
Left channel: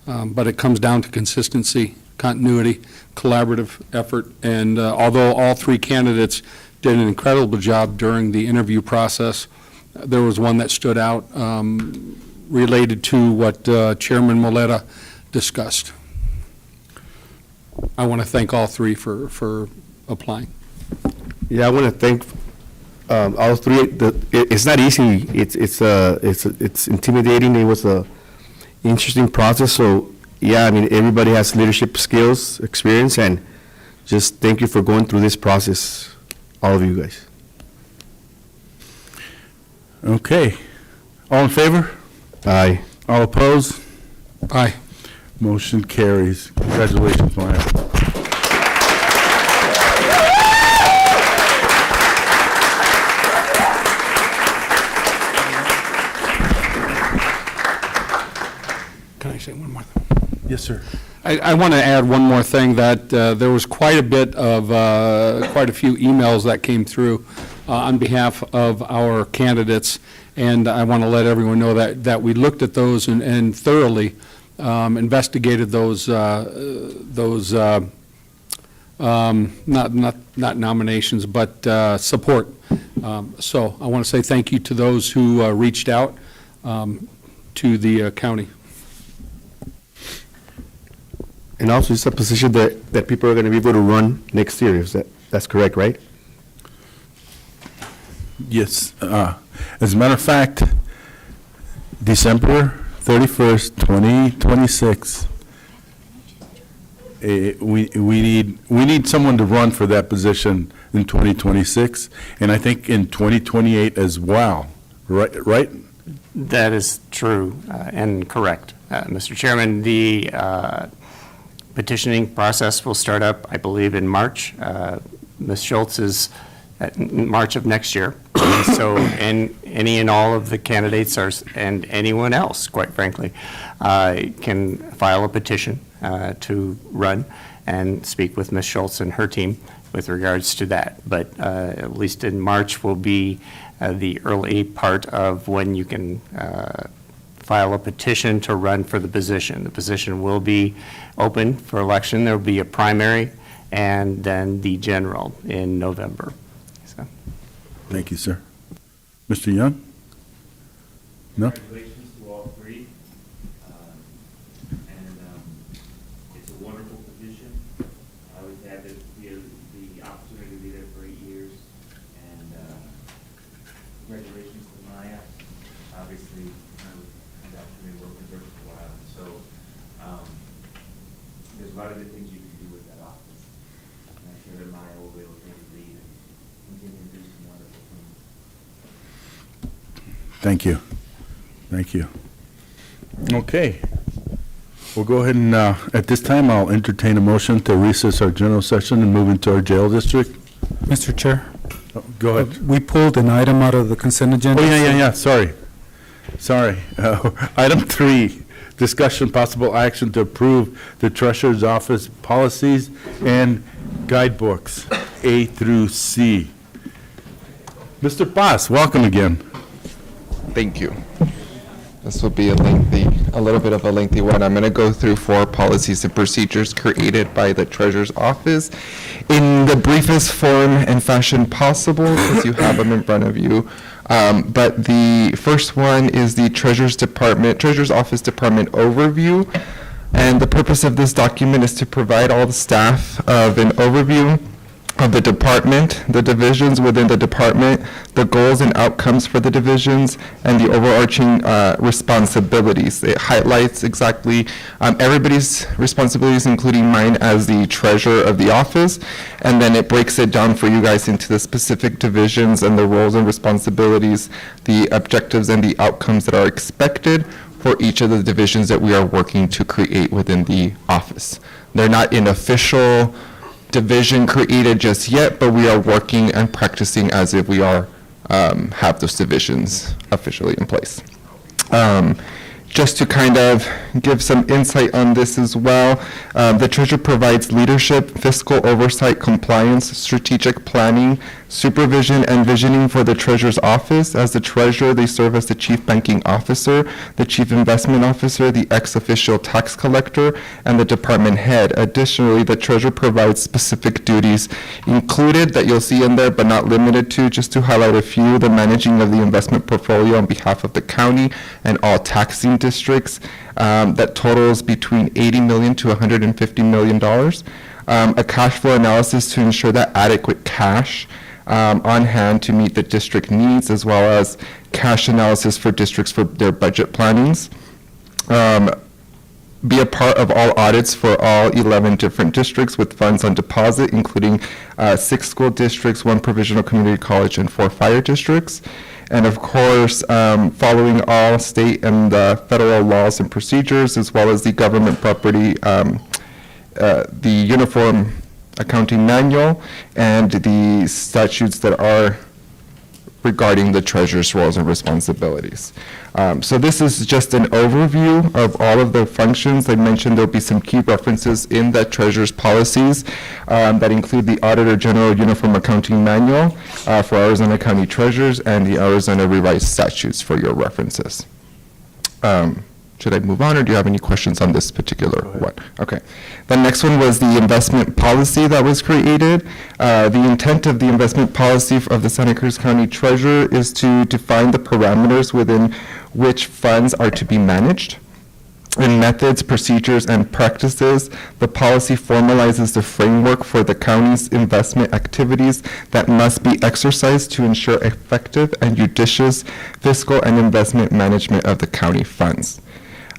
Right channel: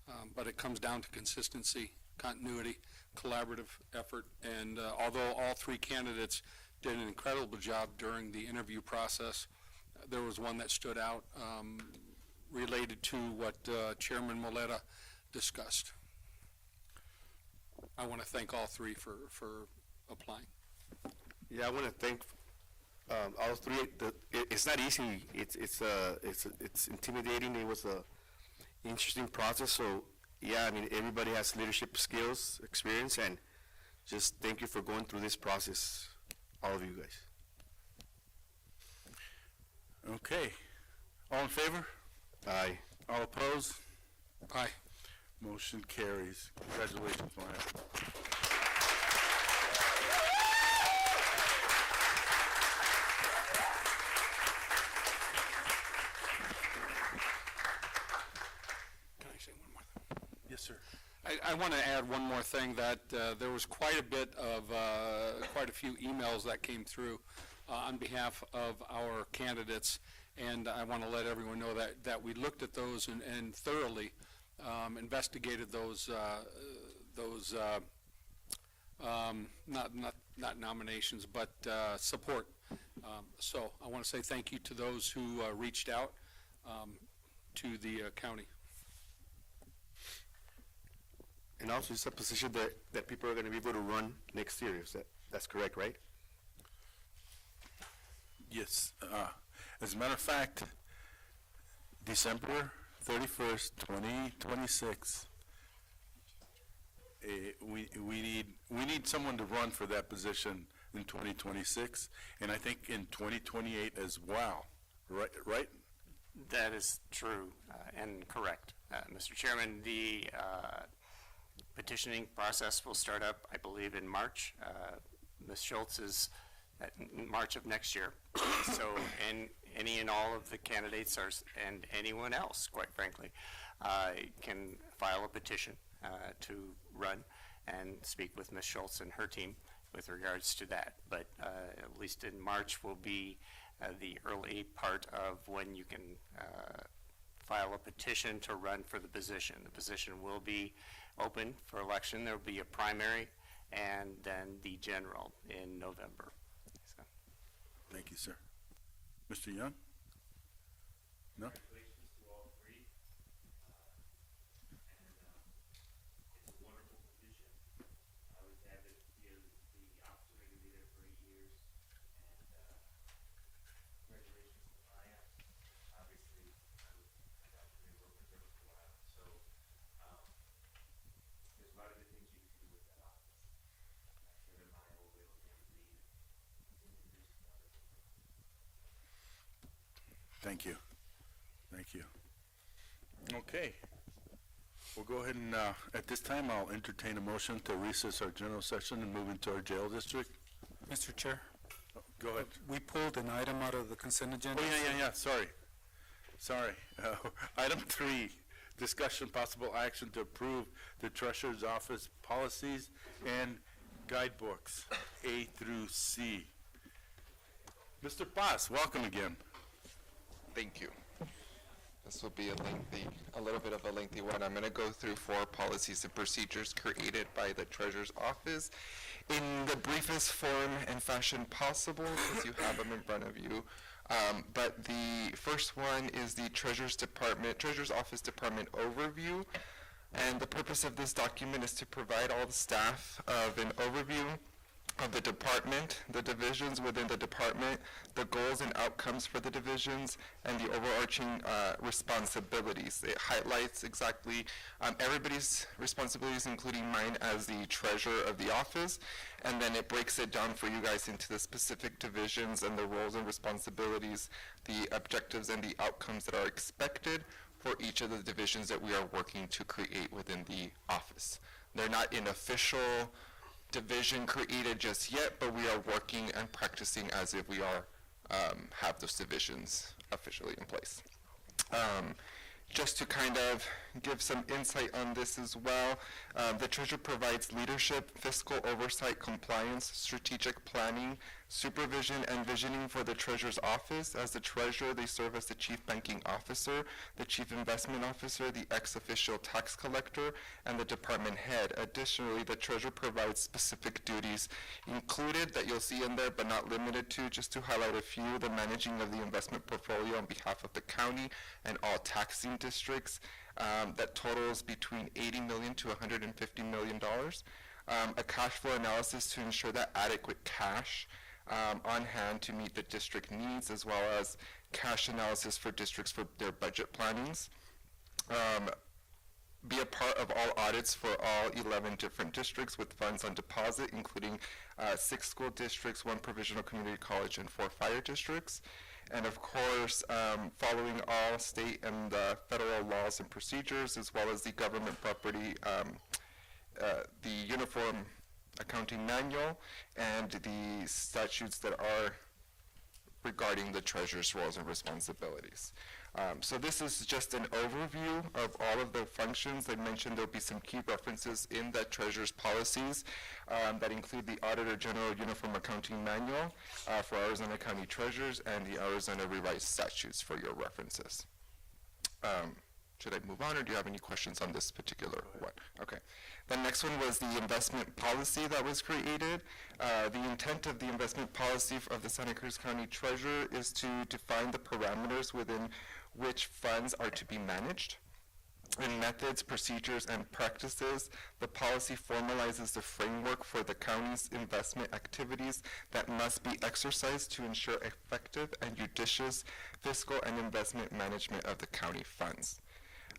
but it comes down to consistency, continuity, collaborative effort, and although all three candidates did an incredible job during the interview process, there was one that stood out related to what Chairman Moleta discussed. I want to thank all three for applying. Yeah, I want to thank all three. It's not easy. It's intimidating. It was a interesting process. So yeah, I mean, everybody has leadership skills, experience, and just thank you for going through this process, all of you guys. Okay. All in favor? Aye. All opposed? Aye. Motion carries. Congratulations, Maya. Can I say one more thing? Yes, sir. I want to add one more thing, that there was quite a few emails that came through on behalf of our candidates, and I want to let everyone know that we looked at those and thoroughly investigated those not nominations, but support. So I want to say thank you to those who reached out to the county. And also, it's a position that people are going to be able to run next year. That's correct, right? Yes. As a matter of fact, December 31st, 2026, we need someone to run for that position in 2026, and I think in 2028 as well. Right? That is true and correct, Mr. Chairman. The petitioning process will start up, I believe, in March. Ms. Schultz is in March of next year. So, and any and all of the candidates and anyone else, quite frankly, can file a petition to run and speak with Ms. Schultz and her team with regards to that. But at least in March will be the early part of when you can file a petition to run for the position. The position will be open for election. There will be a primary and then the general in November. So. Thank you, sir. Mr. Young? No? Congratulations to all three. It's a wonderful position. We've had the opportunity to be there for 8 years. And congratulations to Maya. Obviously, I've had the opportunity to work with her for a while. So there's a lot of good things you can do with that office. And I'm sure that Maya will be able to take the lead and continue to do some wonderful things. Thank you. Thank you. Okay. We'll go ahead and, at this time, I'll entertain a motion to recess our general session and move into our jail district. Mr. Chair, Go ahead. we pulled an item out of the consent agenda. Oh, yeah, sorry. Item 3, discussion possible action to approve the Treasurer's Office policies and guidebooks, A through C. Mr. Paz, welcome again. Thank you. This will be a little bit of a lengthy one. I'm going to go through 4 policies and procedures created by the Treasurer's Office in the briefest form and fashion possible, because you have them in front of you. But the first one is the Treasurer's Office Department overview. And the purpose of this document is to provide all the staff of an overview of the department, the divisions within the department, the goals and outcomes for the divisions, and the overarching responsibilities. It highlights exactly everybody's responsibilities, including mine as the treasurer of the office, and then it breaks it down for you guys into the specific divisions and the roles and responsibilities, the objectives and the outcomes that are expected for each of the divisions that we are working to create within the office. They're not in official division created just yet, but we are working and practicing as if we are have those divisions officially in place. Just to kind of give some insight on this as well, the Treasurer provides leadership, fiscal oversight, compliance, strategic planning, supervision, and visioning for the Treasurer's Office. As the Treasurer, they serve as the Chief Banking Officer, the Chief Investment Officer, the ex-official tax collector, and the department head. Additionally, the Treasurer provides specific duties included that you'll see in there, but not limited to, just to highlight a few: the managing of the investment portfolio on behalf of the county and all taxing districts, that totals between $80 million to $150 million. A cash flow analysis to ensure that adequate cash on hand to meet the district needs, as well as cash analysis for districts for their budget plannings. Be a part of all audits for all 11 different districts with funds on deposit, including 6 school districts, 1 provisional community college, and 4 fire districts. And of course, following all state and federal laws and procedures, as well as the government property, the Uniform Accounting Manual, and the statutes that are regarding the Treasurer's roles and responsibilities. So this is just an overview of all of the functions. I mentioned there'll be some key references in the Treasurer's policies that include the Auditor General Uniform Accounting Manual for Arizona County Treasurers and the Arizona Revised Statutes for your references. Should I move on, or do you have any questions on this particular one? Okay. The next one was the investment policy that was created. The intent of the investment policy of the Santa Cruz County Treasurer is to define the parameters within which funds are to be managed. In methods, procedures, and practices, the policy formalizes the framework for the county's investment activities that must be exercised to ensure effective and judicious fiscal and investment management of the county funds.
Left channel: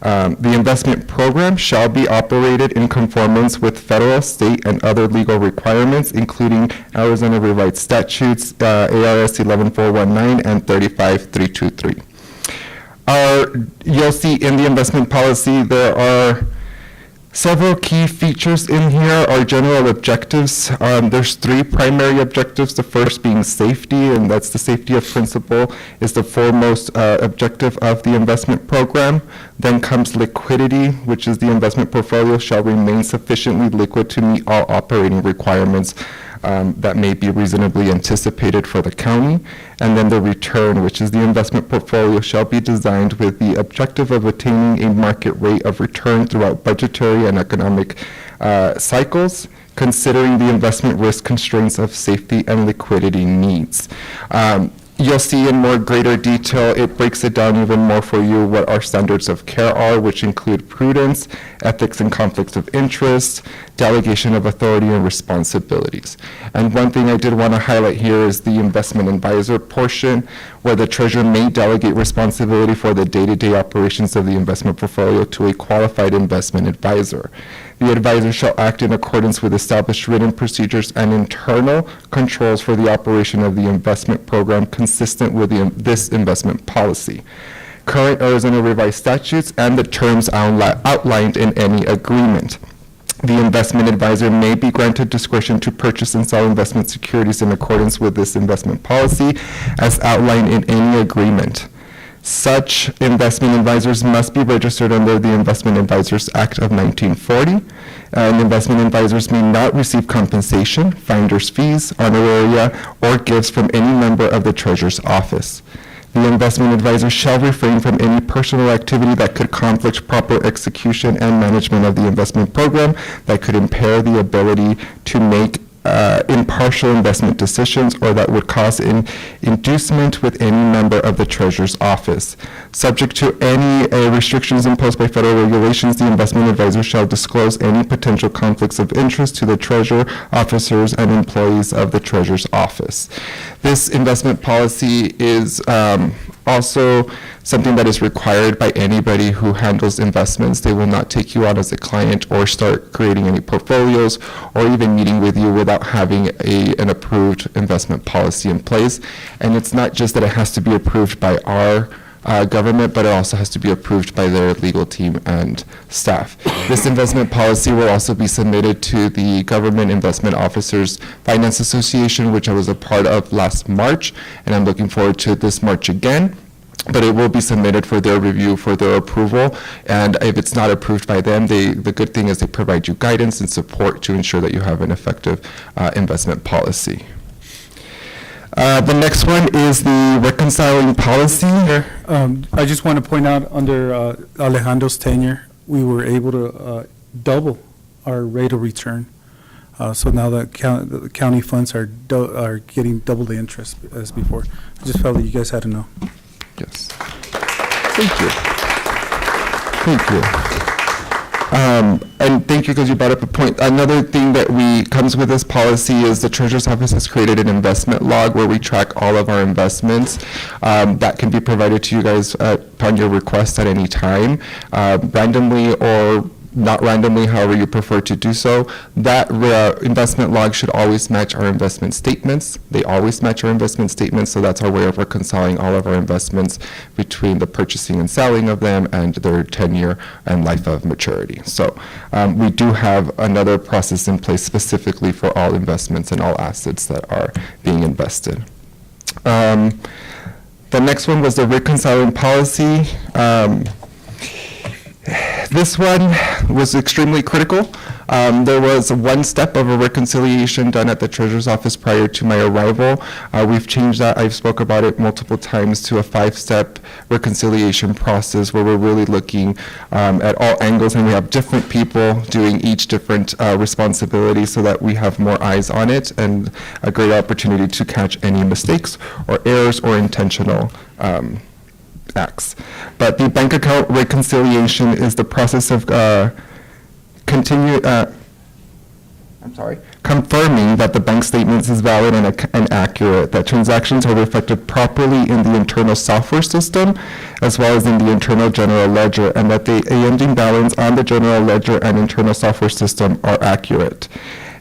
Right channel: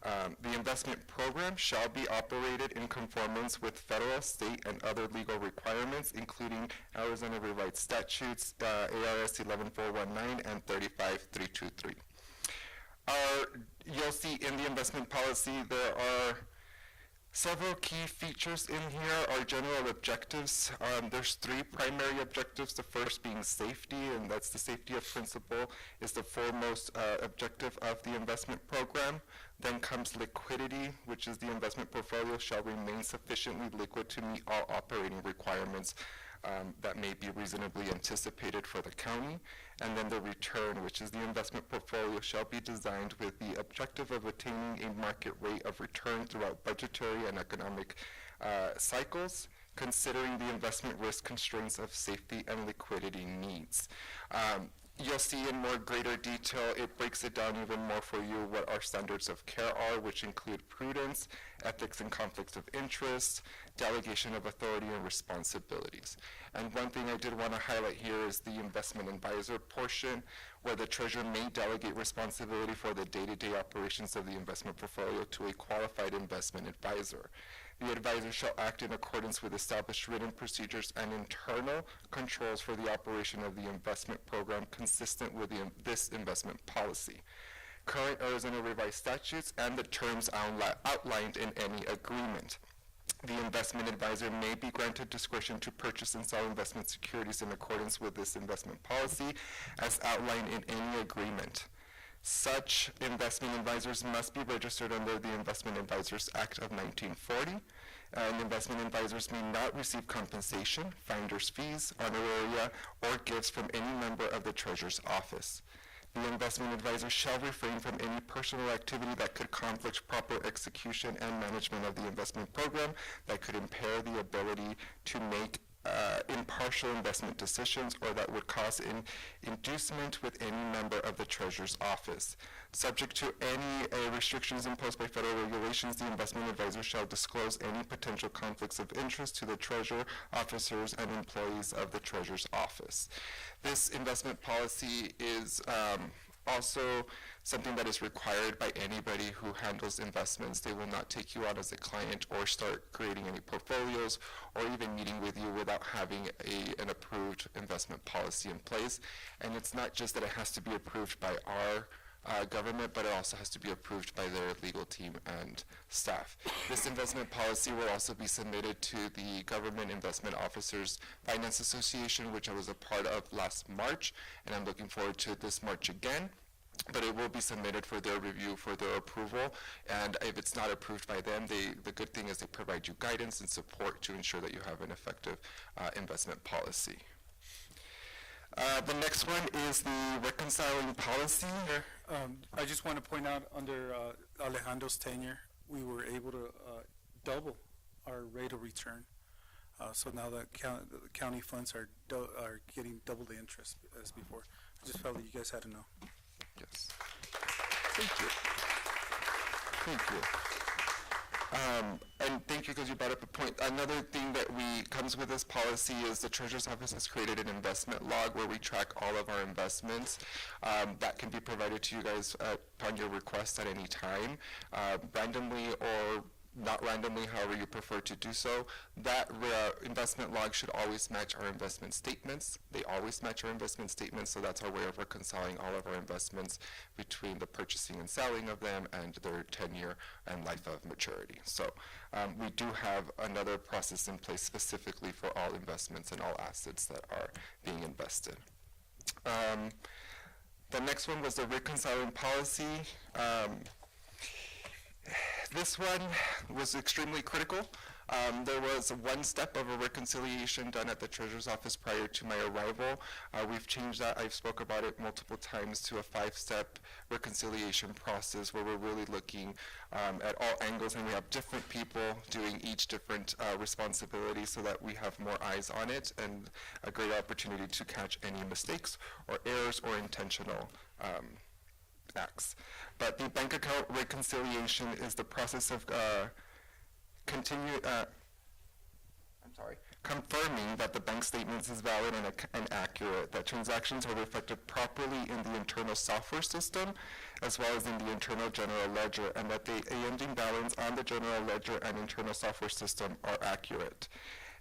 The investment program shall be operated in conformance with federal, state, and other legal requirements, including Arizona Revised Statutes, ARS 11419 and 35323. You'll see in the investment policy there are several key features in here. Our general objectives, there's 3 primary objectives, the first being safety, and that's the safety of principal is the foremost objective of the investment program. Then comes liquidity, which is the investment portfolio shall remain sufficiently liquid to meet all operating requirements that may be reasonably anticipated for the county. And then the return, which is the investment portfolio shall be designed with the objective of attaining a market rate of return throughout budgetary and economic cycles, considering the investment risk constraints of safety and liquidity needs. You'll see in more greater detail, it breaks it down even more for you what our standards of care are, which include prudence, ethics and conflicts of interest, delegation of authority and responsibilities. And one thing I did want to highlight here is the investment advisor portion, where the treasurer may delegate responsibility for the day-to-day operations of the investment portfolio to a qualified investment advisor. The advisor shall act in accordance with established written procedures and internal controls for the operation of the investment program consistent with this investment policy, current Arizona Revised Statutes, and the terms outlined in any agreement. The investment advisor may be granted discretion to purchase and sell investment securities in accordance with this investment policy as outlined in any agreement. Such investment advisors must be registered under the Investment Advisors Act of 1940. And investment advisors may not receive compensation, finder's fees, honoraria, or gifts from any member of the Treasurer's office. The investment advisor shall refrain from any personal activity that could conflict proper execution and management of the investment program, that could impair the ability to make impartial investment decisions, or that would cause an inducement with any member of the treasurer's office. Subject to any restrictions imposed by federal regulations, the investment advisor shall disclose any potential conflicts of interest to the treasurer, officers, and employees of the treasurer's office. This investment policy is also something that is required by anybody who handles investments. They will not take you on as a client or start creating any portfolios or even meeting with you without having an approved investment policy in place. And it's not just that it has to be approved by our government, but it also has to be approved by their legal team and staff. This investment policy will also be submitted to the Government Investment Officers Finance Association, which I was a part of last March, and I'm looking forward to this March again. But it will be submitted for their review, for their approval, and if it's not approved by them, the good thing is they provide you guidance and support to ensure that you have an effective investment policy. The next one is the reconciling policy. I just want to point out, under Alejandro's tenure, we were able to double our rate of return. So now the county funds are getting double the interest as before. I just felt that you guys had to know. Yes. Thank you. Thank you. And thank you because you brought up a point. Another thing that comes with this policy is the Treasurer's Office has created an investment log where we track all of our investments. That can be provided to you guys upon your request at any time, randomly or not randomly, however you prefer to do so. That investment log should always match our investment statements. They always match our investment statements, so that's our way of reconciling all of our investments between the purchasing and selling of them and their tenure and life of maturity. So we do have another process in place specifically for all investments and all assets that are being invested. The next one was the reconciling policy. This one was extremely critical. There was one step of a reconciliation done at the Treasurer's Office prior to my arrival. We've changed that. I've spoke about it multiple times to a 5-step reconciliation process where we're really looking at all angles, and we have different people doing each different responsibility so that we have more eyes on it and a great opportunity to catch any mistakes or errors or intentional acts. But the bank account reconciliation is the process of confirming that the bank statements is valid and accurate, that transactions are reflected properly in the internal software system as well as in the internal general ledger, and that the ending balance on the general ledger and internal software system are accurate.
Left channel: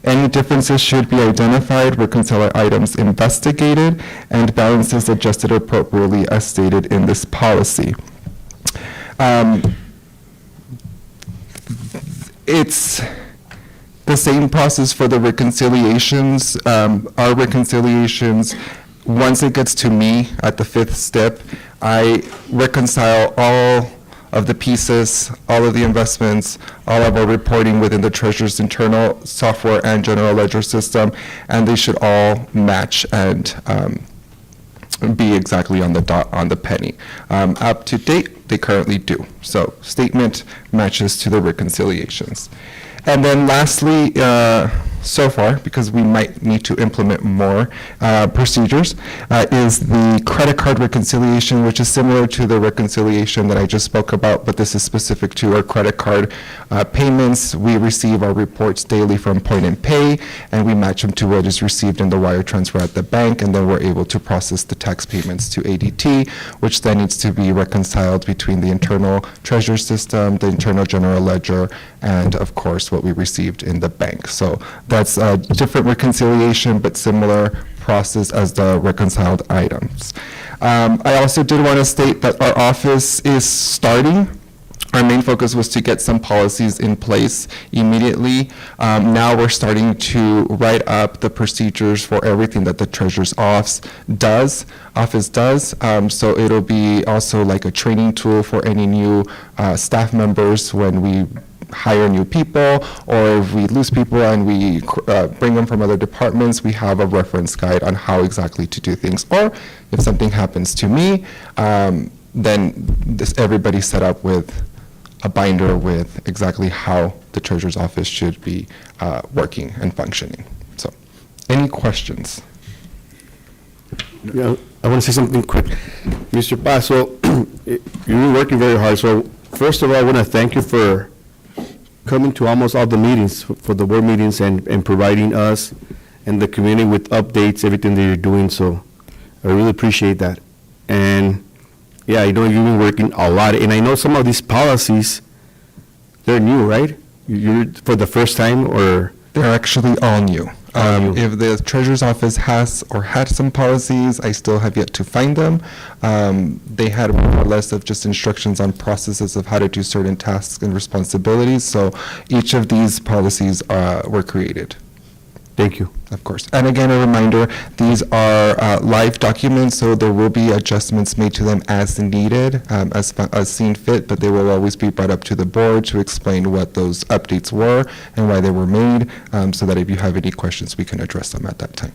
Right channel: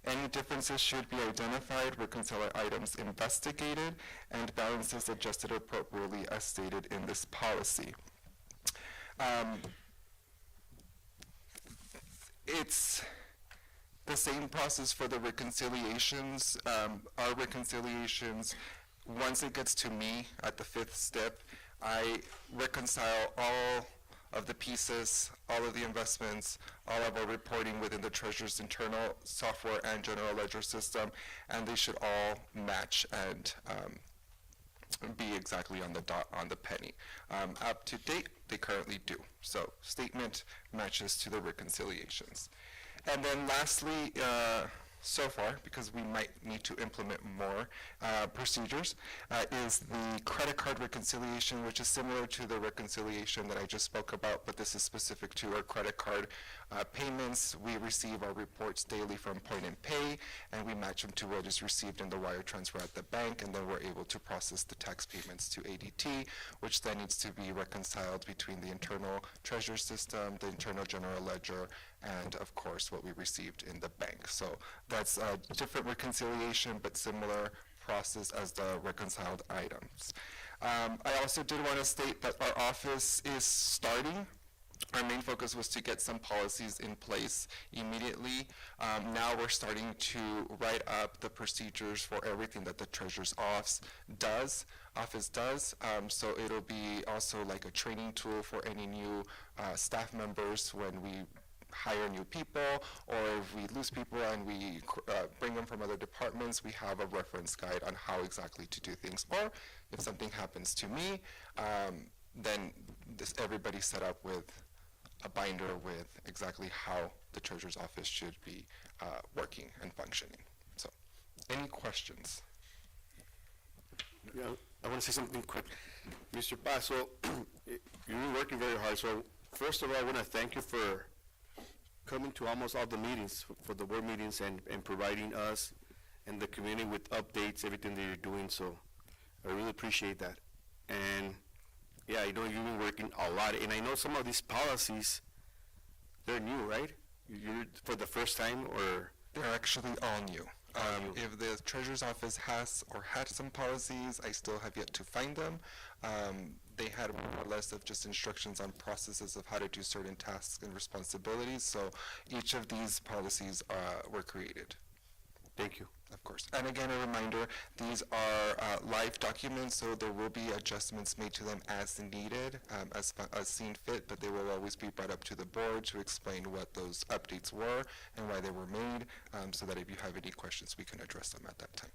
Any differences should be identified, reconciliation items investigated, and balances adjusted appropriately as stated in this policy. It's the same process for the reconciliations. Our reconciliations, once it gets to me at the 5th step, I reconcile all of the pieces, all of the investments, all of our reporting within the Treasurer's internal software and general ledger system, and they should all match and be exactly on the dot, on the penny. Up to date, they currently do. So statement matches to the reconciliations. And then lastly, so far, because we might need to implement more procedures, is the credit card reconciliation, which is similar to the reconciliation that I just spoke about, but this is specific to our credit card payments. We receive our reports daily from Point and Pay, and we match them to what is received in the wire transfer at the bank, and then we're able to process the tax payments to ADT, which then needs to be reconciled between the internal treasury system, the internal general ledger, and of course what we received in the bank. So that's a different reconciliation, but similar process as the reconciled items. I also did want to state that our office is starting. Our main focus was to get some policies in place immediately. Now we're starting to write up the procedures for everything that the Treasurer's office does. So it'll be also like a training tool for any new staff members when we hire new people, or if we lose people and we bring them from other departments, we have a reference guide on how exactly to do things. Or if something happens to me, then everybody's set up with a binder with exactly how the treasurer's office should be working and functioning. So, any questions? Yeah, I want to say something quick. Mr. Paso, you've been working very hard, so first of all, I want to thank you for coming to almost all the meetings, for the board meetings, and providing us and the community with updates, everything that you're doing, so I really appreciate that. And, yeah, I know you've been working a lot, and I know some of these policies, they're new, right? You're for the first time, or? They're actually all new. If the treasurer's office has or had some policies, I still have yet to find them. They had more or less of just instructions on processes of how to do certain tasks and responsibilities. So each of these policies were created. Thank you. Of course. And again, a reminder, these are live documents, so there will be adjustments made to them as needed, as seen fit, but they will always be brought up to the board to explain what those updates were and why they were made, so that if you have any questions, we can address them at that time.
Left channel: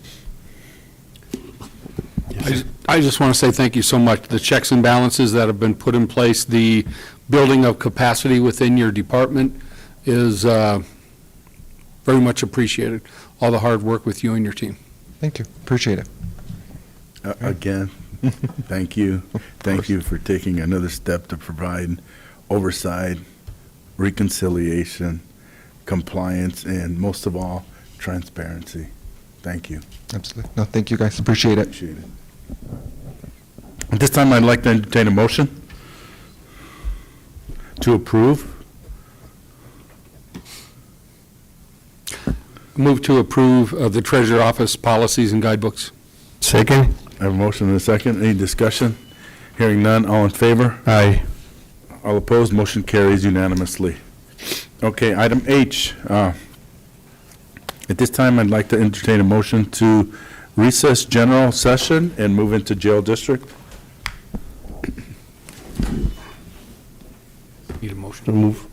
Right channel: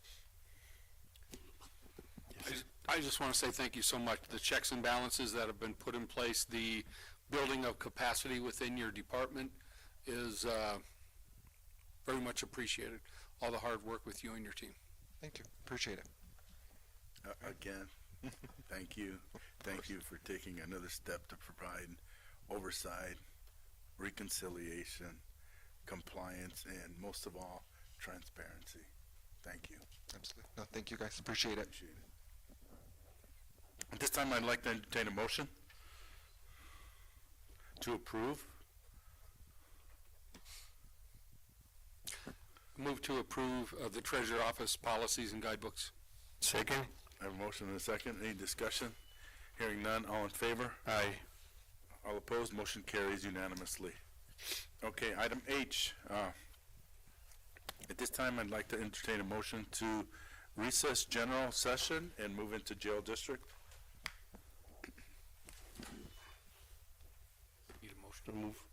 I just want to say thank you so much. The checks and balances that have been put in place, the building of capacity within your department is very much appreciated. All the hard work with you and your team. Thank you. Appreciate it. Again, thank you. Thank you for taking another step to provide oversight, reconciliation, compliance, and most of all, transparency. Thank you. Absolutely. No, thank you guys. Appreciate it. Appreciate it. At this time, I'd like to entertain a motion to approve. Move to approve of the Treasurer Office policies and guidebooks. Second? I have a motion and a second. Any discussion? Hearing none, all in favor? Aye. All opposed, motion carries unanimously. Okay, item H. At this time, I'd like to entertain a motion to recess general session and move into jail district. Need a motion? So move.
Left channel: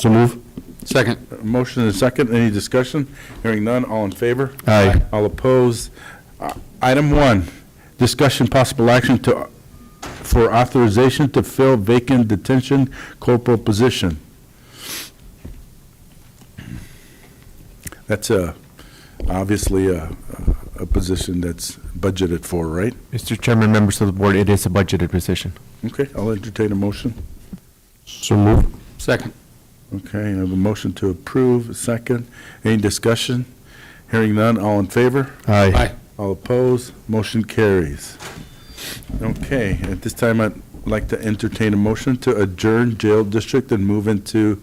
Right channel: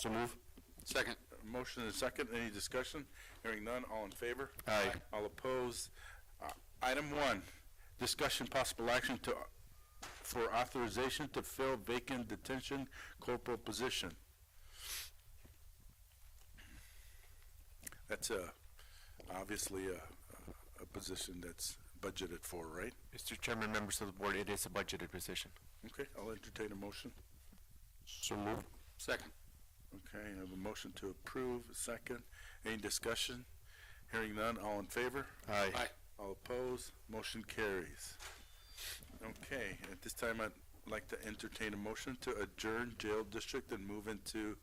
So move? Second. Motion and a second. Any discussion? Hearing none, all in favor? Aye. All opposed. Item 1, discussion possible action for authorization to fill vacant detention corporal position. That's obviously a position that's budgeted for, right? Mr. Chairman, members of the board, it is a budgeted position. Okay, I'll entertain a motion. So move. Second. Okay, I have a motion to approve, a second. Any discussion? Hearing none, all in favor? Aye. Aye. All opposed, motion carries. Okay, at this time, I'd like to entertain a motion to adjourn jail district and move into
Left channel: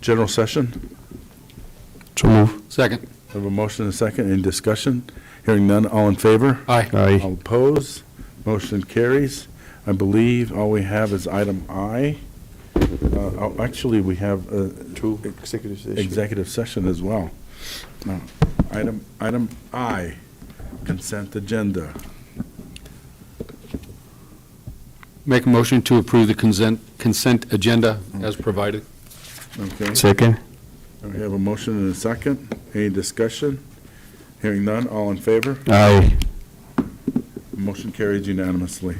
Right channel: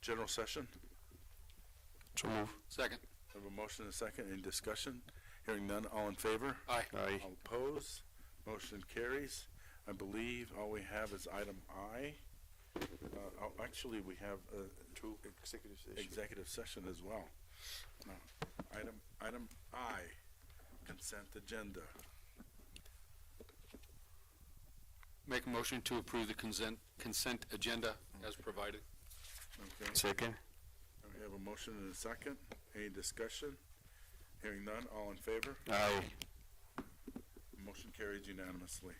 general session. So move. Second. I have a motion and a second. Any discussion? Hearing none, all in favor? Aye. Aye. All opposed, motion carries. I believe all we have is item I. Actually, we have two executive session as well. Item I, consent agenda. Make a motion to approve the consent agenda as provided. Okay, Second? we have a motion and a second. Any discussion? Hearing none, all in favor? Aye. Motion carries unanimously.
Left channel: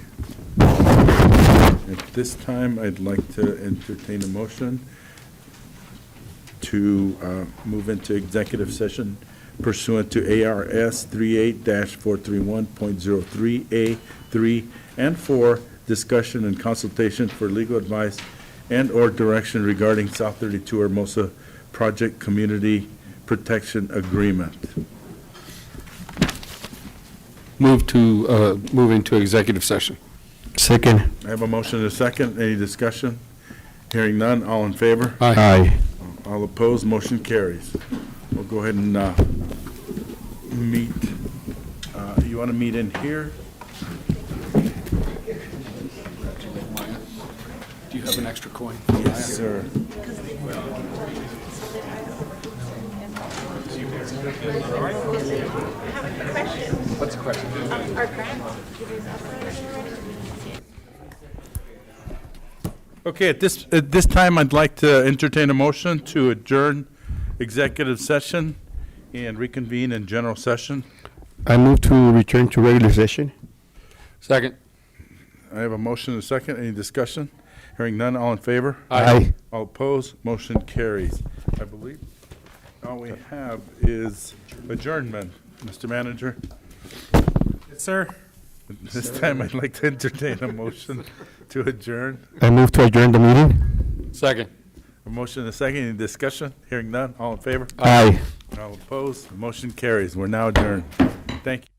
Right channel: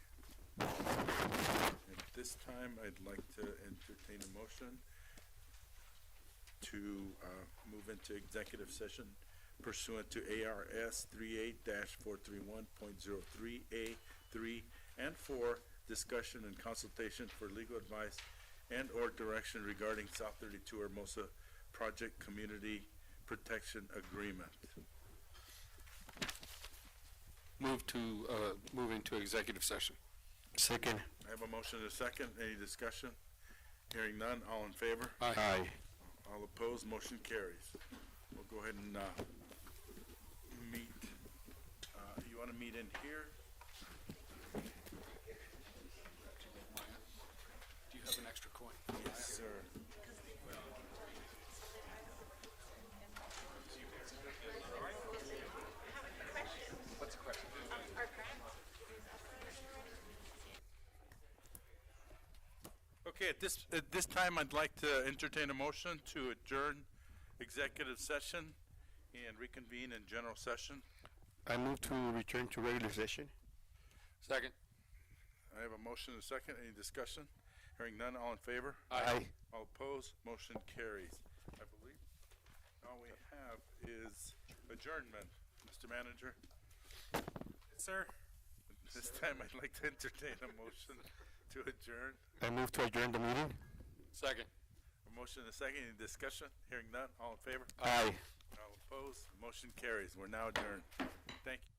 At this time, I'd like to entertain a motion to move into executive session pursuant to ARS 38-431.03A3 and 4, discussion and consultation for legal advice and/or direction regarding South 32 Hermosa Project Community Protection Agreement. Move into executive session. Second? I have a motion and a second. Any discussion? Hearing none, all in favor? Aye. All opposed, motion carries. We'll go ahead and meet. You want to meet in here? Do you have an extra coin? Yes, sir. What's the question? Our grant. Okay, at this time, I'd like to entertain a motion to adjourn executive session and reconvene in general session. I move to return to regular session. Second. I have a motion and a second. Any discussion? Hearing none, all in favor? Aye. All opposed? Motion carries. I believe all we have is adjournment. Mr. Manager? Yes, sir. This time, I'd like to entertain a motion to adjourn. I move to adjourn the meeting. Second. A motion and a second. Any discussion? Hearing none, all in favor? Aye. All opposed? Motion carries. We're now adjourned. Thank you.